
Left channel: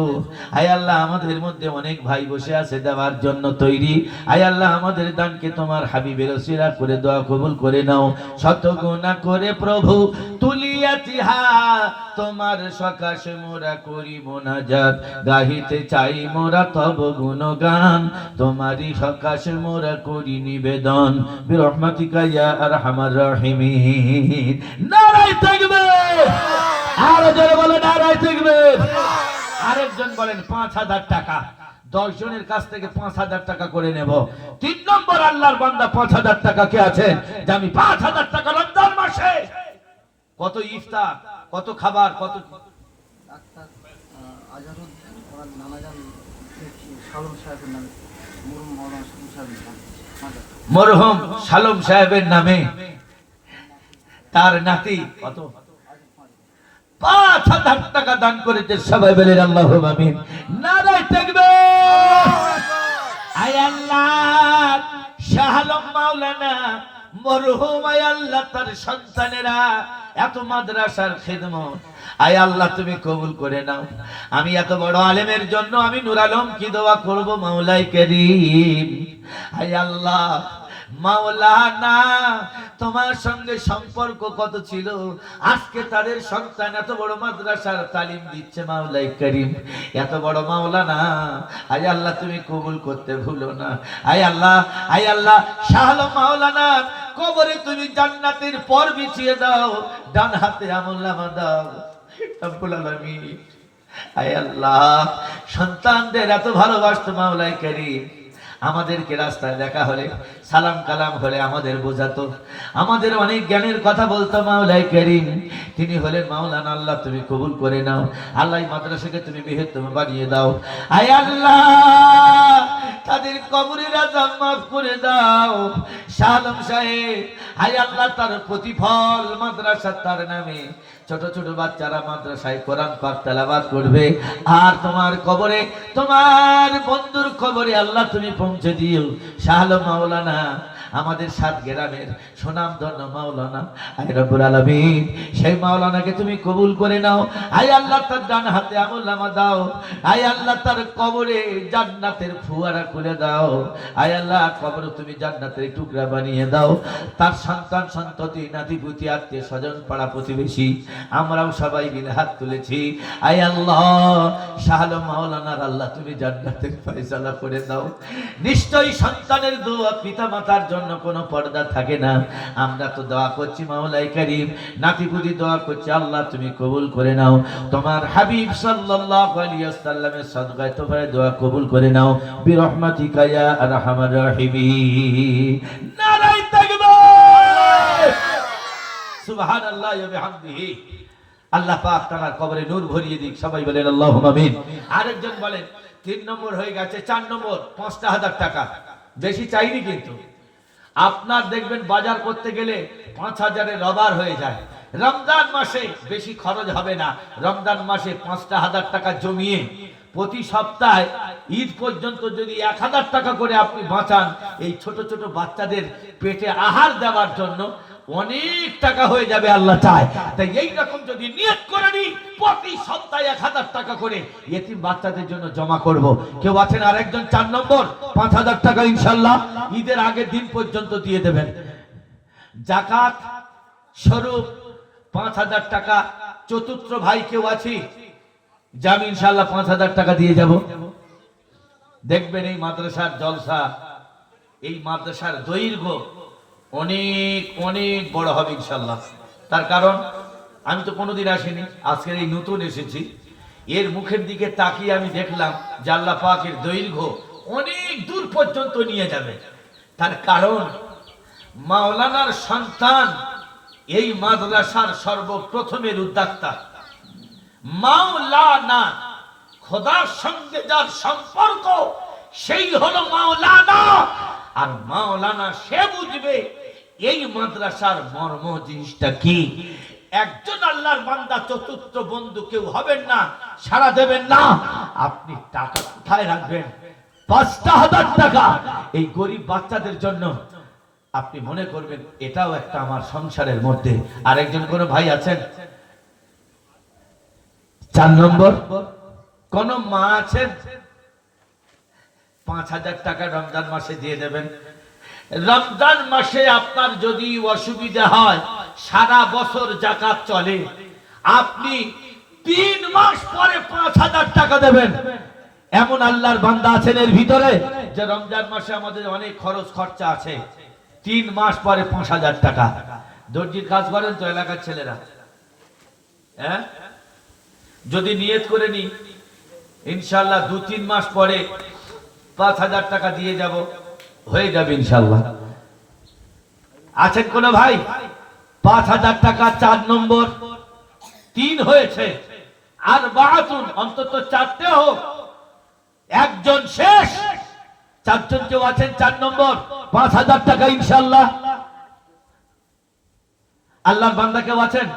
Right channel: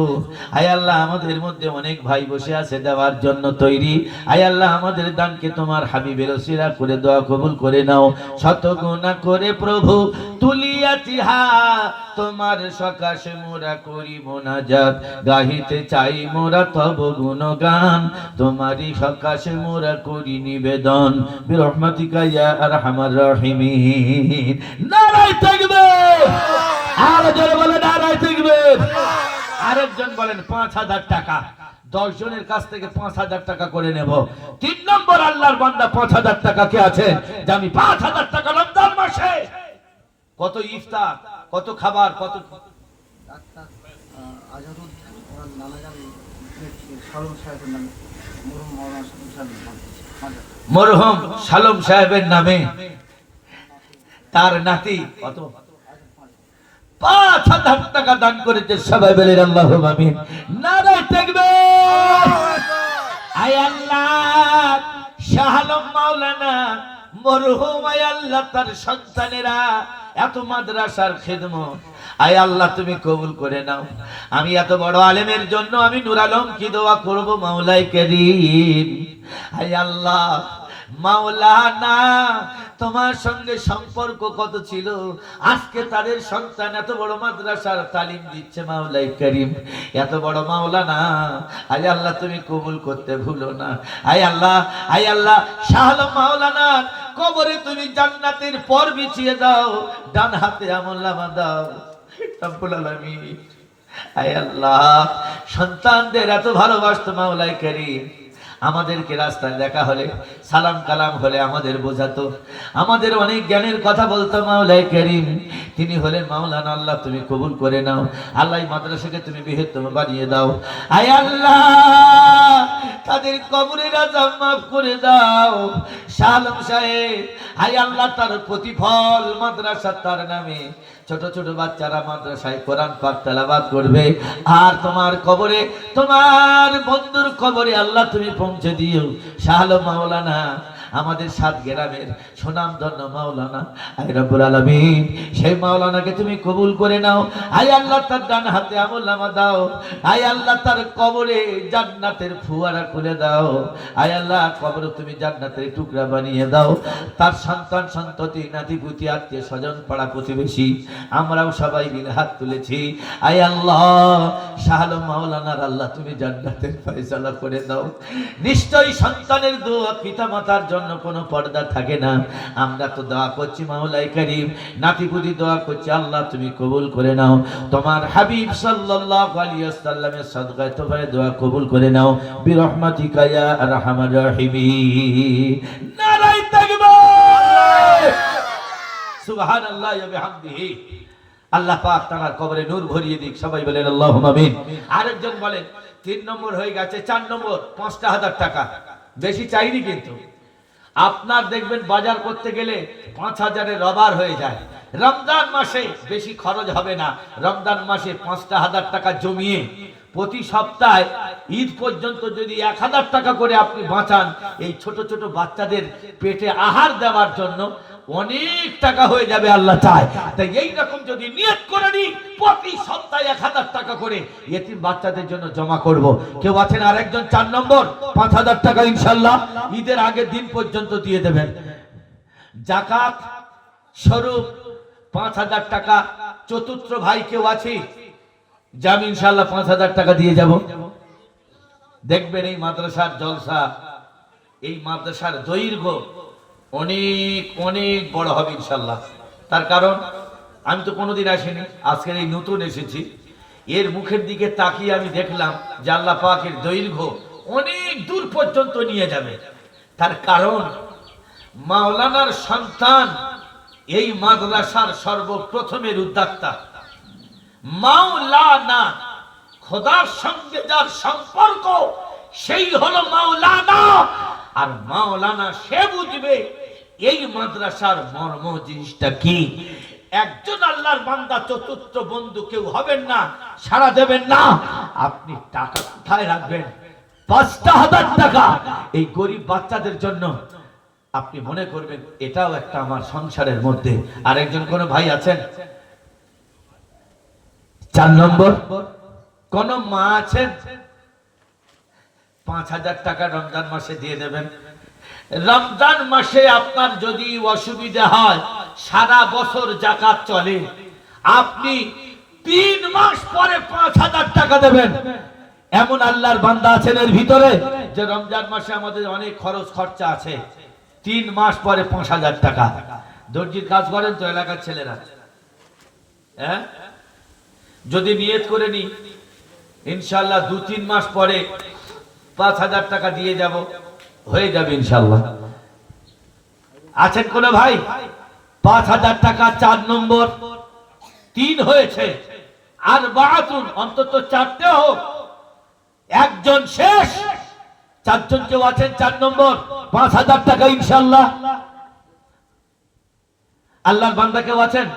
আয় আল্লাহ আমাদের মধ্যে অনেক ভাই বসে আছে দেওয়ার জন্য তৈরি, আয় আল্লাহ আমাদের দানকে তোমার হাবিবের ওসিলা করে দোয়া কবুল করে নাও। শত গুনাহ করে প্রভু তুলিয়াছি হাত, তোমার সকাশে মোরা করি মোনাজাত, গাহিতে চাই মোরা তব গুণগান, তোমারই সকাশে মোরা করি নিবেদন বিরহমাতিকা ইয়া আরহামার রাহিমিন। নারায়ে তাকবীর, আর জোরে বলেন নারায়ে তাকবীর। আরেকজন বলেন 5,000 টাকা, 10 জনের কাছ থেকে 5,000 টাকা করে নেব। 3 নম্বর আল্লাহর বান্দা 5,000 টাকা কে আছে যে আমি 5,000 টাকা রমজান মাসে কত ইফতার, কত খাবার, কত মরহুম সালম সাহেবের নামে তার নাতি কত 5,000 টাকা দান করেছে। সবাই বলেন আল্লাহুম্মা আমিন। নারায়ে তাকবীর। আয় আল্লাহ শাহ আলম মাওলানা মরহুম আয় আল্লাহ তার সন্তানেরা এত মাদ্রাসার খিদমত, আয় আল্লাহ তুমি কবুল করে নাও। আমি এত বড় আলেমের জন্য আমি নূর আলম কি দোয়া করব মাওলাই কারীম, আয় আল্লাহ মাওলানা তোমার সঙ্গে সম্পর্ক কত ছিল, আজকে তাদের সন্তান এত বড় মাদ্রাসার তালিম দিচ্ছে মাওলাই কারীম, এত বড় মাওলানা, আয় আল্লাহ তুমি কবুল করতে ভুলো না। আয় আল্লাহ, আয় আল্লাহ শাহ আলম মাওলানা কবরে তুমি জান্নাতের পর বিছিয়ে দাও, ডান হাতে আমলনামা দাও রব্বুল আলামিন। আয় আল্লাহ সন্তানদের এত ভালোবাসতো মাওলাই কারীম, আমাদেরকে রাস্তায় দেখা হলে সালাম কালাম হলে আমাদের বোঝাতো, আমাদের অনেক জ্ঞানের কথা বলতো মাওলাই কারীম। তিনি হলেন মাওলানা, আল্লাহ তুমি কবুল করে নাও। আল্লাহ মাদ্রাসাকে তুমি বৃহত্তম বানিয়ে দাও। আয় আল্লাহ তাদের কবরের আযাব মাফ করে দাও। শাহ আলম সাহেব, আয় আল্লাহ তার প্রতিফল মাদ্রাসা তার নামে ছোট ছোট বাচ্চারা মাদ্রাসায় কোরআন পাক তেলাওয়াত করবে, আর তোমার কবরে তোমার বন্ধুর কবরে আল্লাহ তুমি পৌঁছে দিও। শাহ আলম মাওলানা আমাদের সাত গ্রামের সুনামধন্য মাওলানা, আয় রব্বুল আলামিন সেই মাওলানাকে তুমি কবুল করে নাও। আয় আল্লাহ তার ডান হাতে আমলনামা দাও। আয় আল্লাহ তার কবরে জান্নাতের ফুয়ারা করে দাও। আয় আল্লাহ কবরে তুমি জান্নাতের টুকরা বানিয়ে দাও। তার সন্তান সন্ততি নাতিপুতি আত্মীয় স্বজন পাড়া প্রতিবেশী আমরাও সবাই মিলে হাত তুলেছি। আয় আল্লাহ শাহ আলম মাওলানার আল্লাহ তুমি জান্নাতের ফয়সালা করে দাও। নিশ্চয়ই সন্তানের দোয়া পিতা মাতার জন্য কোনো পর্দা থাকে না। আমরা তো দোয়া করছি মাওলাই কারীম, নাতিপুতি দোয়া করছি, আল্লাহ তুমি কবুল করে নাও। তোমার হাবিব সাল্লাল্লাহু আলাইহি ওয়াসাল্লামের সাদকায়ে তোফায়ে দোয়া কবুল করে নাও বিরহমাতিকা ইয়া আরহামার রাহিমিন। নারায়ে তাকবীর, সুবহানাল্লাহ ওয়া বিহামদিহি। আল্লাহ পাক তার কবরে নূর ভরিয়ে দিক, সবাই বলেন আল্লাহুম্মা আমিন। আরেকজন বলেন 3 নম্বর হয়ে গেছে, 4 নম্বর 5000 টাকা, বেশি চাইনি কিন্তু। আপনার দেখবেন বাজার করতে গেলে 5000-এর রবার হয়ে যায়। রমজান মাসে বেশি খরচ হবে না, রমজান মাসে 5000 টাকা জমিয়ে প্রতি সপ্তাহে ঈদ পর্যন্ত যদি 1000 টাকা করে আপনি বাঁচান, এই ছোট ছোট বাচ্চাদের পেটে আহার দেওয়ার জন্য অনেক টাকা হয়ে যাবে আল্লাহ চায়। তাই এইরকম যদি নিয়ত করে নি প্রতি সপ্তাহে 1000 টাকা করে এতিম বাচ্চাদের জন্য জমা করব। কেউ আছেন আরেকজন 4 নম্বর 5000 টাকা ইনশাআল্লাহ ঈদের আগের দিন পর্যন্ত দিয়ে দেবেন। যাকাত স্বরূপ 5000 টাকা চতুর্থ ভাই কেউ আছে, আমি ইনশাআল্লাহ 5000 টাকা দিয়ে যাব। দেখবেন এই মাদ্রাসার জলসা, এই মাদ্রাসার দৈর্ঘ্য অনেক অনেক বড় হবে ইনশাআল্লাহ। তার কারণ আমি তো কোনোদিন আসিনি, আজকে এই নতুন এসেছি। এর মুখের দিকে তাকিয়ে আমি দেখলাম যে আল্লাহ পাকের দৈর্ঘ্য অনেক দূর পর্যন্ত নিয়ে যাবে। তার কারণ মাওলানার সন্তান এই মাদ্রাসার সর্বপ্রথমের উদ্যোক্তা। মাওলানা খোদার সঙ্গে যার সম্পর্ক সেই হলো মাওলানা, আর মাওলানা সে বুঝবে এই মাদ্রাসার মর্ম জিনিসটা কি। একজন আল্লাহর বান্দা চতুর্থ বন্ধু কেউ হবেন না, সাড়া দেবেন না। আপনি টাকা কোথায় রাখবেন? 5000 টাকা এই গরিব বাচ্চাদের জন্য আপনি মনে করবেন এটাও একটা আমার সংসারের মধ্যে। আর একজন কোন ভাই আছেন 4 নম্বর কোন মা আছেন 5000 টাকা রমজান মাসে দিয়ে দেবেন। রমজান মাসে আপনার যদি অসুবিধা হয়, সারা বছর যাকাত চলে, আপনি 3 মাস পরে 5000 টাকা দেবেন। এমন আল্লাহর বান্দা আছেন এর ভিতরে যে রমজান মাসে আমাদের অনেক খরচ খরচা আছে, 3 মাস পরে 5000 টাকা। দর্জির কাজ করেন তো এলাকার ছেলেরা, হ্যাঁ, যদি নিয়ত করে নি ইনশাআল্লাহ 2-3 মাস পরে 5000 টাকা দিয়ে যাব, হয়ে যাবে ইনশাআল্লাহ। আছেন কোন ভাই? 5000 টাকা 4 নম্বর 3 হয়েছে, আর বাতুন অন্তত 4টে হোক, একজন শেষ। 4 জন কেউ আছেন 4 নম্বর 5000 টাকা ইনশাআল্লাহ। আল্লাহর বান্দা কেউ আছেন?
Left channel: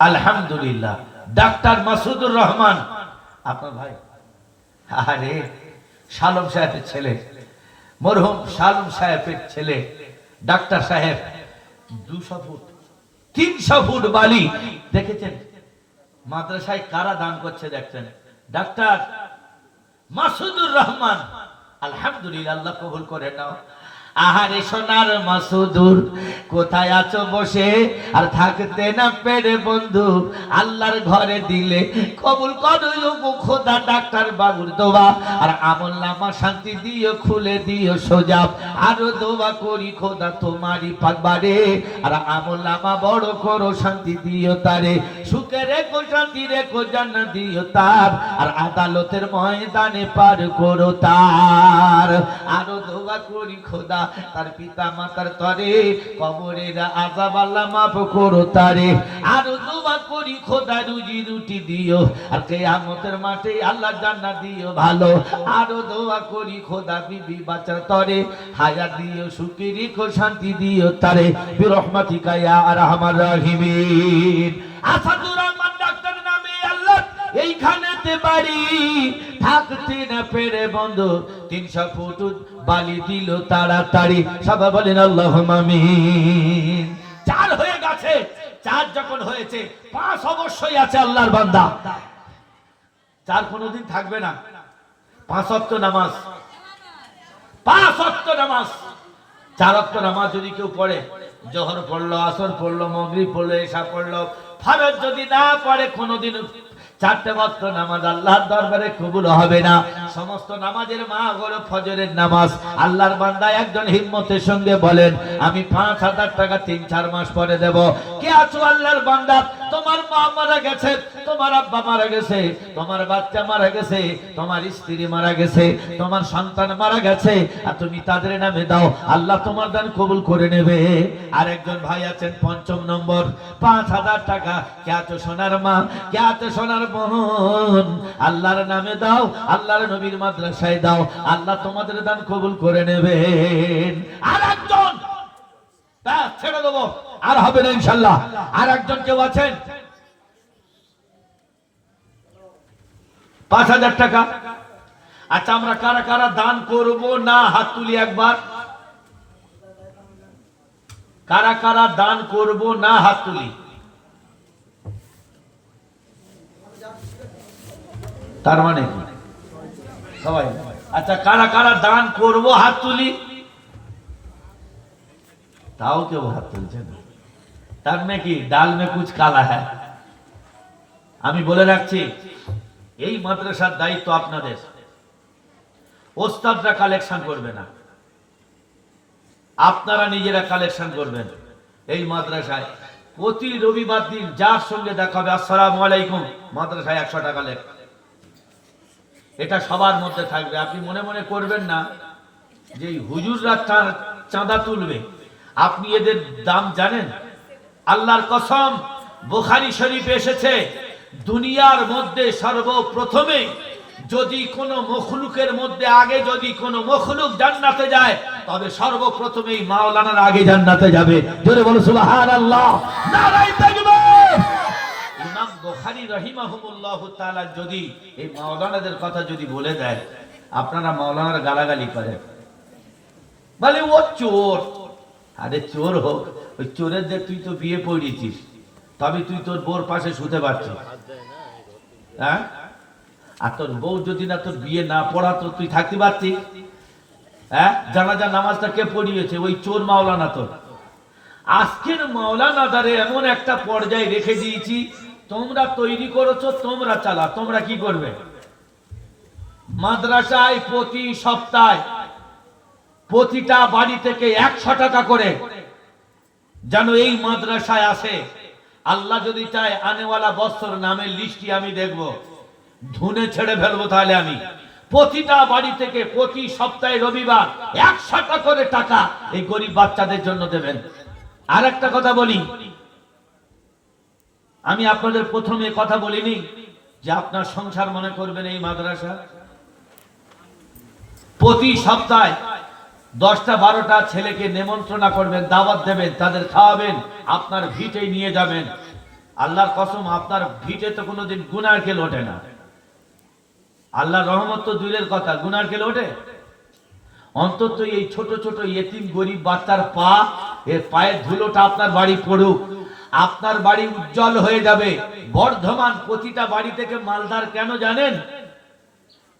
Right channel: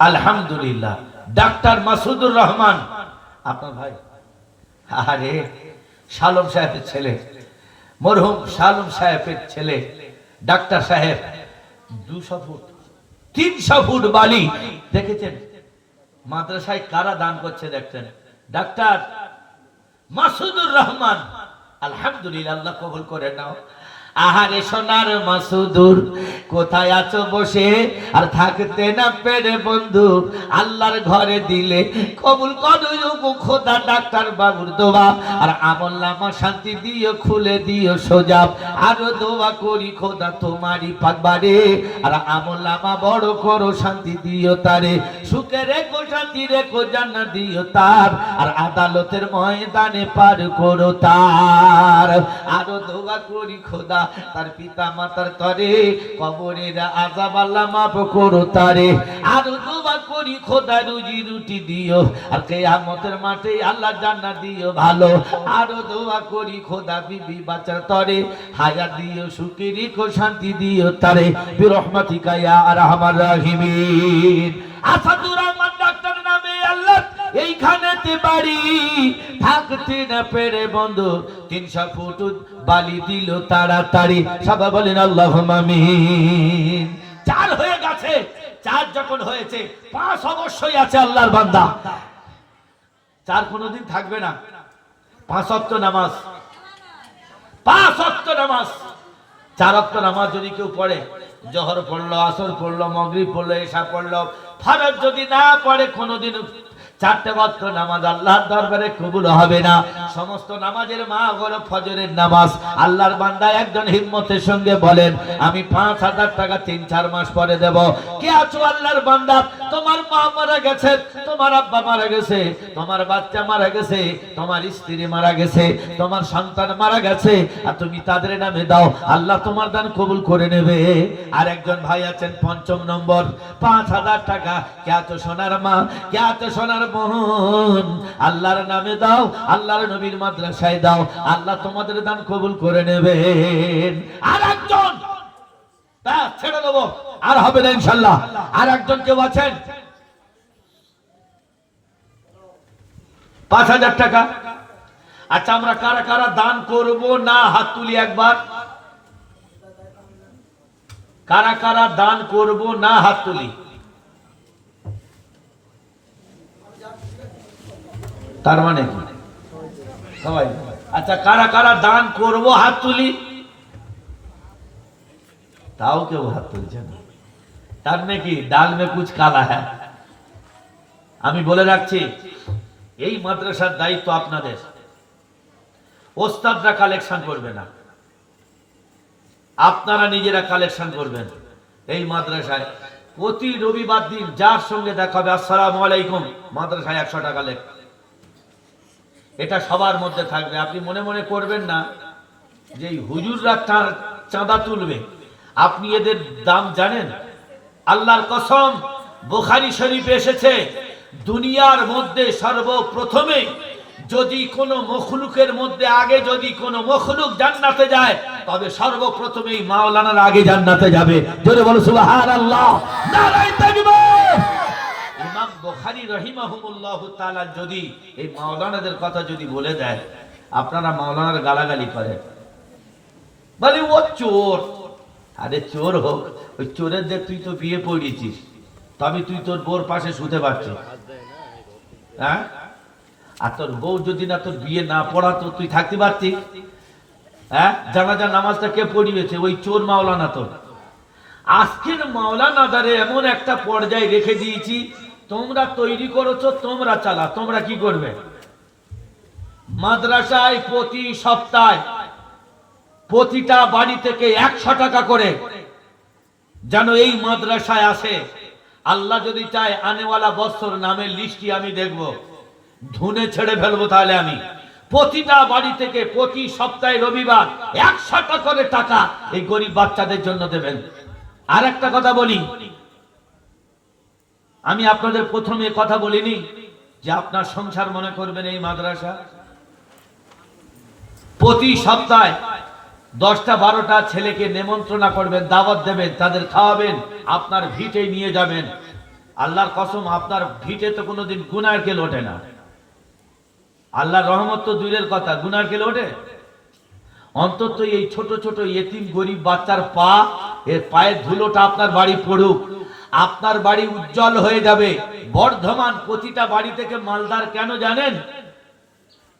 আলহামদুলিল্লাহ। ডাক্তার মাসুদুর রহমান আপনার ভাই, আরে শালম সাহেবের ছেলে, মরহুম শালম সাহেবের ছেলে ডাক্তার সাহেব 200 ফুট 300 ফুট বালি দেখেছেন মাদ্রাসায় কারা দান করছে দেখছেন? ডাক্তার মাসুদুর রহমান, আলহামদুলিল্লাহ, আল্লাহ কবুল করে নাও। আহারে সোনার মাসুদুর কোথায় আছো বসে, আর থাকতে না পেরে বন্ধু আল্লাহর ঘরে দিলে কবুল করো খোদা ডাক্তার বাবুর দোয়া, আর আমল নামা শান্তি দিও খুলে দিও সোজা, আরো দোয়া করি খোদা তোমারই পাকবারে, আর আমল নামা বড় করো শান্তি দিও তারে, সুখে রেখো শান্তি রেখো জান্নাত দিও তার, আর আদালতের ময়দানে পার করো তার, আরো দোয়া করি খোদা তার পিতা মাতার তরে কবরের আযাব আল্লাহ মাফ করো তারে, আরো দোয়া করি খোদা রুজি রুটি দিও, আর কিয়ামতের মাঠে আল্লাহ জান্নাত দিও ভালো, আরো দোয়া করি খোদা বিবি বাচ্চার তরে হায়াত দিও সুখী রেখো শান্তি দিও তারে, বিরহমাতিকা ইয়া আরহামার রাহিমিন। আসাদুর রহমান ডাক্তার নামে আল্লাহ এইখানেতে বাড়ি, থাকতে না পেরে বন্ধু 300 ফুট বালি দিল তাড়াতাড়ি, সবাই বলেন আল্লাহুম্মা আমিন। 4 হয়ে গেছে, 4 যখন হয়েছে 5 অবশ্যই আছে আল্লাহর বান্দা। 4 কোনোদিন থাকবে না। 5 ওয়াক্ত নামাজ, 5 ওয়াক্ত নামাজ, 4 ওয়াক্ত নামাজ যদি কেউ পড়ে, জোহর পড়লো, আসর পড়লো, মাগরিব পড়লো, ইশা পড়লো, ফরজ যদি না পড়ে কোনোদিন 4টে ওয়াক্ত নামাজ আল্লাহর দরবারে কবুল হবে না। সমস্ত নামাজের মা হলো ফজরের নামাজ। আল্লাহর বান্দা একজন হিম্মতের সঙ্গে বলেন আমি 5000 টাকা 3-4 মাস পরে দেব। কে আছো আল্লাহর বান্দা, তোমার মা মারা গেছে, তোমার আব্বা মারা গেছে, তোমার বাচ্চা মারা গেছে, তোমার স্ত্রী মারা গেছে, তোমার সন্তান মারা গেছে, আর তুমি তাদের নামে দাও, আল্লাহ তোমার দান কবুল করে নেবে। আর একজন ভাই আছেন 5ম নম্বর, 5000 টাকা। কে আছো সোনার মা, কে আছো সোনার বোন, আল্লাহর নামে দাও, আল্লাহর নবীর মাদ্রাসায় দাও, আল্লাহ তোমাদের দান কবুল করে নেবেন। আর একজন তা ছেড়ে দেবো, আর হবে না ইনশাআল্লাহ। আর একজন কেউ আছেন 5000 টাকা। আচ্ছা আমরা কারা কারা দান করব না হাত তুলি একবার, কারা কারা দান করব না হাত তুলি। তার মানে সবাই, আচ্ছা কারা কারা দান করব হাত তুলি, তাও কেউ হাত তুলছে না। তার মানে কি ডাল মে কুছ কালা হ্যায়। আমি বলে রাখছি এই মাদ্রাসার দায়িত্ব আপনাদের, ওস্তাদরা কালেকশন করবে না, আপনারা নিজেরা কালেকশন করবেন। এই মাদ্রাসায় প্রতি রবিবার দিন যার সঙ্গে দেখা হবে আসসালামু আলাইকুম, মাদ্রাসায় 100 টাকা লেখ, এটা সবার মধ্যে থাকবে। আপনি মনে মনে করবেন না যে হুজুররা চাঁদা তুলবে, আপনি এদের দাম জানেন? আল্লাহর কসম, বুখারী শরীফে এসেছে দুনিয়ার মধ্যে সর্বপ্রথমে যদি কোনো মখলুকের মধ্যে আগে যদি কোনো মখলুক জান্নাতে যায়, তবে সর্বপ্রথমেই মাওলানার আগে জান্নাতে যাবে। জোরে বলো সুবহানাল্লাহ, নারায়ে তাকবীর। ইমাম বুখারী রাহিমাহুল্লাহ তাআলা যদি এই মাওলানাদের কথা যদি বলে দেয়, আপনারা মাওলানার গালাগালি করেন, বলে ও চোর। আরে চোর হোক, ওই চোরের যে তুই তো বিয়ে পড়িয়েছিস, তবে তুই তোর বউর পাশে শুতে পারছিস, হ্যাঁ? আর তোর বউ যদি না তোর বিয়ে না পড়াতো তুই থাকতে পারতিস? হ্যাঁ, জানাজার নামাজটা কে পড়িয়েছে? ওই চোর মাওলানা। তো আজকের মাওলানাদারে এমন একটা পর্যায়ে রেখে দিয়েছি, তোমরা তৈরি করেছো, তোমরা চালা, তোমরা কি করবে? মাদ্রাসায় প্রতি সপ্তাহে প্রতিটা বাড়ি থেকে 100 টাকা করে যেন এই মাদ্রাসায় আসে। আল্লাহ যদি চায় আনেওয়ালা বছর নামের লিস্টটি আমি দেখব, ধুনে ছেড়ে ফেলবো। তাহলে আমি প্রতিটা বাড়ি থেকে প্রতি সপ্তাহে রবিবার 100 টাকা করে টাকা এই গরিব বাচ্চাদের জন্য দেবেন। আর একটা কথা বলি, আমি আপনাদের প্রথমে কথা বলিনি যে আপনার সংসার মনে করবেন এই মাদ্রাসা। প্রতি সপ্তাহে 10টা-12টা ছেলেকে নেমন্ত্রণা করবেন, দাওয়াত দেবেন, তাদের খাওয়াবেন, আপনার ভিটে নিয়ে যাবেন। আল্লাহর কসম, আপনার ভিটে তো কোনোদিন গুনার কেল ওঠে না। আল্লাহর রহমত তো দূরের কথা, গুনার কেল ওঠে? অন্তত এই ছোট ছোট ইয়েতিম গরিব বাচ্চার পা, এর পায়ের ধুলোটা আপনার বাড়ি পড়ুক, আপনার বাড়ি উজ্জ্বল হয়ে যাবে। বর্ধমান প্রতিটা বাড়ি থেকে মালদার কেন জানেন?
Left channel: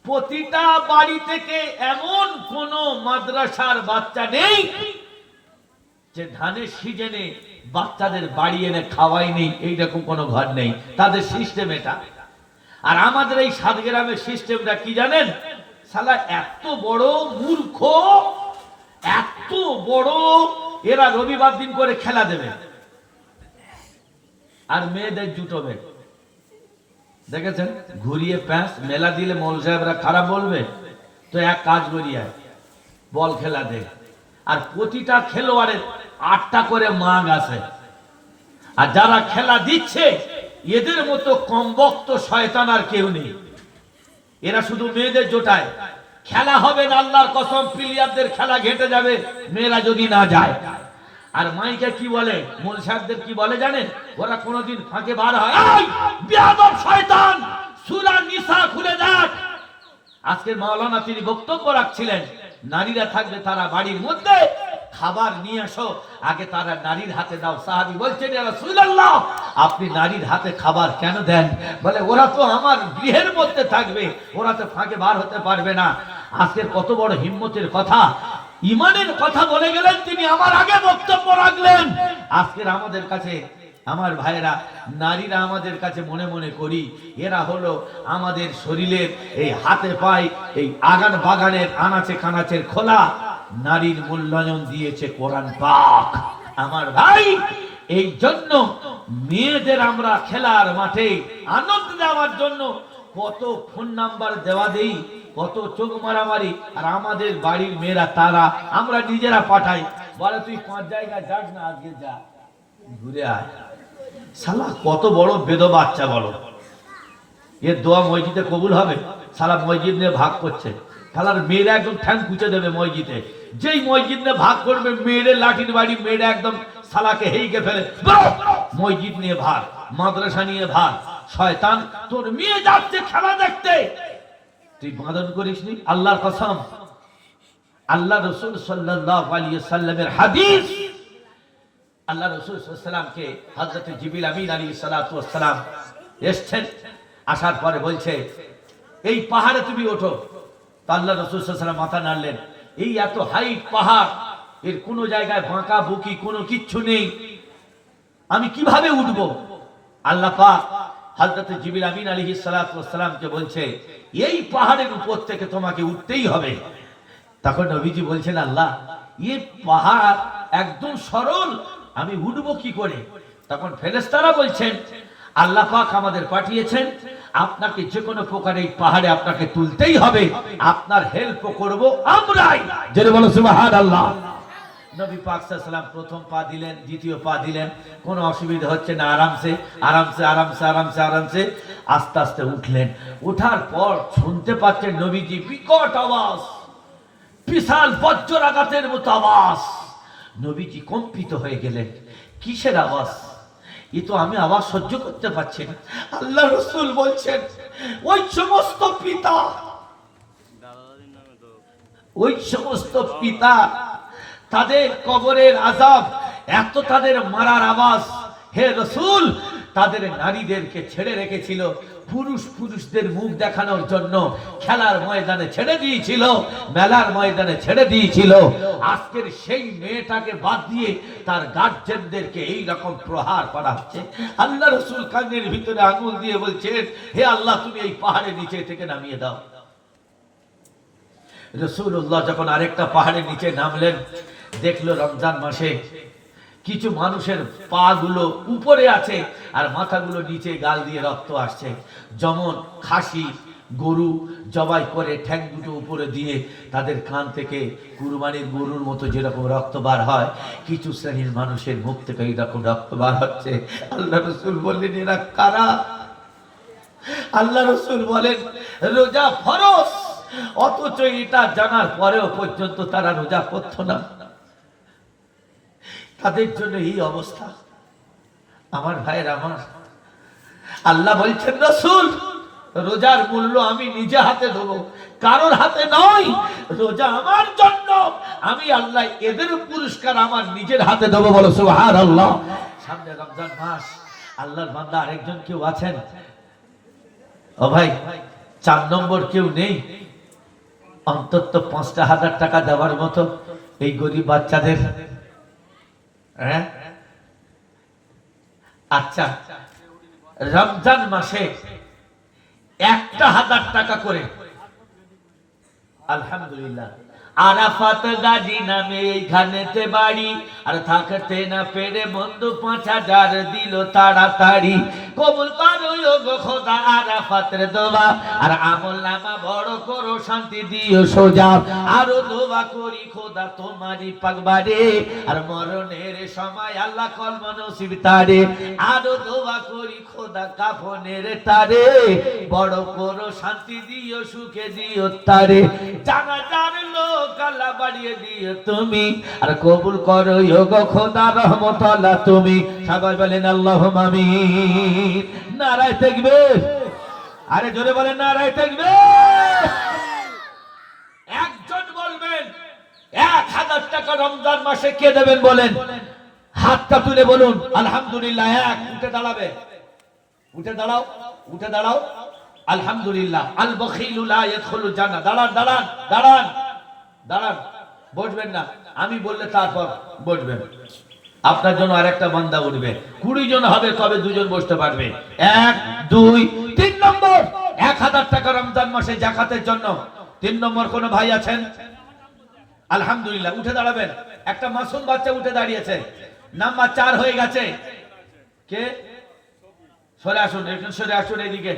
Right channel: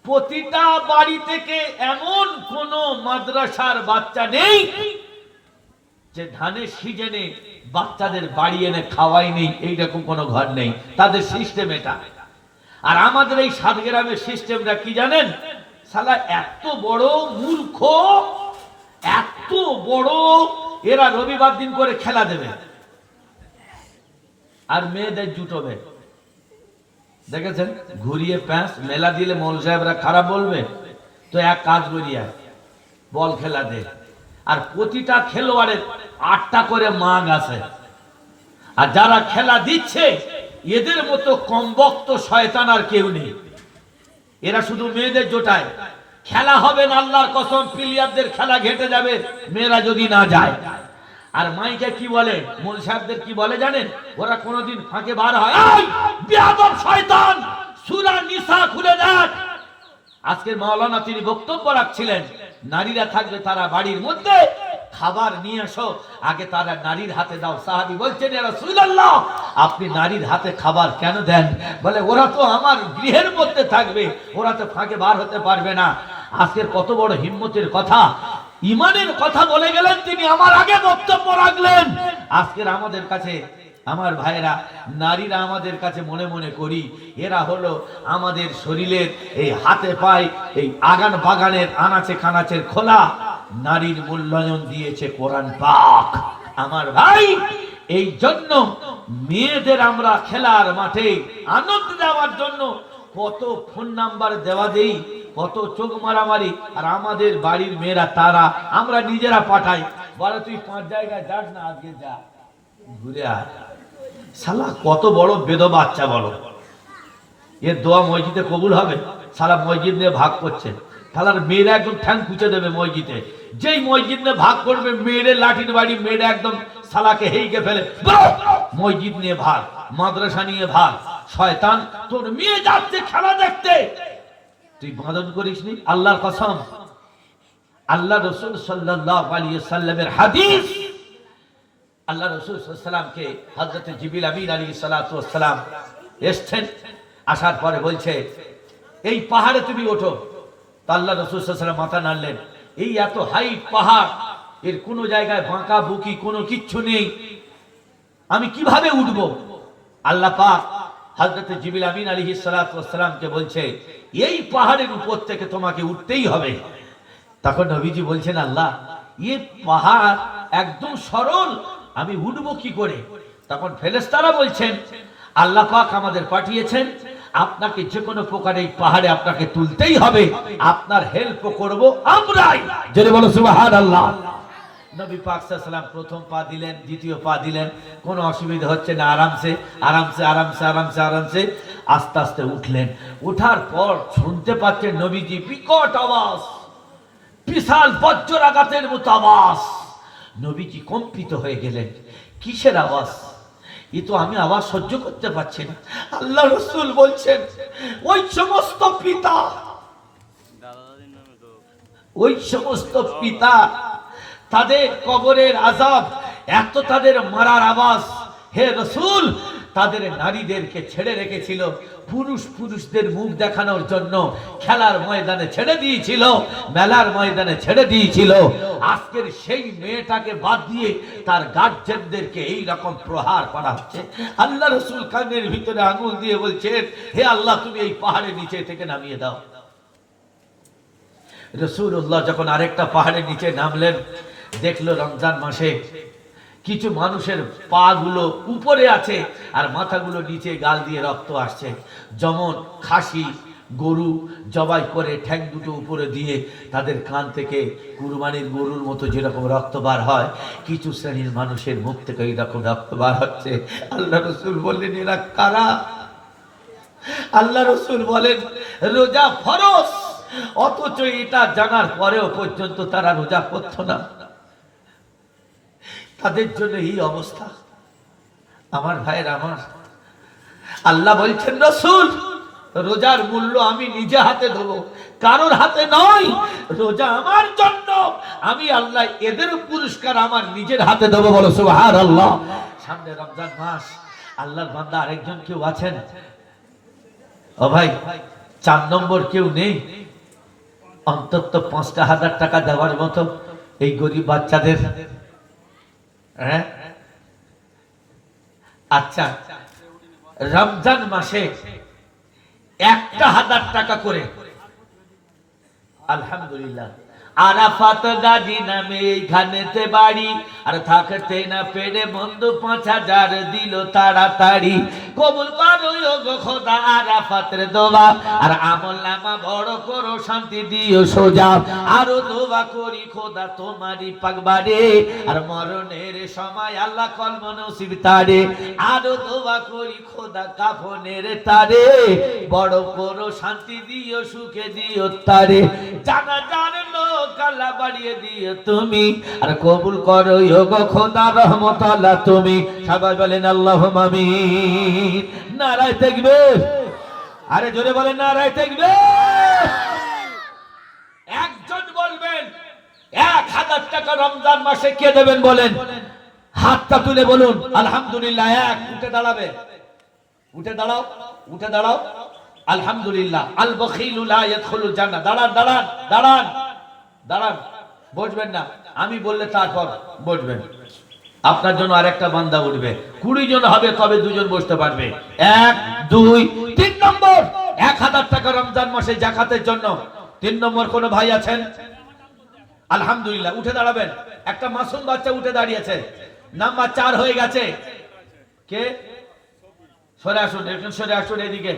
প্রতিটা বাড়ি থেকে এমন কোন মাদ্রাসার বাচ্চা নেই যে ধানের সিজনে বাচ্চাদের বাড়ি এনে খাওয়াই নেই, এইরকম কোনো ঘর নেই। তাদের সিস্টেম এটা। আর আমাদের এই সাতগ্রামের সিস্টেমটা কি জানেন? শালা এত বড় মূর্খ, এত বড়, এরা রবিবার দিন করে খেলা দেবে আর মেয়েদের জুটবে। দেখেছেন? ঘুরিয়ে প্যাঁচ মেলা দিলে মৌল সাহেবরা খারাপ বলবে তো এক কাজ করিয়া বল খেলা দে। আর প্রতিটা খেলোয়াড়ের 8টা করে মাগ আছে। আর যারা খেলা দিচ্ছে এদের মতো কমবক্ত শয়তান আর কেউ নেই। এরা শুধু মেয়েদের জোটায়। খেলা হবে না, আল্লাহর কসম, প্লেয়ারদের খেলা ঘেটে যাবে মেয়েরা যদি না যায়। আর মাইকে কি বলে, মোল সাহেবদের কি বলে জানেন? ওরা কোনোদিন ফাঁকে বার হয়, এই বেয়াদব শয়তান, সূরা নিসা খুলে দেখ। আজকের মাওলানা তিনি বক্তব্য রাখছিলেন, নারীরা থাকবে তারা বাড়ির মধ্যে, খাবার নিয়ে আসো, আগে তারা নারীর হাতে দাও। সাহাবী বলছেন, ইয়া রাসূলুল্লাহ, আপনি নারীর হাতে খাবার কেন দেন? বলে, ওরা তো আমার গৃহের মধ্যে থাকবে, ওরা তো ফাঁকে বার হতে পারবে না। আজকের কত বড় হিম্মতের কথা, ইমানের কথা বলে গেলেন তিনি, আমার আগে বক্তব্য রাখলেন। আজকের আমাদের কাছে, আমার ভাইরা, নারীরা আমাদের কাছে মনে মনে করি এরা হলো আমাদের শরীরের এই হাতে পায় এই আগান বাগানের আনাচে কানাচের খোলা। নারীর মূল্যায়ন দিয়েছে কোরআন পাক। আমার ভাই, এই জন্য মেয়েদের আমরা খেলার মাঠে আনন্দ দেওয়ার জন্য কত ফোন নাম্বার দেওয়া দেই, কত চোখ মারামারি। আর আমাদের বাড়ির মেয়েরা তারা আমরা নিজেরা পাঠাই, বলে তুই 5 জায়গায় যাস না, আজকে যা ঘুরে আয়। শালা কত বড় বেদ বাচ্চা বলো, এর দোয়া মসজিদে কবুল হবে? সারা মসজিদ নিয়ে ভাগ করছে। শালার মেয়েরা একদম ঠ্যাং খুঁচে দেবে মসজিদে। যেই মসজিদ নিয়ে ভাগ করবে, মেয়েদের লাঠির বাড়ি, মেয়েরা একদম শালাকে হেইকে ফেলে। মসজিদ নিয়ে ভাগ, মাদ্রাসা নিয়ে ভাগ। শয়তান, তোর মেয়ে যাচ্ছে খেলা দেখতে, তুই বাঁধন করিসনি। আল্লাহর কসম, আল্লাহ রাসূল সাল্লাল্লাহু আলাইহি ওয়াসাল্লামের হাদিস, আল্লাহ রাসূল সাল্লাল্লাহু আলাইহি ওয়াসাল্লামকে হযরত জিবরিল আমিন আলাইহিস সালাতু ওয়াস সালাম এসেছেন, আসার পরে বলছে, এই পাহাড়ে তুমি ওঠো। তো আল্লাহ রাসূল সাল্লাল্লাহু আলাইহি ওয়াসাল্লাম মাথা নাড়লেন। এই এত হাইট পাহাড়, এর কোনো জায়গায় বাঁকা বুকি কোনো কিচ্ছু নেই, আমি কিভাবে উঠবো? আল্লাহ পাক হযরত জিবরিল আমিন আলাইহিস সালাতু ওয়াস সালামকে বলছে, এই পাহাড়ের উপর থেকে তোমাকে উঠতেই হবে। তখন নবীজি বলছেন, আল্লাহ, এই পাহাড় একদম সরল, আমি উঠবো কি করে? তখন ফেরেশতারা বলছেন, আল্লাহ পাক আমাদের পাঠিয়েছেন, আপনাকে যে কোনো প্রকার এই পাহাড়ে আপনাকে তুলতেই হবে, আপনার হেল্প করব আমরাই। জেনে বলো সুবহানাল্লাহ। নবী পাক সাল্লাল্লাহু আলাইহি ওয়াসাল্লাম প্রথম পা দিলেন, দ্বিতীয় পা দিলেন, কোনো অসুবিধা হচ্ছে না, আরামসে আরামসে আরামসে আরামসে আরামসে আস্তে আস্তে উঠলেন। ওঠার পর শুনতে পাচ্ছেন নবীজি বিকট আওয়াজ, বিশাল বজ্রাঘাতের মতো আওয়াজ। নবীজি কম্পিত হয়ে গেলেন, কিসের আওয়াজ? এ তো আমি আওয়াজ সহ্য করতে পারছি না। আল্লাহ রাসূল বলছেন, ওই সমস্ত পিতা, ওই সমস্ত পিতা, তাদের কবরের আযাব, এত তাদের মারার আওয়াজ, হে রাসূল, তাদের নারীদেরকে ছেড়ে রেখেছিল, পুরুষদের মুখ দেখানোর জন্য খেলার ময়দানে ছেড়ে দিয়েছিল, মেলার ময়দানে ছেড়ে দিয়েছিল। আজকের সেই মেয়েটাকে বাদ দিয়ে তার গার্জেনদেরকে এই রকম প্রহার করা হচ্ছে। আল্লাহ রাসূল কানের ভিতরে আঙুল দিয়ে বলছেন, হে আল্লাহ, তুমি এই পাহাড়ের নিচে থেকে নামিয়ে দাও। রাসূলুল্লাহ যখন আরেকটা পাহাড়ের নিচে নামলেন, দেখলো রমজান মাসে কিছু মানুষের পা গুলো উপরে আছে আর মাথাগুলো নিচে, গাল দিয়ে রক্ত আসছে। যেমন খাসি গরু জবাই করে ঠ্যাং দুটো উপরে দিয়ে তাদের কান থেকে কুরবানির গরুর মতো যেরকম রক্ত বার হয়, কিছু শ্রেণীর মানুষের মুখ থেকে এইরকম রক্ত বার হচ্ছে। আল্লাহ রাসূল বললেন, এরা কারা? আল্লাহ রাসূল বলেন, রোজা ফরজ, অথচ এটা জানার পরেও পর্যন্ত তারা রোজা করতো না। তাদের জন্য এই অবস্থা। আমার ভাইয়ের, আমার আল্লাহ বলছেন, রাসূল, রোজার মূল্য আমি নিজে হাতে দেবো, কারোর হাতে নয়। রোজা আমার জন্য, আমি আল্লাহ এদের পুরস্কার আমার নিজের হাতে দেবো, বলো সুবহানাল্লাহ। সামনে রমজান মাস, আল্লাহর বান্দা আরেকজন কেউ আছেন? ও ভাই, 4 নম্বর কেউ নেই? অন্তত 5,000 টাকা দেওয়ার মতো এই গরিব বাচ্চাদের। হ্যাঁ, আচ্ছা, রমজান মাসে 1,000 টাকা করে, আলহামদুলিল্লাহ। আরাফাত গাজী নামে এইখানেতে বাড়ি, আর থাকতে না পেরে বন্ধু 5,000 দিল তাড়াতাড়ি। কবুল করো গো খোদা আরাফাতের দোয়া, আর আমল নামা বড় করো, শান্তি দিও সোজা। আরো দোয়া করি খোদা তোমারই পাকবারে, আর মরণের সময় আল্লাহ কলম নসিব তারে। আরো দোয়া করি খোদা কাফনের তারে, বড় করো, শান্তি দিও, সুখে দিও তারে। জানা জানো কালা বাড়িয়ে দিও তুমি, আর কবুল করো গো খোদা রহমতুল্লাহ তুমি। সবাই বলেন আল্লাহুম্মা আমিন। নারায়ে তাকবীর। আরে জোরে বলেন নারায়ে তাকবীর। একজন বলবেন 1,000 টাকা রমজান মাসে কে দেবেন বলেন? হাতটা তুলে বলুন আলহামদুলিল্লাহ। এক, উঠে দাঁড়াবে, উঠে দাঁড়াও, উঠে দাঁড়াও। আলহামদুলিল্লাহ। আল বখিলু লা ইয়াদখুলুল জান্নাহ। দাঁড়ান দাঁড়ান দাঁড়ান দাঁড়ান, বসবেন না, আমি বললে তারপর বসবেন। আপনার জন্য আরেকটা বান্দা উঠবে। 20 জন হবে, তবে 2 জন বসতে পারবে। 1 2 3 নম্বর 1,000 টাকা রমজান মাসে যাকাতের জন্য। 3 নম্বর কোন ভাই আছেন? আলহামদুলিল্লাহ, উঠে দাঁড়াবেন। একটা মাসুম বাচ্চা উঠে দাঁড়িয়েছে, নাম্বার 4 হয়ে গেছে। কে? সরে আসুন, একজন সরে আসুন এদিকে।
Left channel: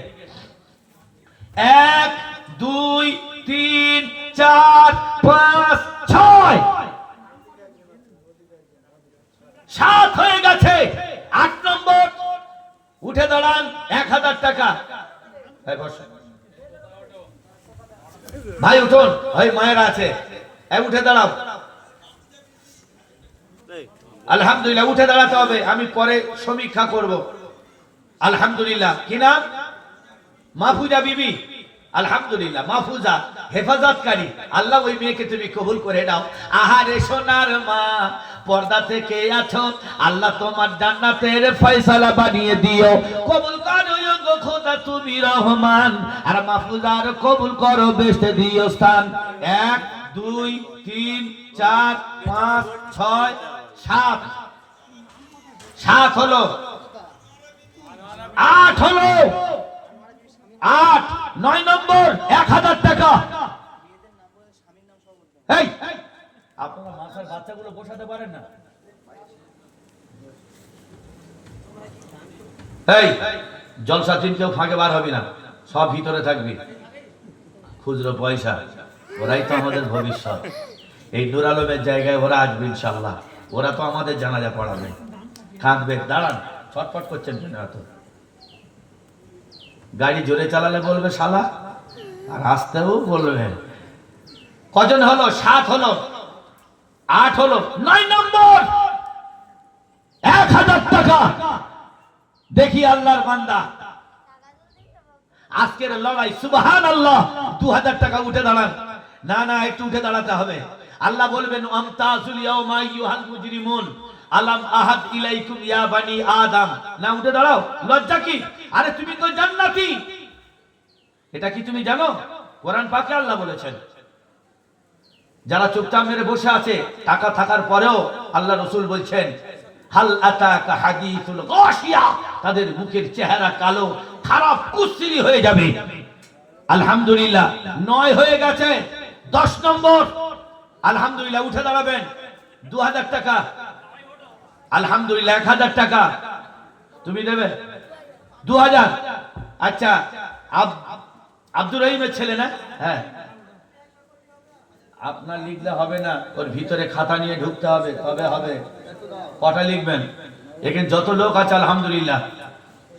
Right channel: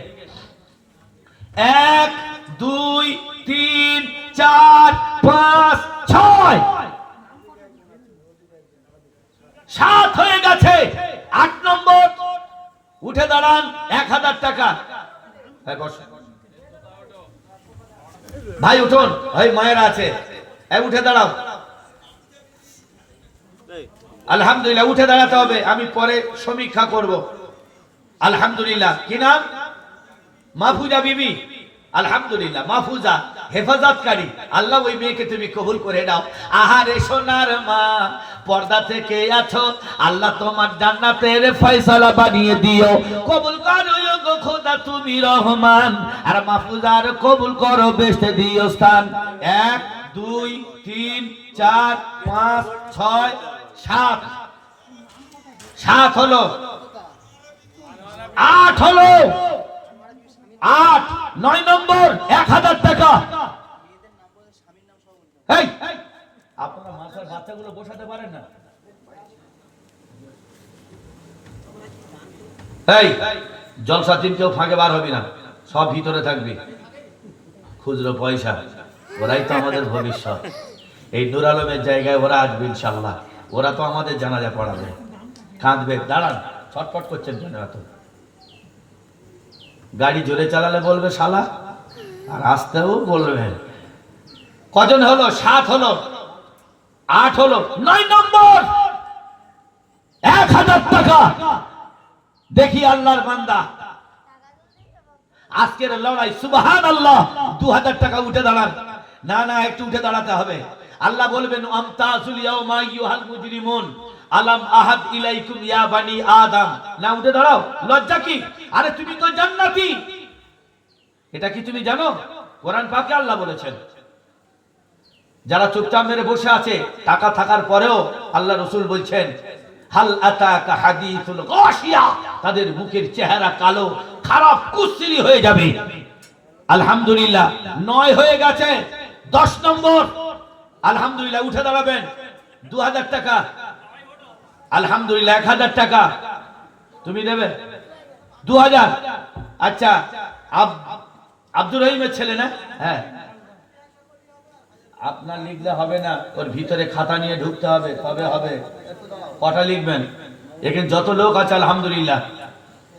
1 2 3 4 5 6 7 হয়ে গেছে। 8 নম্বর উঠে দাঁড়ান, 1,000 টাকা। ভাই উঠুন, ভাই মায়ের আছে, উঠে দাঁড়াও। আলহামদুলিল্লাহ, উঠে দাঁড়াতে হবে, আমি পরে সমীক্ষা করব। আলহামদুলিল্লাহ। কি নাম? মাহফুজা বিবি। আলহামদুলিল্লাহ, মাহফুজা হেফাজতকারী। আল্লাহ ওই মেয়েকে তুমি কবুল করে নাও। আহারে সোনার মা, পর্দা থেকে আছো, আল্লাহ তোমার জান্নাতের ফয়সালা বানিয়ে দিও। কবুল করো গো খোদা তুমি রহমান, আর মাহফুজার কবুল করো, বেহেশতে দিও স্থান। 1 2 3 4 5 6 7 7 হলো, 8 হলো, 8 9 নম্বর 1,000 টাকা। এই আপনারা মাসার বাচ্চাগুলো বসাতে পারেন না? এই জলসা টিম কেউ ফাঁকে বার হবে না, সব ভিতরে থাকবি। খুচরো পয়সা, ওরাই তো আমাদের ভবিষ্যৎ। এই নূর আলমের জায়গায় ওরা আসবে ইনশাআল্লাহ। ওরা তো আমাদের জানাজা পড়াবে, কাঁদবে। দাঁড়ান, ছটফট করছেন কেন এত? গাড়ি জোরে চালালে বলবে শালা, আর আসতেও বলবে। কজন হলো? 7 হলো, 8 হলো, 9 নম্বর 1,000 টাকা। দেখি আল্লাহর বান্দা, আজকের লড়াই। সুবহানাল্লাহ। 2,000 টাকা। উঠে দাঁড়ান। না না, একটু উঠে দাঁড়াতে হবে। আল্লাহ বলবেন আমতাজুল ইয়াউমা আইয়ুহাল মুজরিমুন আলাম আহাদ ইলাইকুম ইয়া বানি আদম। না, উঠে দাঁড়াও, লজ্জা কি? আরে তুমি তো জান্নাতি, এটা কি তুমি জানো? কোরআন পাকে আল্লাহ বলেছেন। যারা চুপচাপ মেরে বসে আছে, টাকা থাকার পরেও আল্লাহ রাসূল বলছেন হাল আতাকা হাদিসুল গাশিয়া, তাদের মুখের চেহারা কালো, খারাপ, কুশ্রী হয়ে যাবে। আলহামদুলিল্লাহ। 9 হয়ে গেছে। 10 নম্বর আলহামদুলিল্লাহ। উঠে দাঁড়াবেন। 2,000 টাকা। আলহামদুলিল্লাহ। 1,000 টাকা তুমি নেবে। 2,000। আচ্ছা, আব্দুর রহিমের ছেলে না? হ্যাঁ, আপনার লিখলে হবে না, ওর ভিতরে খাতা নিয়ে ঢুকতে হবে, তবে হবে। কটা লিখবেন? এখানে যত লোক আছে আলহামদুলিল্লাহ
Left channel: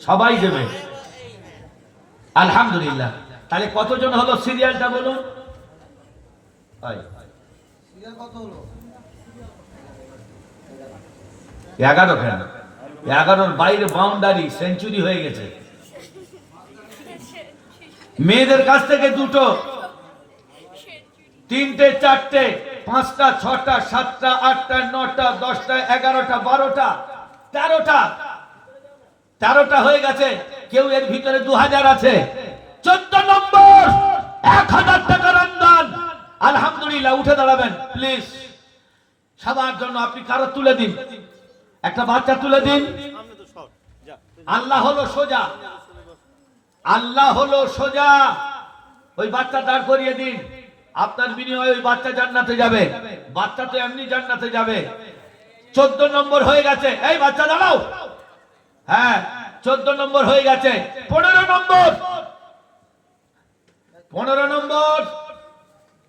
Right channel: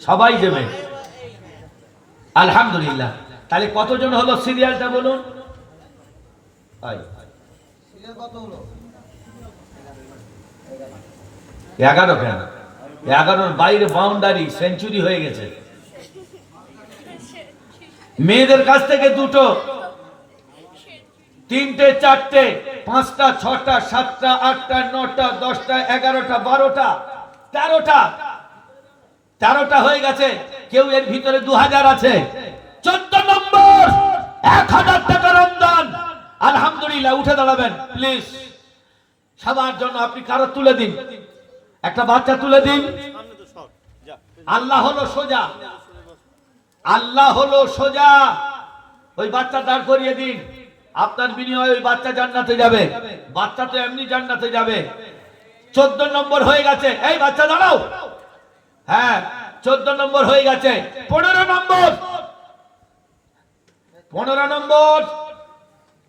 সবাই দেবে। আলহামদুলিল্লাহ। তাহলে কতজন হলো? সিরিয়ালটা বলুন। 11 কেন? 11-র বাইরে বাউন্ডারি, সেঞ্চুরি হয়ে গেছে। মেয়েদের কাছ থেকে 2টো, 3টে, 4টে, 5টা 6টা 7টা 8টা 9টা 10টা 11টা 12টা 13টা হয়ে গেছে। কেউ এর ভিতরে 2000 আছে। 14 নম্বর 1000 টাকার অনুদান। আলহামদুলিল্লাহ, উঠে দাঁড়াবেন প্লিজ। সবার জন্য আপনি কারো তুলে দিন, একটা বাচ্চা তুলে দিন। আল্লাহ হলো সোজা, আল্লাহ হলো সোজা। ওই বাচ্চা দাঁড় করিয়ে দিন। আপনার বিনিময়ে ওই বাচ্চা জান্নাতে যাবে। বাচ্চা তো এমনি জান্নাতে যাবে। 14 নম্বর হয়ে গেছে। এই বাচ্চা দাঁড়াও। হ্যাঁ, 14 নম্বর হয়ে গেছে। 15 নম্বর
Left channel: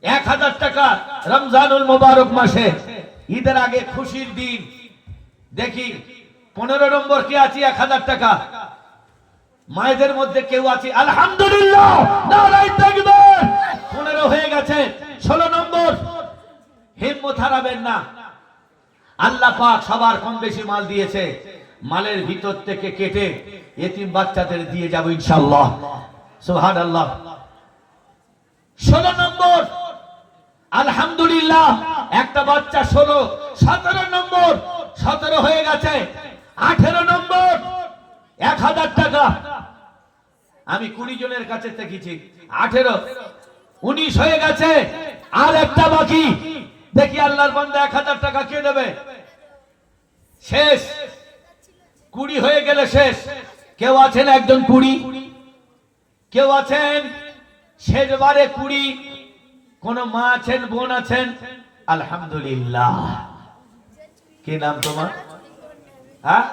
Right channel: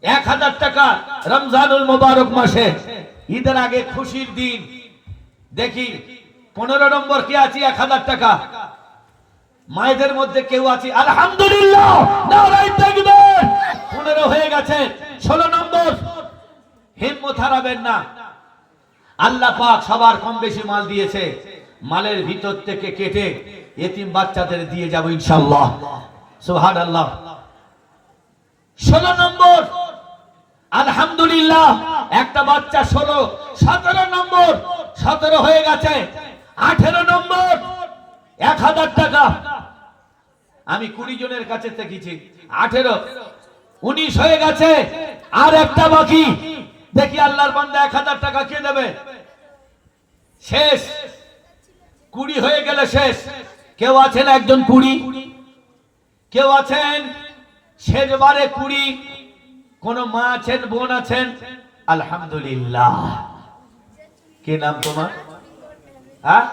1000 টাকা। রমজানুল মুবারক মাসে, ঈদের আগে খুশির দিন। দেখি 15 নম্বর কি আছে? 1000 টাকা। মায়েদের মধ্যে কেউ আছে? আলহামদুলিল্লাহ, নারায়ে তাকবীর। 15 হয়ে গেছে। 16 নম্বর। হিম্মত হারাবেন না, আল্লাহ পাক সবার কম বেশি মাল দিয়েছে। মালের ভিতর থেকে কেটে এতিম বাচ্চাদের দিয়ে যাব ইনশাআল্লাহ। সুবহানাল্লাহ। 16 নম্বর। আলহামদুলিল্লাহ, একটা বাচ্চা 16। 17 নম্বর। 17 হয়ে গেছে। 18 নম্বর 1000 টাকা। আমি 20 জনের কাছে দেখেছি। 18 19 হয়ে গেছে। আর একটা বাকি। দেখি আল্লাহর বান্দা 1000 টাকা কে দেবে? শেষ। 20 হয়ে গেলে শেষ। কেউ আছেন একজন 20? কেউ আছেন শেষবারে 20? কোন মা আছেন, বোন আছেন? আলহামদুলিল্লাহ। কি নাম তোমার? হ্যাঁ,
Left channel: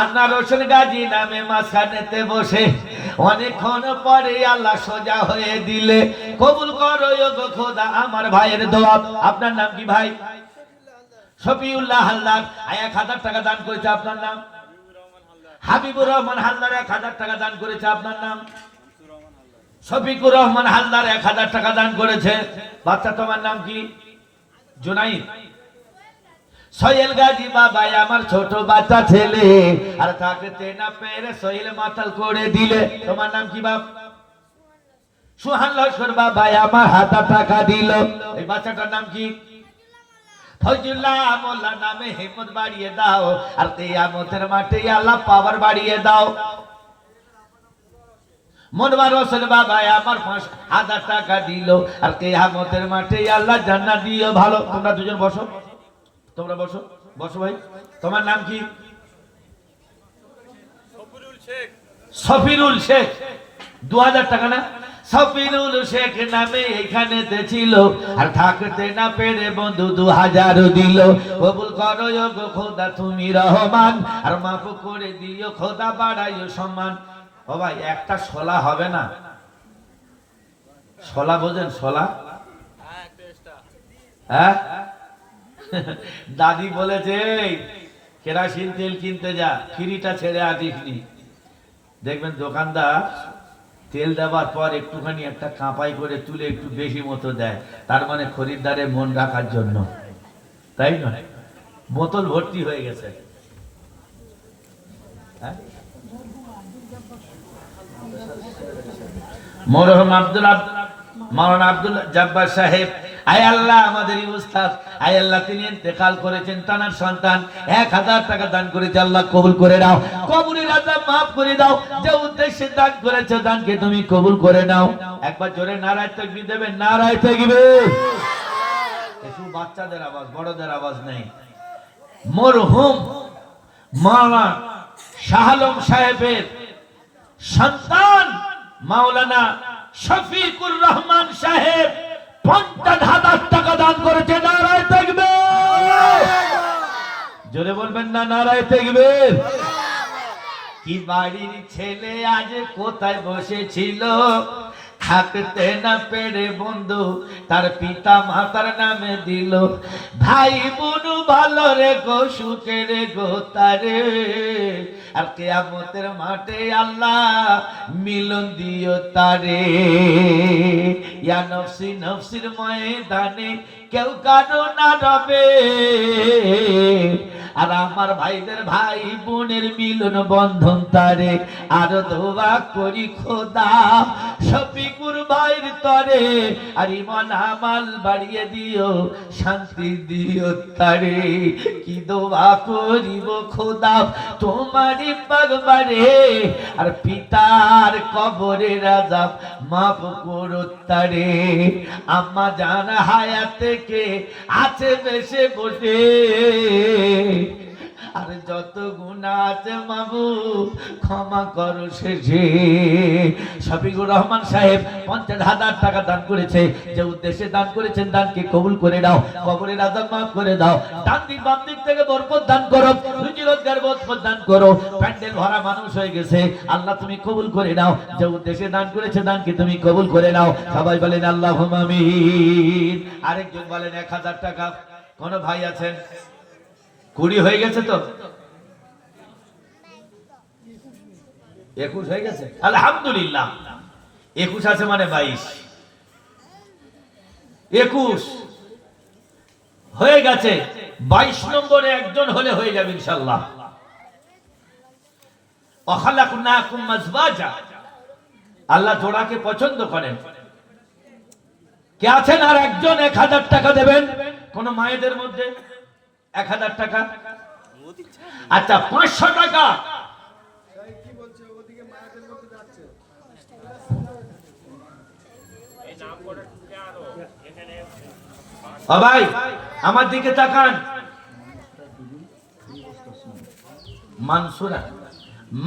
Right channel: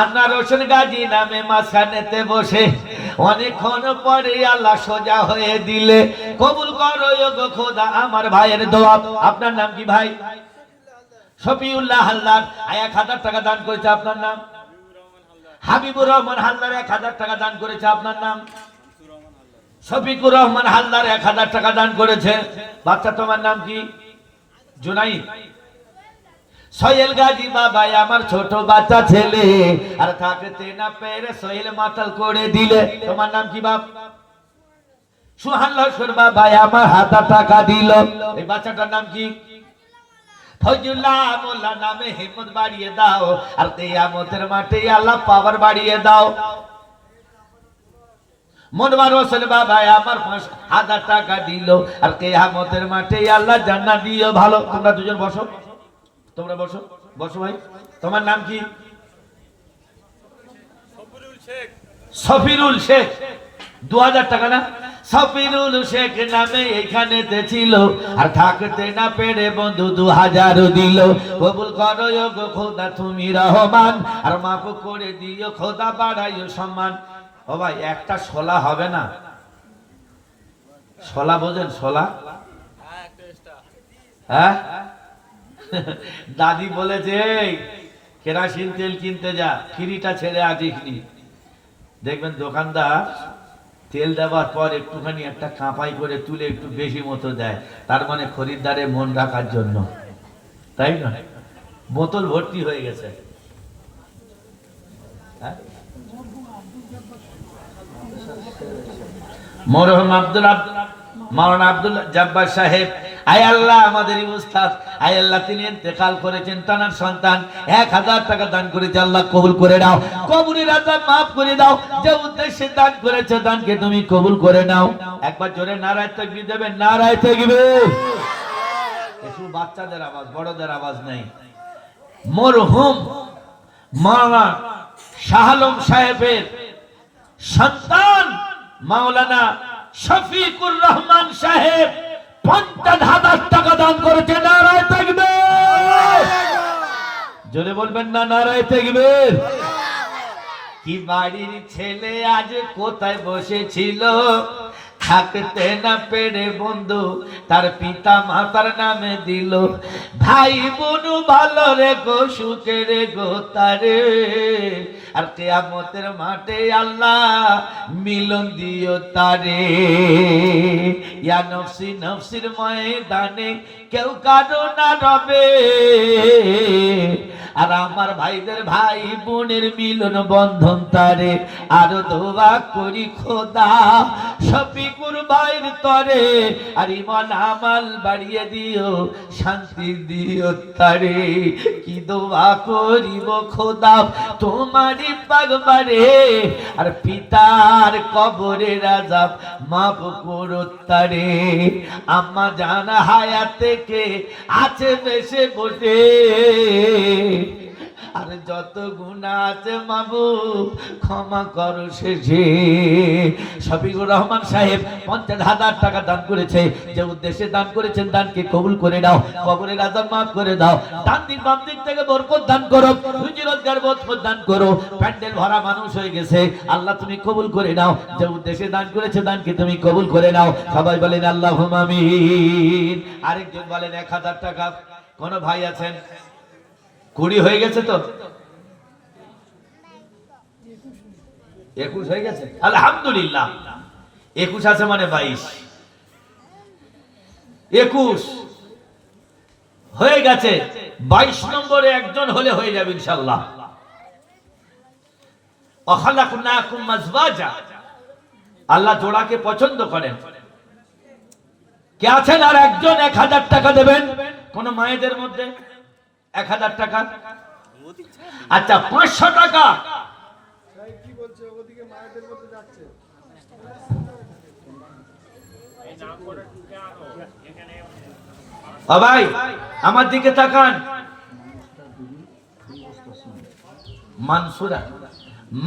আন্না রোশন গাজী নামে মাঝখানেতে বসে অনেকক্ষণ পরে আল্লাহ সোজা হয়ে দিলে। কবুল করো গো খোদা আমার ভাইয়ের দোয়া। আপনার নাম কি ভাই? শফিউল্লাহ হালদার। 1000 টাকা দান করেছে। আপনার নাম? হাবিবুর রহমান হালদার। 1000 টাকা দান করেছে। আপনার নাম? শফিকুর রহমান হালদার 1000 টাকা দান করেছে। বাচ্চা তোমার নাম কি? জুনাইদ। সোহেল গাজী বাবা আমার ছোট বাচ্চা ছেলে, আর থাকতে না পেরে সোহেল মাতাল করে দিলে। তোমার নাম কি বাপ? সুহান লস্কর বাবা আমার 1000 টাকা দিল। এই বাচ্চাটার নাম কি? ফজলুল্লাহ মোল্লা নামে হিম্মত বাড়িয়ে দাও, আর কিয়ামতের মাঠে আল্লাহ পাওয়ার বাড়িয়ে দাও। মনওয়ার হোসেন বাবা আমার 5000 টাকা দিল, আর কিয়ামতের মাঠে আল্লাহ জান্নাত দিও। ভালো, তোমরা দুজন বসো, তোমরা বসো, বসো ভাই। তোমার নাম কি? সফিরুল শেখ। 2000 টাকা না? সফিরুল শেখ নামে এখানে ছিল, আর থাকতে না পেরে বন্ধু 2000 দিল। কবুল করো গো খোদা তুমি রহমান, আর মাফ করে দিও খোদা বাড়াইও সম্মান। ও ভাই, একটা শোলা হবে না? শোলা বোঝেন? শোলা, হ্যাঁ। দাদি বলেছে কেরাসিন তেল কিনতে যা, ফ্রিটা ছেড়ে আসিসনি। দেখবেন দোকানদার তেল দেওয়ার পর একটুখানি একটা কাঁপাই করে তুলে একটু বেশি মতো দেয়, তার মানে খরিদ্দারের মন রাখার জন্য, তাই না? বোতল ভর্তি হয়ে গেছে। মরহুম মাওলানা আব্দুল জব্বার সাহেব, আয় আল্লাহ আমাদের উস্তাদ, আয় আল্লাহ তিনি ইন্তেকাল করেছেন, তানার সন্তান 1000 টাকা দান করেছে। আল্লাহ কবুল করে নাও, কবরের আযাব maaf করে দাও। যে উদ্দেশ্যে দান করেছে দানকে তুমি কবুল করে নাও। একবার জোরে নারায়ে তাকবীর দেবেন। নারায়ে তাকবীর। একটু বাচ্চাদের আওয়াজ, বড়দের আওয়াজ নাই। মরহুম মাওলানা শাহ আলম সাহেবের সন্তান মাওলানা শফিকুর রহমান সাহেব 50,000 টাকা দান করেছে। নারায়ে তাকবীর। জোরে বলবেন না নারায়ে তাকবীর। কি বাড়ির ছেলে আজ কোথায় বসেছিল, থাকতে না পেরে বন্ধু তার পিতা মাতার নামে দিল। ভাই বোন ভালো রে গো, সুখে রে গো তারে, আর কিয়ামতের মাঠে আল্লাহ মিলন দিও তারে। ইয়া নফসি নফসির ময়দানে কেউ কারো না রবে, আর আমার ভাইদের ভাই বোনের মিলন বন্ধন তারে। আর দোয়া করি খোদা শফিকুর ভাইয়ের তরে, আর ইমান আমাল বাড়িয়ে দিও, শান্তি দিও তারে। কি দোয়া করিব খোদা তোমারই পাগবারে, আর পিতার কবরের আযাব মাফ করো তারে। আম্মা জান হায়াতে কে আছে বেশে বসে, আর যত গুনাহ আছে মাবুদ ক্ষমা করো শেষে। শফিকুর রহমান সাহেব 50,000 টাকা দান করেছে, যে উদ্দেশ্যে দান করেছেন দানকে কবুল করে নাও, কবরের আযাব মাফ করে দাও। ডান দিক বাম দিক থেকে বরকত দান করো, রুজি রোজগার বরকত দান করো। প্যান্ডেল ভরা মানুষ হয়ে গেছে, আল্লাহ তুমি কবুল করে নাও। যে উদ্দেশ্যে দান করেছে দানকে তুমি কবুল করে নাও। সবাই বলেন আল্লাহুম্মা আমিন। আরেকজন বলেন 1000 টাকা। কোন ভাই আছেন? 20 হয়ে গেছে তো? 21 হয়ে গেছে, আলহামদুলিল্লাহ। 21 আছে মানে 22, 21 হয়ে গেছে। 22 নম্বরে একজন হলে হয়ে যাবে ইনশাআল্লাহ। ওয়াখালাকনাকুম আজওয়াজা, আল্লাহ জোড়াকে পছন্দ করেন। কে আছেন আর একজন 1000 টাকা দেবেন? কোন মায়েদের মধ্যে 1000 টাকা? আচ্ছা 500 টাকা। ভাই আমার দিকে তাকান।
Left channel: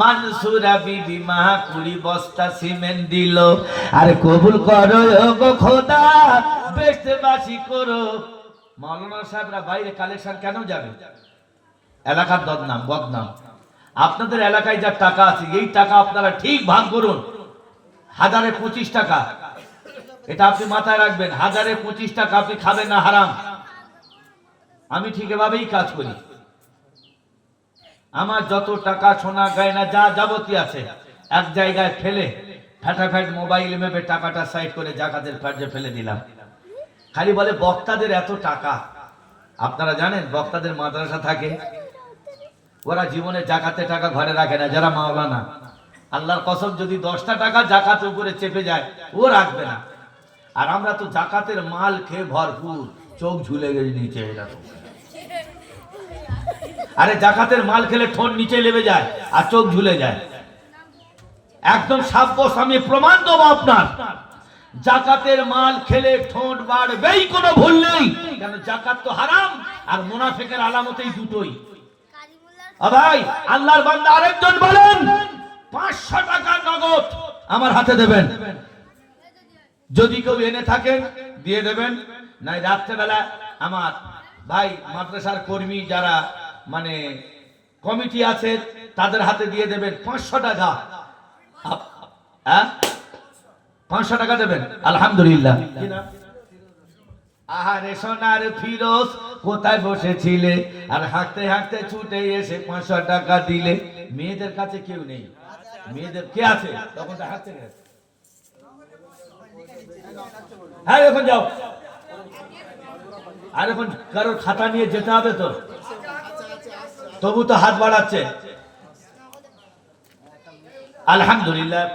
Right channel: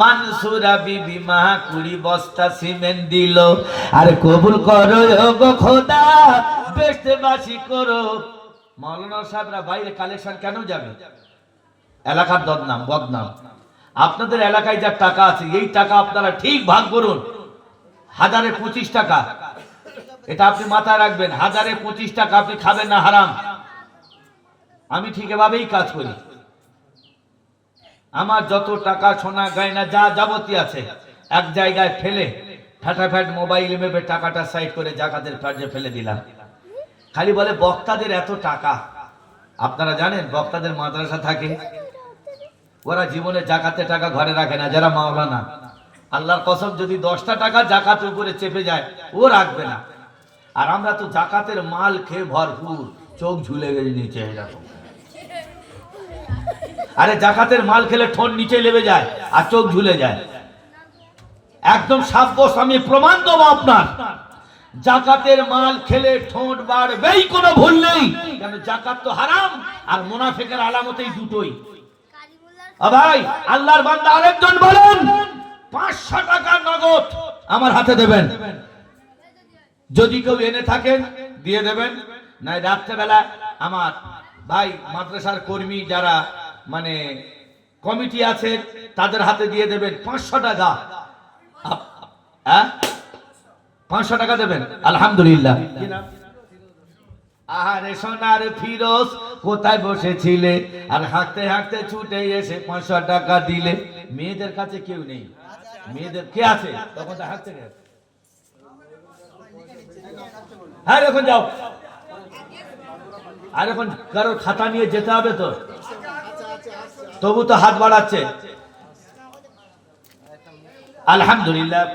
মানসুরা বিবি মা 20 বস্তা সিমেন্ট দিল, আর কবুল করো গো খোদা, বেশবাসী করো। মাওলানা সাহেবরা বাইরে কালেকশন কেন যাবে? এলাকার বদনাম। আপনাদের এলাকায় যা টাকা আছে এই টাকা আপনারা ঠিক ভাগ করুন। 1025 টাকা, এটা আপনি মাথায় রাখবেন। 1025 টাকা আপনি খাবেন না, হারাম। আমি ঠিক এভাবেই কাজ করি। আমার যত টাকা সোনা গয়না যা যাবতীয় আছে এক জায়গায় ফেলে ফাটাফাট মোবাইল মেপে টাকাটা সাইড করে জাকাতের ফার্জে ফেলে দিলাম। খালি বলে বক্তাদের এত টাকা। আপনারা জানেন বক্তাদের মাদ্রাসা থাকে, ওরা জীবনে জাকাতের টাকা ঘরে রাখে না। যারা মাওলানা, আল্লাহর কসম, যদি 10টা টাকা জাকাত উপরে চেপে যায় ও রাখবে না। আর আমরা তো জাকাতের মাল খেয়ে ভরপুর, চোখ ঝুলে গেছে নিচে। আরে জাকাতের মাল খেলে ঠোঁট নিচে লেবে যায় আর চোখ ঝুলে যায়। একদম সাব্যস্ত, আমি প্রমাণ দেবো আপনার। জাকাতের মাল খেলে ঠোঁট বাড়বেই, কোনো ভুল নেই। কেন? জাকাত তো হারাম, আর মুনাফিকের আলামত এই দুটোই। ভাই আল্লাহর বান্দা আরেকজন বলেন 500 টাকা নগদ আমার হাতে দেবেন। যদি কেউ এনে থাকেন দিয়ে দেবেন, নাই রাত্রেবেলা আমার ভাই মাদ্রাসার কর্মী যারা মানে কমিটি আছে তাদের হাতে দিয়ে দেবেন 500 টাকা। 500 টাকা দেবেন, আলহামদুলিল্লাহ। আরে সোনার ফিরোজ কোথায় বসেছিলে, আর হাঁটতে হাঁটতে ছুটে এসে 500 টাকা দিলে। মেয়েদের কাছে কেউ নেই, মেয়েদের কে আছে? তখন তো হাঁটতে গেছে। হ্যাঁ এখন যাও। আর এখন কারোর খাতা নিয়ে যেতে হবে তো, তবু তো হাত বাড়াচ্ছে, আলহামদুলিল্লাহ।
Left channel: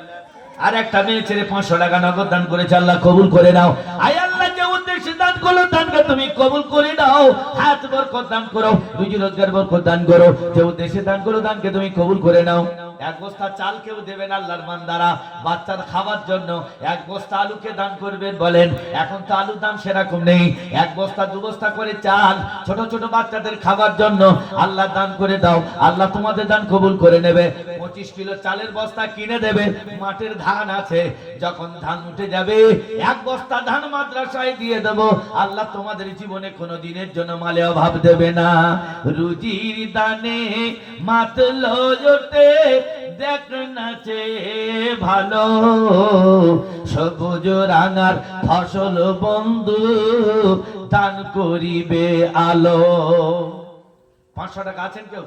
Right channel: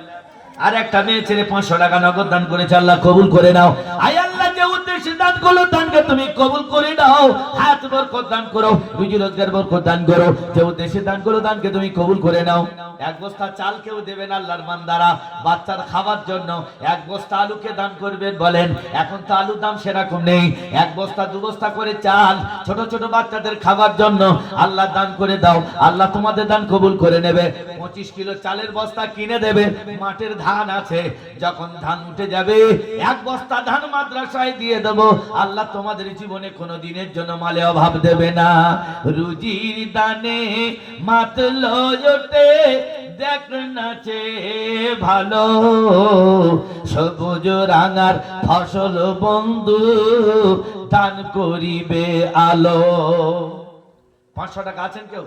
আর একটা মেয়ে ছেলে 500 টাকা নগদ দান করেছে, আল্লাহ কবুল করে নাও। আয় আল্লাহ, যে উদ্দেশ্যে দান করলো দানকে তুমি কবুল করে নাও। হাত বরকত দান করো, রুজি রোজগার বরকত দান করো। যে উদ্দেশ্যে দান করলো দানকে তুমি কবুল করে নাও। 1 বস্তা চাল কেউ দেবেন আল্লাহর বান্দারা বাচ্চার খাবার জন্য। 1 বস্তা আলুকে দান করবেন। বলেন এখন তো আলুর দাম সেরকম নেই, 1 বস্তা 2 বস্তা করে চাল ছোট ছোট বাচ্চাদের খাবার জন্য আল্লাহ দান করে দাও। আল্লাহ তোমাদের দান কবুল করে নেবে। 25 কিলো চালের বস্তা কিনে দেবে। মাঠের ধান আছে, যখন ধান উঠে যাবে 1 বস্তা ধান মাদ্রাসায় দিয়ে দেব। আল্লাহ তোমাদের জীবনে কোনো দিনের জন্য মালে অভাব দেবে না। রুজির দানে মাতলো জোটে দেখ নাচে ভালো, সবুজ রাঙার ফসল বন্ধু দান করিবে আলো। 500 টাকা আছেন কেউ?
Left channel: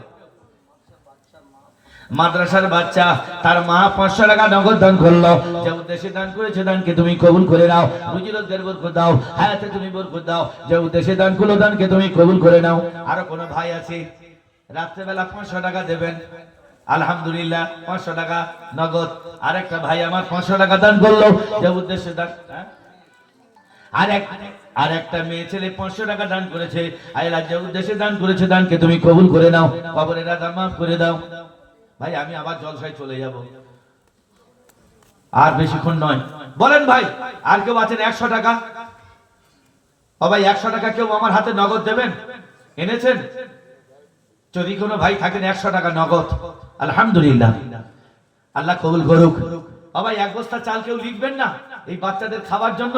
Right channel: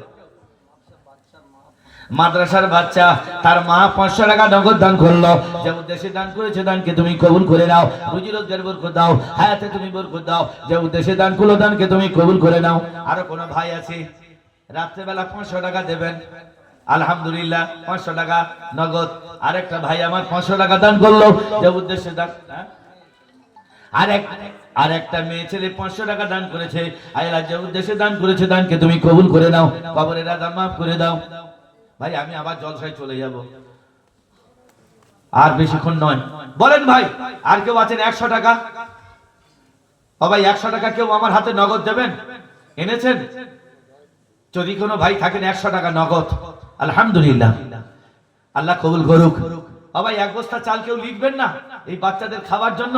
মাদ্রাসার বাচ্চা, তার মা 500 টাকা নগদ দান করলো, যে উদ্দেশ্যে দান করেছে দানকে তুমি কবুল করে নাও, রুজি রোজগার বরকত দাও, হায়াতে তুমি বরকত দাও, যে উদ্দেশ্যে দান করলো দানকে তুমি কবুল করে নাও। আরো কোন ভাই আছে রাত্রেবেলা 500 টাকা দেবেন, আলহামদুলিল্লাহ 500 টাকা নগদ। আরেকটা ভাই আমার 500 টাকা দান করলো, যে উদ্দেশ্যে দান, আরেকটা মেয়ে ছেলে 500 টাকা দান করেছে, আল্লাহ যে উদ্দেশ্যে দান করেছে দানকে তুমি কবুল করে নাও, কবরের আযাব মাফ করে দাও। ভাই আমি আবার জলসায় চলে যাব, আর বেশিক্ষণ নয়। বলেন ভাই আর কেউ আছেন 100 টাকা? ও ভাই 100 টাকা কেউ আমার হাতে নগদ দেবেন? এনেছেন? যদি কোনো ভাই থাকেন 100 টাকা নগদ, আলহামদুলিল্লাহ, আল্লাহ কবুল করুক। ও ভাই এক বস্তা চাল কেউ লিখবেন না এই বাচ্চাদের খাওয়ার জন্য?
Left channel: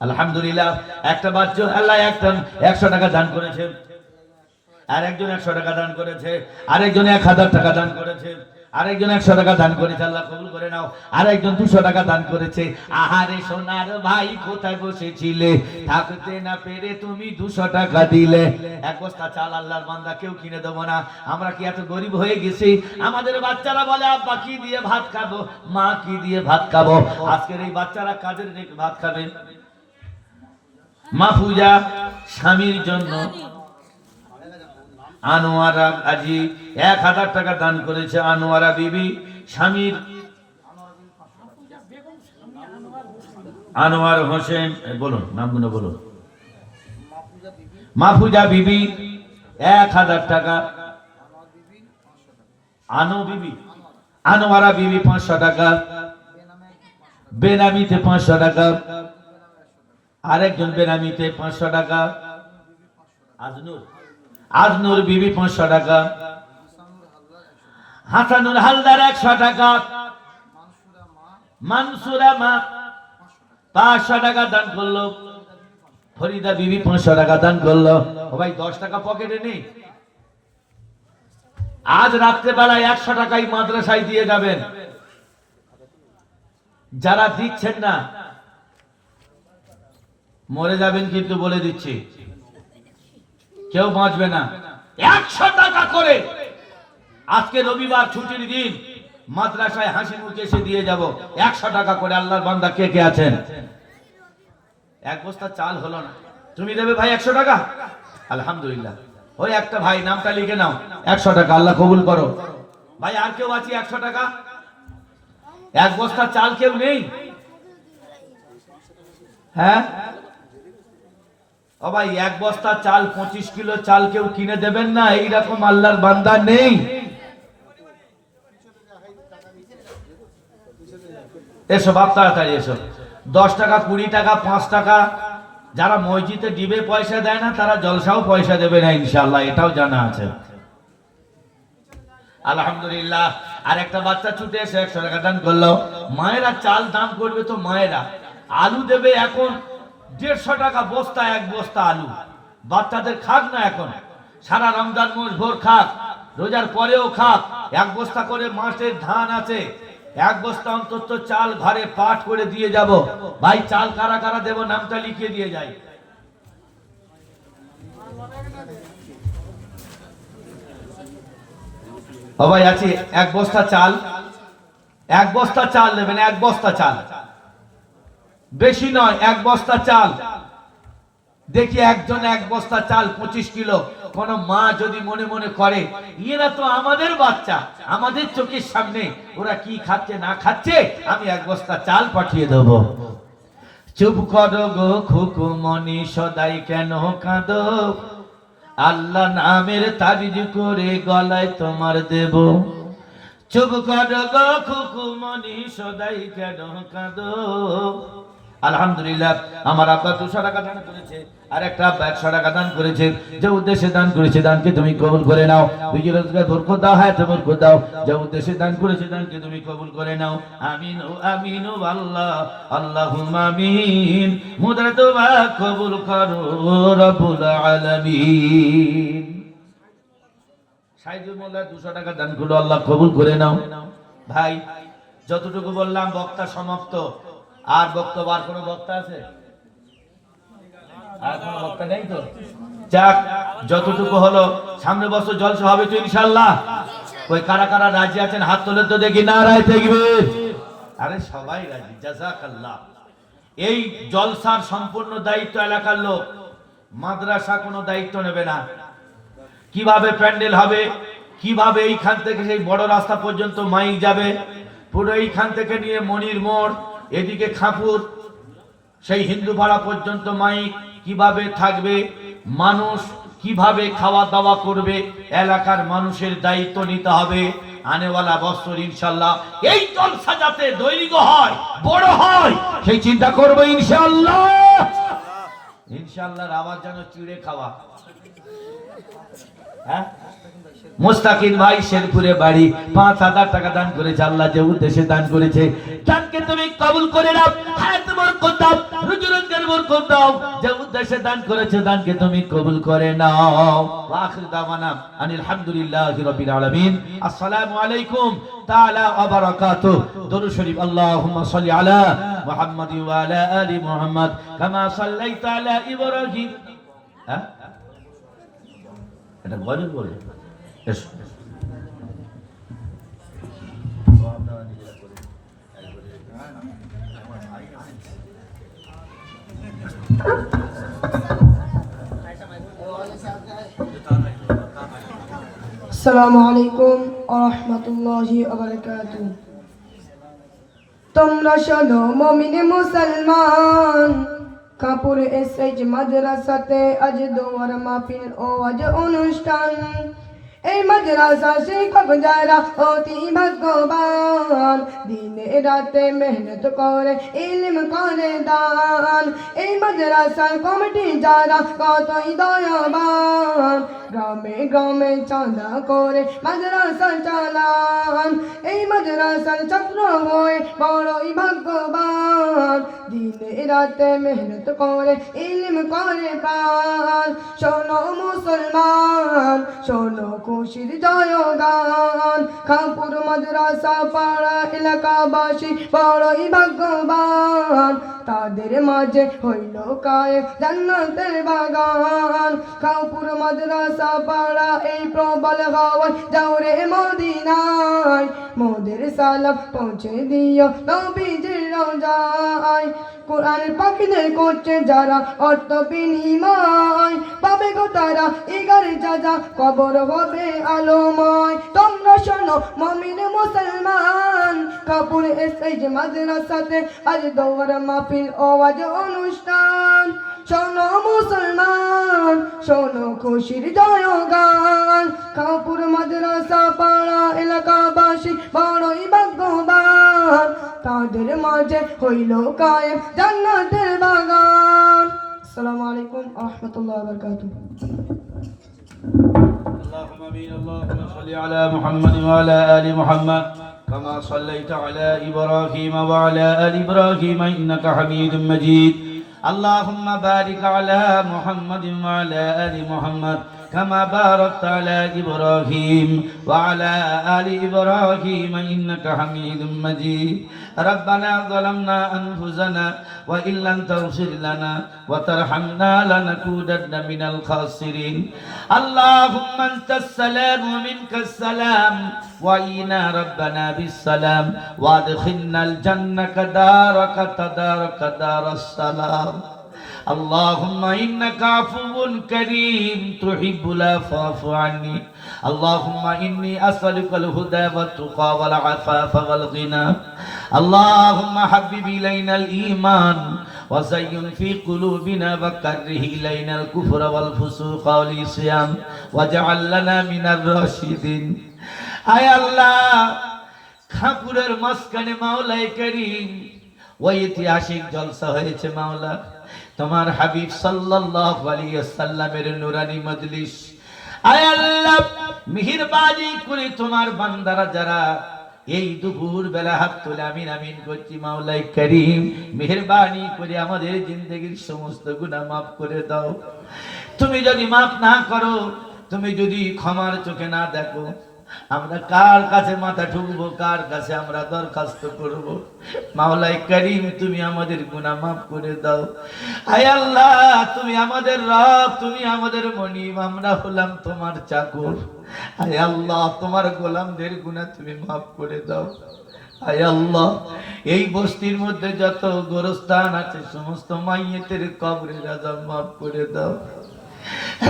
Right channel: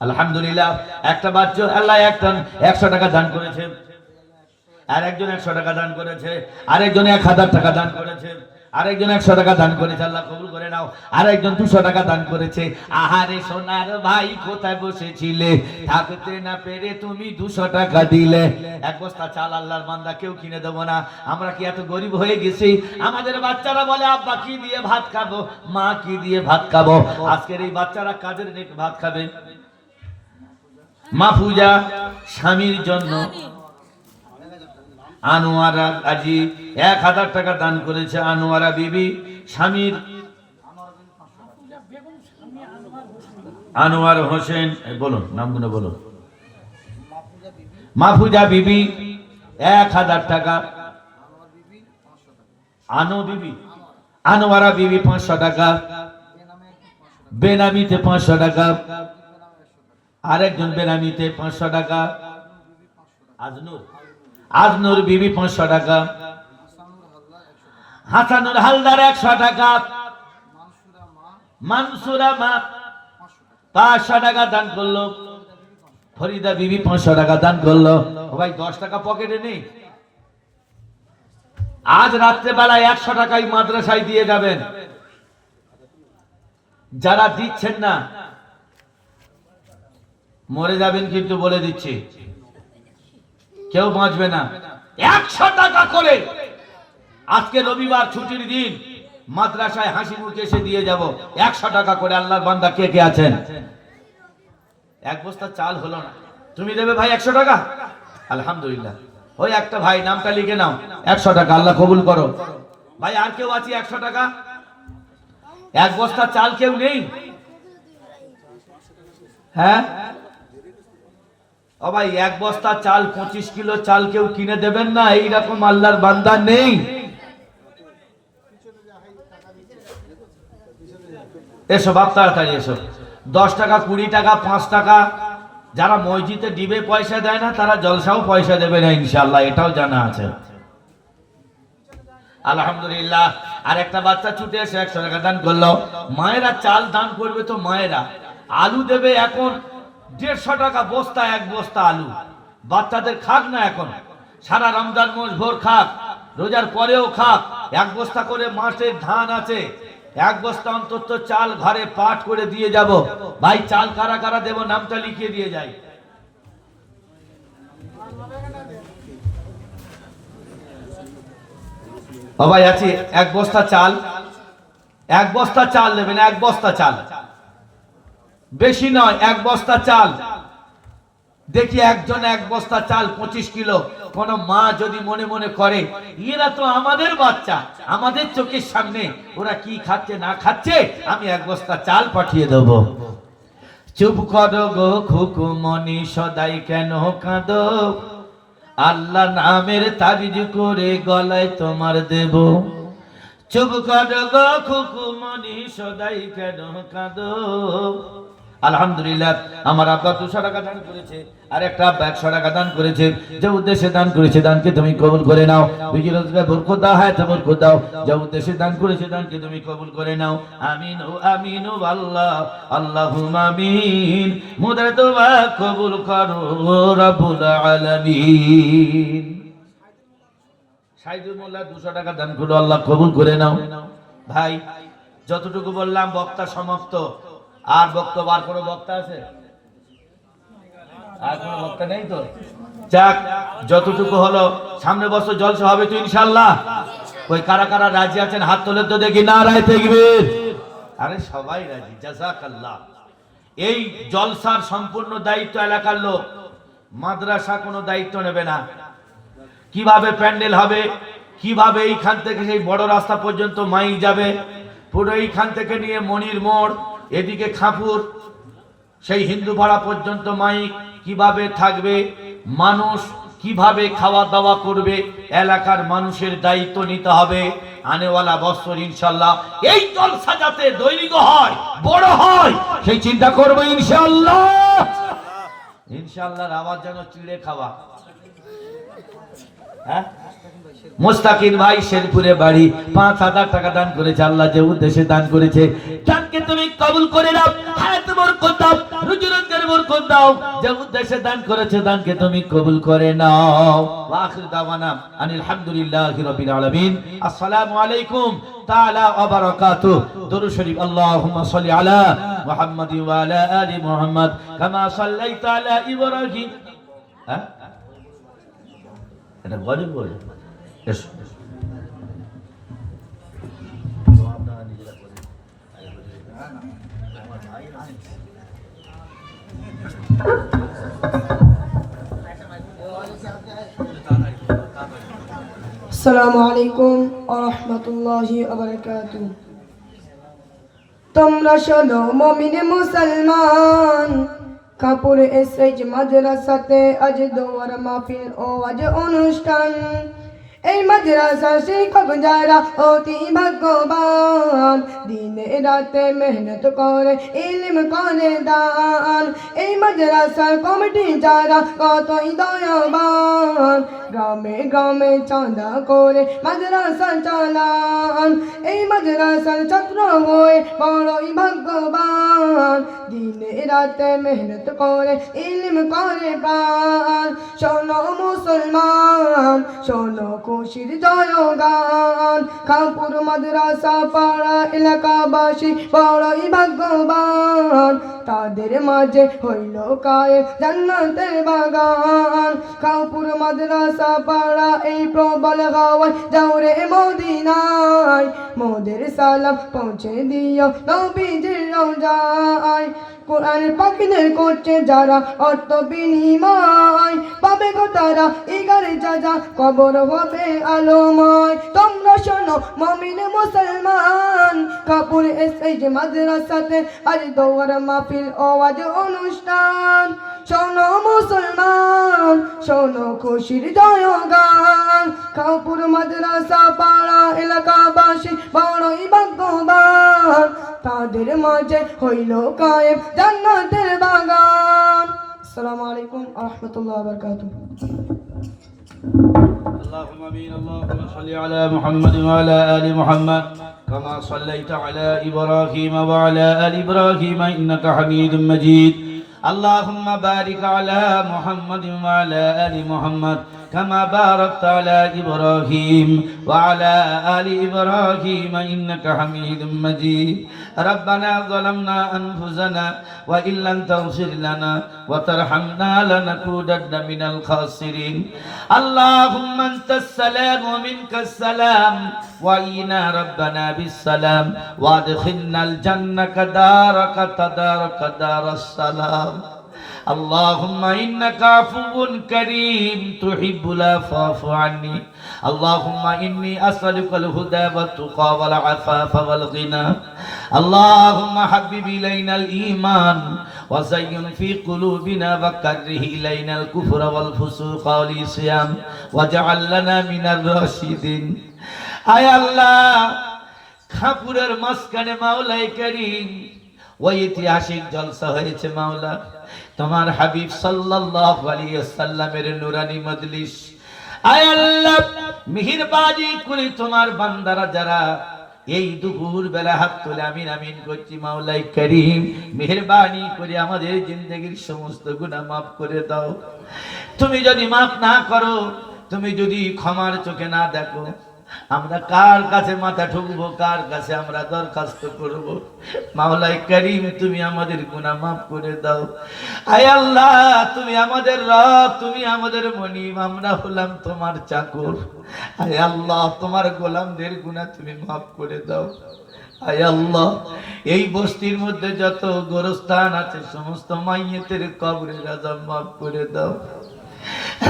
আলহামদুলিল্লাহ, একটা বাচ্চা আল্লাহ একজন 100 টাকা দান করেছেন, আরেকজন 100 টাকা দান করেছে, আরেকজন 1000 টাকা দান করেছে, আরেকজন 100 টাকা দান করেছে, আল্লাহ কবুল করে নাও। আরেকজন 200 টাকা দান করেছে। আহারে সোনার ভাই কোথায় বসেছিলে, থাকতে না পেরে তুমি 200 টাকা দিলে। এক বস্তা চাল আল্লাহর বান্দা কেউ কিনে দেবো না। আমরা কি এত গরিব হয়ে গেছি? আমাদের বাচ্চারা বলে আব্বা কি দিয়ে ভাত খাবো, মা কি দিয়ে ভাত খাবো। আজকের এই বাচ্চারা কাদের রেখে ভাত খাবে? মাহফুজা স্বামীর জন্য আনোয়ারা গাজী 1000 টাকা দান করেছে। আনোয়ারা বিবি স্বামীর, আনোয়ার হোসেন, বলুন নামগুলো বলুন। মাহফুজা বিবি 1000 টাকা, আনোয়ারা বিবি 500 টাকা, বেনামিতে 500 টাকা, আরেকজন বেনামিতে 500 টাকা, আজনুর বিবি 500 টাকা, হাসানুল হালদার 100 টাকা, মানসুরা মা 500 টাকা দান করলো, ফরিদা বিবি 500 টাকা দান করলো। ভাই 10 টাকা পকেটে নেই? আজ রাত্রে বেলায় 100 টাকাই মাদ্রাসায় দিয়ে যাবেন। যারা দিচ্ছেন না মরে যাবেন, কিন্তু বলে দিচ্ছি কেউ বাঁচবে না। 100 টাকা করে আজকে রবিবার ছুটির দিন মাদ্রাসায় হাসি মুখে এসে দিয়ে যাব। 100 টাকা করে। আল্লাহর বান্দা কে কে আছেন? এক বস্তা চাল হলো না, তুমি দেবে ভাই 100 টাকা? আলহামদুলিল্লাহ। ওই একটা ভাই নামটা লিখে নাও, 100 টাকা, আল্লাহ কবুল করো। ভাই আর কেউ আছে 100 টাকা? এক বস্তা চাল কেউ নেই? হ্যাঁ ও ভাই এক বস্তা চাল 25 কিলো চাল কেউ কিনে দেবেন না? এইরকম আল্লাহর বান্দা নেই? এসো বাপ তাড়াতাড়ি এসো। 10 টাকা 20 টাকা 5 টাকা যারা মসজিদে দিবে পয়সা দেয় না, তারা জলসাও পয়সা দেবে না ইনশাআল্লাহ, এটাও জানা আছে। আলহামদুলিল্লাহ। আর একটা বাচ্চা ছুটে এসে 100 টাকা দান করলো। মায়েরা চাল দান করবে তো মায়েরা, আলু দেবে এখন 150 টাকা বস্তা, এক বস্তা আলু। বাচ্চাদের খাক না এখন, সারা রমজান মাস ভোর খাক, রোজার পরেও খাক। এক বস্তা করে মাসের ধান আছে, এক বস্তা অন্তত চাল ঘরে পাঠ করে দিয়ে যাব। ভাই চাল কারা কারা দেব নামটা লিখিয়ে দিয়ে যাই। ও ভাই আছি, এক বস্তা চাল, এক বস্তা চাল নেবেন, এক বস্তা চাল, বেশি নয়, এক বস্তা চাল। দেখি একজন এক বস্তা চাল 25 কিলো। কোন মা যদি মনে মনে করে এরা তো আমাদের বাচ্চা, আমাদের চোখের সামনে ওরা কি খাচ্ছে না খাচ্ছে, আমি এক বস্তা চাল পাঠিয়ে দেব। চুপ করো গো খুকুমনি, সদাই কেন কাঁদো, আল্লাহ নামের তাবিজ করে গলায় তোমার দেব। চুপ করো গো খুকুমনি, সদাই কেন কাঁদো। আলহামদুলিল্লাহ। আমার আব্বা 200 টাকা দান করেছে, আর একটা 100 টাকা দান করেছে। যে উদ্দেশ্যে দান করেছে দানকে তুমি কবুল করে নাও। রুজি রোজগার বরকত দাও, হায়াতে বরকত দাও। যে উদ্দেশ্যে দান করেছে দানকে তুমি কবুল করে নাও। আমিন ও আমিন ও আল্লাহ, আল্লাহুম্মা আমিন। মুদের দোয়া কবুল করো রব্বুল আলামিন। সাইদুল মোল্লা 200 টাকা দান করলো, আল্লাহ কবুল করে নাও। ভাই যতটুকু বললাম বক্তা সমাপ্ত। আর বক্তব্য আর কোনো বক্তা আছে? আর কোনো বক্তা নেই তো? যাক, যতটুকু হলো, সামনে বছর জলসা হবে তো ইনশাআল্লাহ। ওই কারা কারা রাজি আছেন হাত তুলে তো দেখি, নারায়ে তাকবীর। আরে সবাই রাজি, জাযাকাল্লাহ। এই জলসার সম্পূর্ণ দায়িত্ব এলাকার লোক, মাদ্রাসা কোনো দায়িত্ব নেবে না। কিভাবে প্যান্ডেল হবে, কিভাবে এইখান থেকে সেই বড় রাস্তা পর্যন্ত মাইক যাবে, পুরো এইখান থেকে নিয়ে মনির মোড়, এদিকে খাপুর, সেই হিন্দু পাড়া পর্যন্ত মাইক কিভাবে থাকবে, মানুষ কিভাবে খাওয়া দাওয়া করবে, এলাকার মানুষের দায়িত্ব নিতে হবে। আনেওয়ালা বছর ইনশাআল্লাহ এই জলসা যাতে দৈর্ঘ্য হয়, বড় হয়, সেই চিন্তা করবো ইনশাআল্লাহ। ইনশাআল্লাহর আওয়াজ যেন চিড়ে খাওয়া। হ্যাঁ, মুস্তাকিম ভাই শেরপুরে বাড়ি, 5,000 টাকা দান করেছে। আল্লাহ যে উদ্দেশ্যে দান করেছে, দানকে তুমি কবুল করে নাও। হায়াত বরকত দাও, রুজি রোজগার বরকত দাও। যে উদ্দেশ্যে দান করেছে, দানকে তুমি কবুল করে নাও। ওয়া আখির দাওয়ানা আনিল হামদুলিল্লাহি রাব্বিল আলামিন। আসসালামু আলাইকুম তাআলা ওয়া বারাকাতুহু। দরুদ শরীফ। আল্লাহুম্মা সাল্লি আলা মুহাম্মাদ ওয়া আলা আলি মুহাম্মাদ কামা সাল্লাইতা আলা ইব্রাহিম। হ্যাঁ, এটা গজব বলে। এসো আসসালামু আলাইকুম ওয়া রাহমাতুল্লাহি ওয়া বারাকাতুহু। তোমরা শোনো মুমিন মুসলমান, কাপুর এসএইচ মাদ্রাসাতে আজ দোয়ার মাহফিল ও আজ অনুষ্ঠান। এই মাদ্রাসা শিক্ষক যারা অতি ভাগ্যবান, দিনে রাতে মেহনত করে ইলম করে দান। এই মাদ্রাসার কমিটি যারা কতই দয়াবান, গ্রামে গ্রামে চাঁদা করে মাদ্রাসা চালান। এই মাদ্রাসার ছাত্র হয়ে বড়ই ভাগ্যবান, দিনে রাতে মেহনত করে ইলম করে প্রাণ। শোনো মুসলমান, শোনো খুশির জয়গান। খানপুর মাদ্রাসা পাড়া এলাকাবাসী বড়ই ভাগ্যবান, তাদের মাঝে হইল কায়েম জান্নাতের বাগান। খানপুর মাদ্রাসা পাড়া এই প্রবল হাওয়ায় যাও রে মদিনায়, মোদের সালাম পৌঁছে দিও নবীজির রওজায়। কোরআন পাখিদের করছে যারা অর্থ বিনিময়, পাবে গো তারা ইগারে যাজা, কবর হবে আলোময়। তোমরা শোনো মুমিন মুসলমান, কাপুর এসএইচ মাদ্রাসাতে আজ দোয়ার মাহফিল ও আজ অনুষ্ঠান। শোনো মুসলমান, শোনো খুশির জয়গান। কাপুর মাদ্রাসা পাড়া এলাকাবাসী বড়ই ভাগ্যবান, তাদের মাঝে হইল কায়েম জান্নাতের বাগান। আসসালামু আলাইকুম ওয়া রাহমাতুল্লাহি ওয়া বারাকাতুহু। اللهم امين. اللهم صل على محمد وعلى ال محمد كما صليت على ابراهيم وعلى ال ابراهيم انك حميد مجيد. اللهم بارك على محمد وعلى ال محمد كما باركت على إبراهيم وعلى آل إبراهيم إنك حميد مجيد. ربنا ظلمنا أنفسنا وإن لم تغفر لنا وترحمنا لنكونن من الخاسرين. اللهم أنت السلام ومنك السلام، وإنا ربنا بالسلام، وادخلنا الجنة دارك تدارك دار السلام. اللهم إنك عفو كريم تحب العفو فاعف عني. اللهم إني أسألك الهدى والتقى والعفاف والغنى. اللهم حبب إلينا الإيمان وزين في قلوبنا وكره إلينا الكفر والفسوق والعصيان واجعل لنا من الراشدين. আয় আল্লাহ, খাপুরের মাঝখানে মাওলাই করিম ওই ঐতিহাসিক জলসা হয়েছে মাওলা, তোমার হাবিব সাল্লাল্লাহু আলাইহি ওয়াসাল্লামের নুরানি মজলিস। আয় আল্লাহ, মেহেরবানি করে তোমার বান্দারা যারা এই দুপুর বেলা হাত তুলে আমিন আমিন করছি, মাওলাই করিম মেহেরবানি করে আমাদের জিন্দেগীর সমস্ত গুনাহ মাফ করে দাও। তুমি যদি মাফ না করো, তুমি যদি ক্ষমার চোখে না দেখো, আমরা কার কাছে মাথা ঠুকবো, কার কাছে আমরা দরখাস্ত করব? মাওলাই করিম, তুমি আমাদের গুনাহ মাফ করে দাও। আয় আল্লাহ, তুমি আমাদের রব, তুমি আমাদের মনিব, আমরা হলাম তোমার চাকর। আয় আল্লাহ, তোমার গোলামদের গুনাহ তুমি মাফ করে দাও। আয় আল্লাহ, এই বস্তির মধ্যে যত গোরস্থান আছে সমস্ত মাইয়েতের কবরের আযাব মাফ করে দাও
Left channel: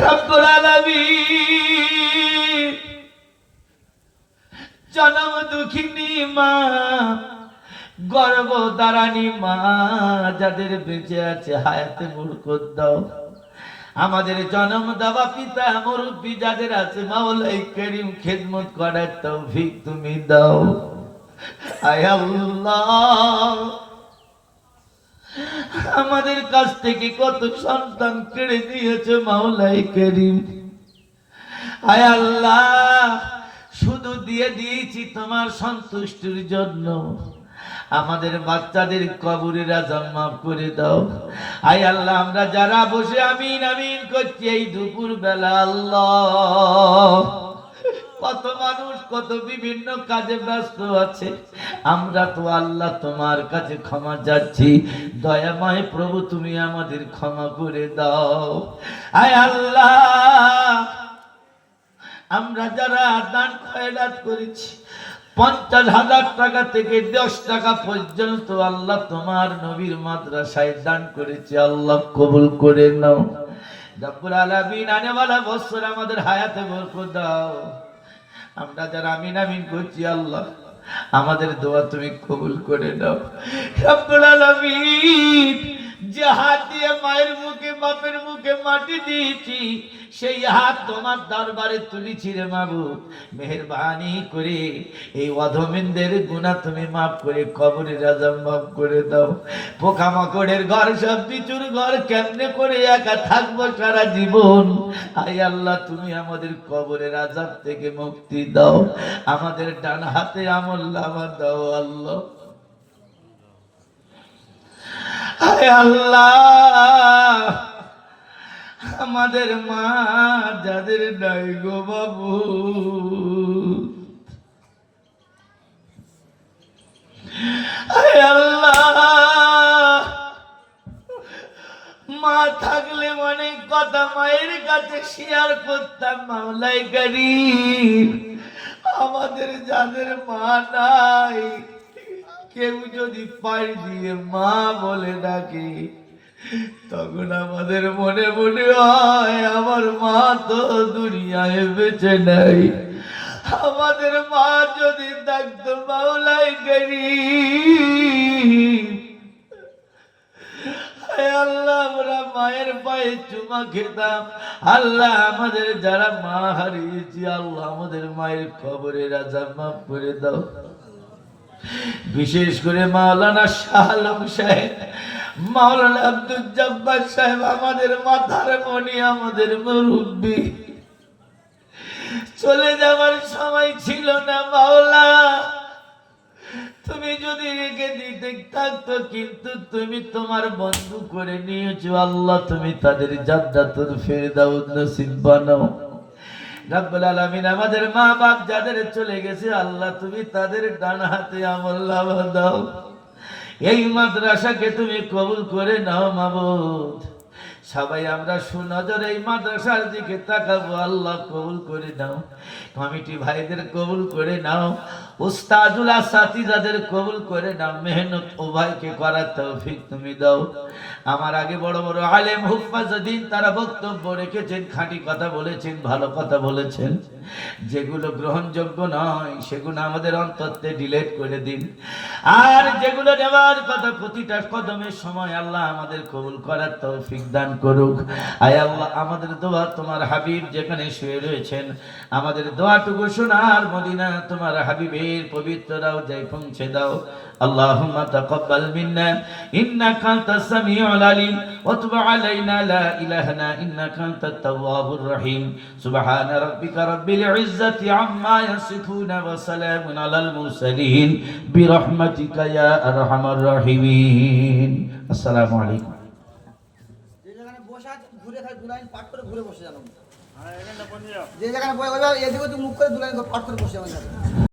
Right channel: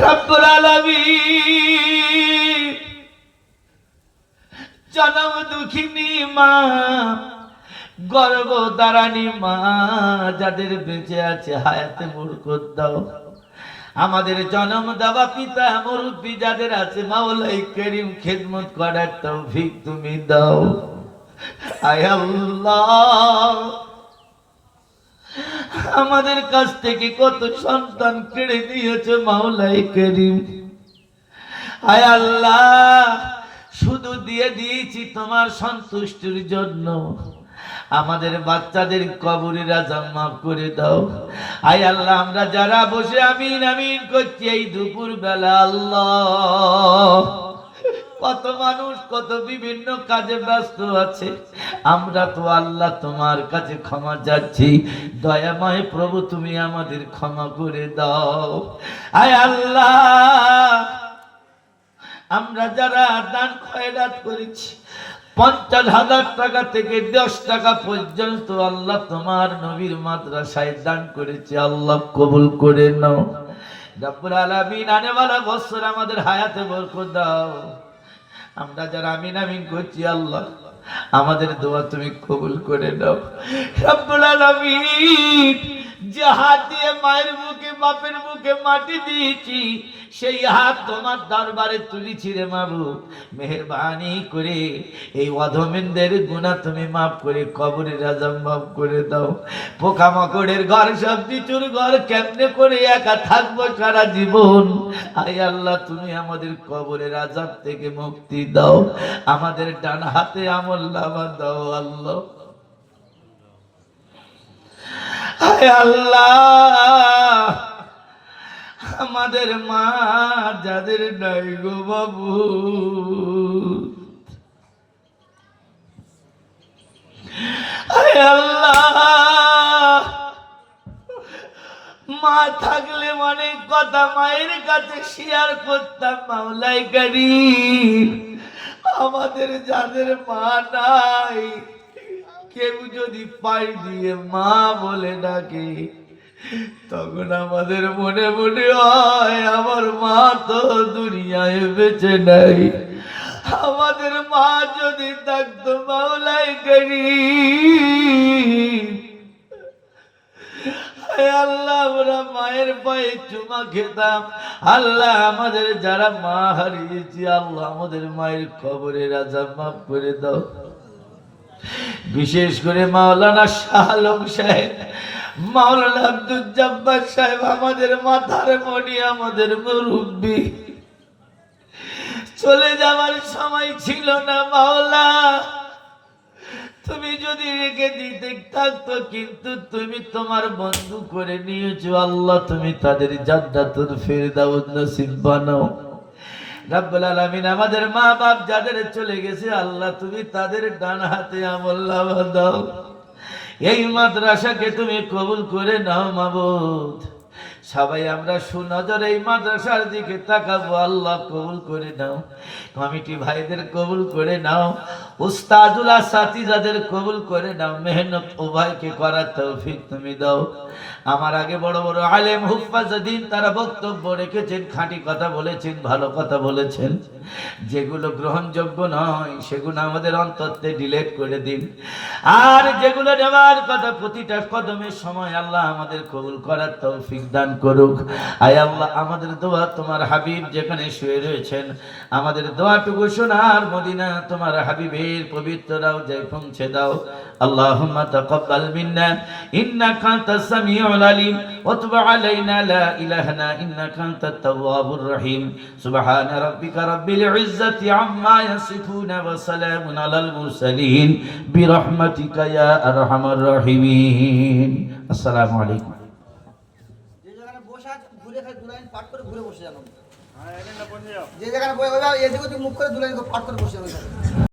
রব্বুল আলামিন। জনম দুঃখিনী মা, গর্ভধারিণী মা, যাদের বেঁচে আছে হায়াতে বরকত দাও। আমাদের জন্ম দেওয়া পিতা মুরব্বী যাদের আছে মাওলাই করিম, খেদমত করার তৌফিক তুমি দাও। আয় আল্লাহ, আমাদের কাছ থেকে কত সন্তান কেড়ে নিয়েছে মাওলাই করিম। আয় আল্লাহ, শুধু দিয়ে দিয়েছি তোমার সন্তুষ্টির জন্য। আমাদের বাচ্চাদের কবরের আযাব মাফ করে দাও। আয় আল্লাহ, আমরা যারা বসে আমিন আমিন করছি এই দুপুর বেলা, আল্লাহ কত মানুষ কত বিভিন্ন কাজে ব্যস্ত আছে, আমরা তো আল্লাহ তোমার কাছে ক্ষমা চাচ্ছি। দয়াময় প্রভু, তুমি আমাদের ক্ষমা করে দাও। আয় আল্লাহ, আমরা যারা দান খয়রাত করেছি 50,000 টাকা থেকে 10 টাকা পর্যন্ত আল্লাহ তোমার নবীর মাদ্রাসায় দান করেছি, আল্লাহ কবুল করে নাও। রব্বুল আলামিন, আনেওয়ালা বছর আমাদের হায়াতে বরকত দাও। আমরা যারা আমিন আমিন করছি আল্লাহ আমাদের দোয়া তুমি কবুল করে নাও। রব্বুল আলামিন, যে হাত দিয়ে মায়ের মুখে বাপের মুখে মাটি দিয়েছি সেই হাত তোমার দরবারে তুলেছি রে মাবুদ। মেহেরবানি করে এই অধমেনদের গুনাহ তুমি মাফ করে কবরের আযাব মাফ করে দাও। পোকামাকড়ের ঘর, সব বিচুর ঘর, কেমনে করে একা থাকবো সারা জীবন। আয় আল্লাহ, তুমি আমাদের কবরের আযাব থেকে মুক্তি দাও। আমাদের ডান হাতে আমলনামা দাও আল্লাহ। আয় আল্লাহ, আমাদের মা যাদের নাই গো বাবু, আয় আল্লাহ, মা থাকলে অনেক কথা মায়ের কাছে শেয়ার করতাম মাওলাই করিম। আমাদের যাদের মা নাই, কেউ যদি পাই দিয়ে মা বলে ডাকে তখন আমাদের মনে মনে হয় আমার মা তো দুনিয়ায় বেঁচে নাই। আমাদের মা যদি থাকতো মাওলাই করিম, আল্লাহ আমরা মায়ের পায়ে চুমা খেতাম। আল্লাহ, আমাদের যারা মা হারিয়েছি আল্লাহ আমাদের মায়ের কবরের আযাব মাফ করে দাও। বিশেষ করে মাওলানা শাহ আলম সাহেব, মাওলানা আব্দুল জব্বার সাহেব, আমাদের মাথার মণি, আমাদের মুরব্বী, চলে যাওয়ার সময় ছিল না মাওলা। তুমি যদি রেখে দিতে থাকতো, কিন্তু তুমি তোমার বন্ধু করে নিয়েছো আল্লাহ, তুমি তাদের জান্নাতুল ফিরদাউস নসিব বানাও। রব্বুল আলামিন, আমাদের মা বাপ যাদের চলে গেছে আল্লাহ তুমি তাদের ডান হাতে আমলনামা দাও। এই মাদ্রাসাকে তুমি কবুল করে নাও মাবুদ। সবাই আমরা সুনজরে এই মাদ্রাসার দিকে তাকাবো, আল্লাহ কবুল করে নাও। কমিটি ভাইদের কবুল করে নাও, উস্তাদুল আসাতিজাদের কবুল করে নাও। মেহনত ও ভাইকে করার তৌফিক তুমি দাও। আমার আগে বড় বড় আলেম হুফাজদ্দিন তারা বক্তব্য রেখেছেন, খাঁটি কথা বলেছেন, ভালো কথা বলেছেন। যেগুলো গ্রহণযোগ্য নয় সেগুলো আমাদের অন্তরে ডিলিট করে দিন, আর যেগুলো নেওয়ার কথা প্রতিটা কদমের সময় আল্লাহ আমাদের কবুল করার তৌফিক দান করুক। আয় আল্লাহ, আমাদের দোয়া তোমার হাবিব যেখানে শুয়ে রয়েছেন, আমাদের দোয়াটুকু সোনার মদিনা তোমার হাবিবের পবিত্র রওজায় পৌঁছে দাও। আল্লাহুম্মা তাকাব্বাল মিন্না ইন্নাকা আনতাস সামিউল আলিম ওয়া তুব আলাইনা লা ইলাহা ইল্লা ইন্নাকা আনতাত তাওয়াবুর রহিম। সুবহানা রাব্বিকা রাব্বিল ইজ্জাতি আম্মা ইয়াসিফুন ওয়া সালামুন আলাল মুরসালিন বিরহমাতিকা ইয়া আরহামার রাহিমিন। আসসালামু আলাইকুম। যে জায়গায় বসে আছে ঘুরে খালি 2 লাইন পাঠ করে ঘুরে বসে যান। যে যেখানে বই ওইভাবে এদিকে তুই মুখ করে দুলাই পাঠ করে বসে আমার সাথে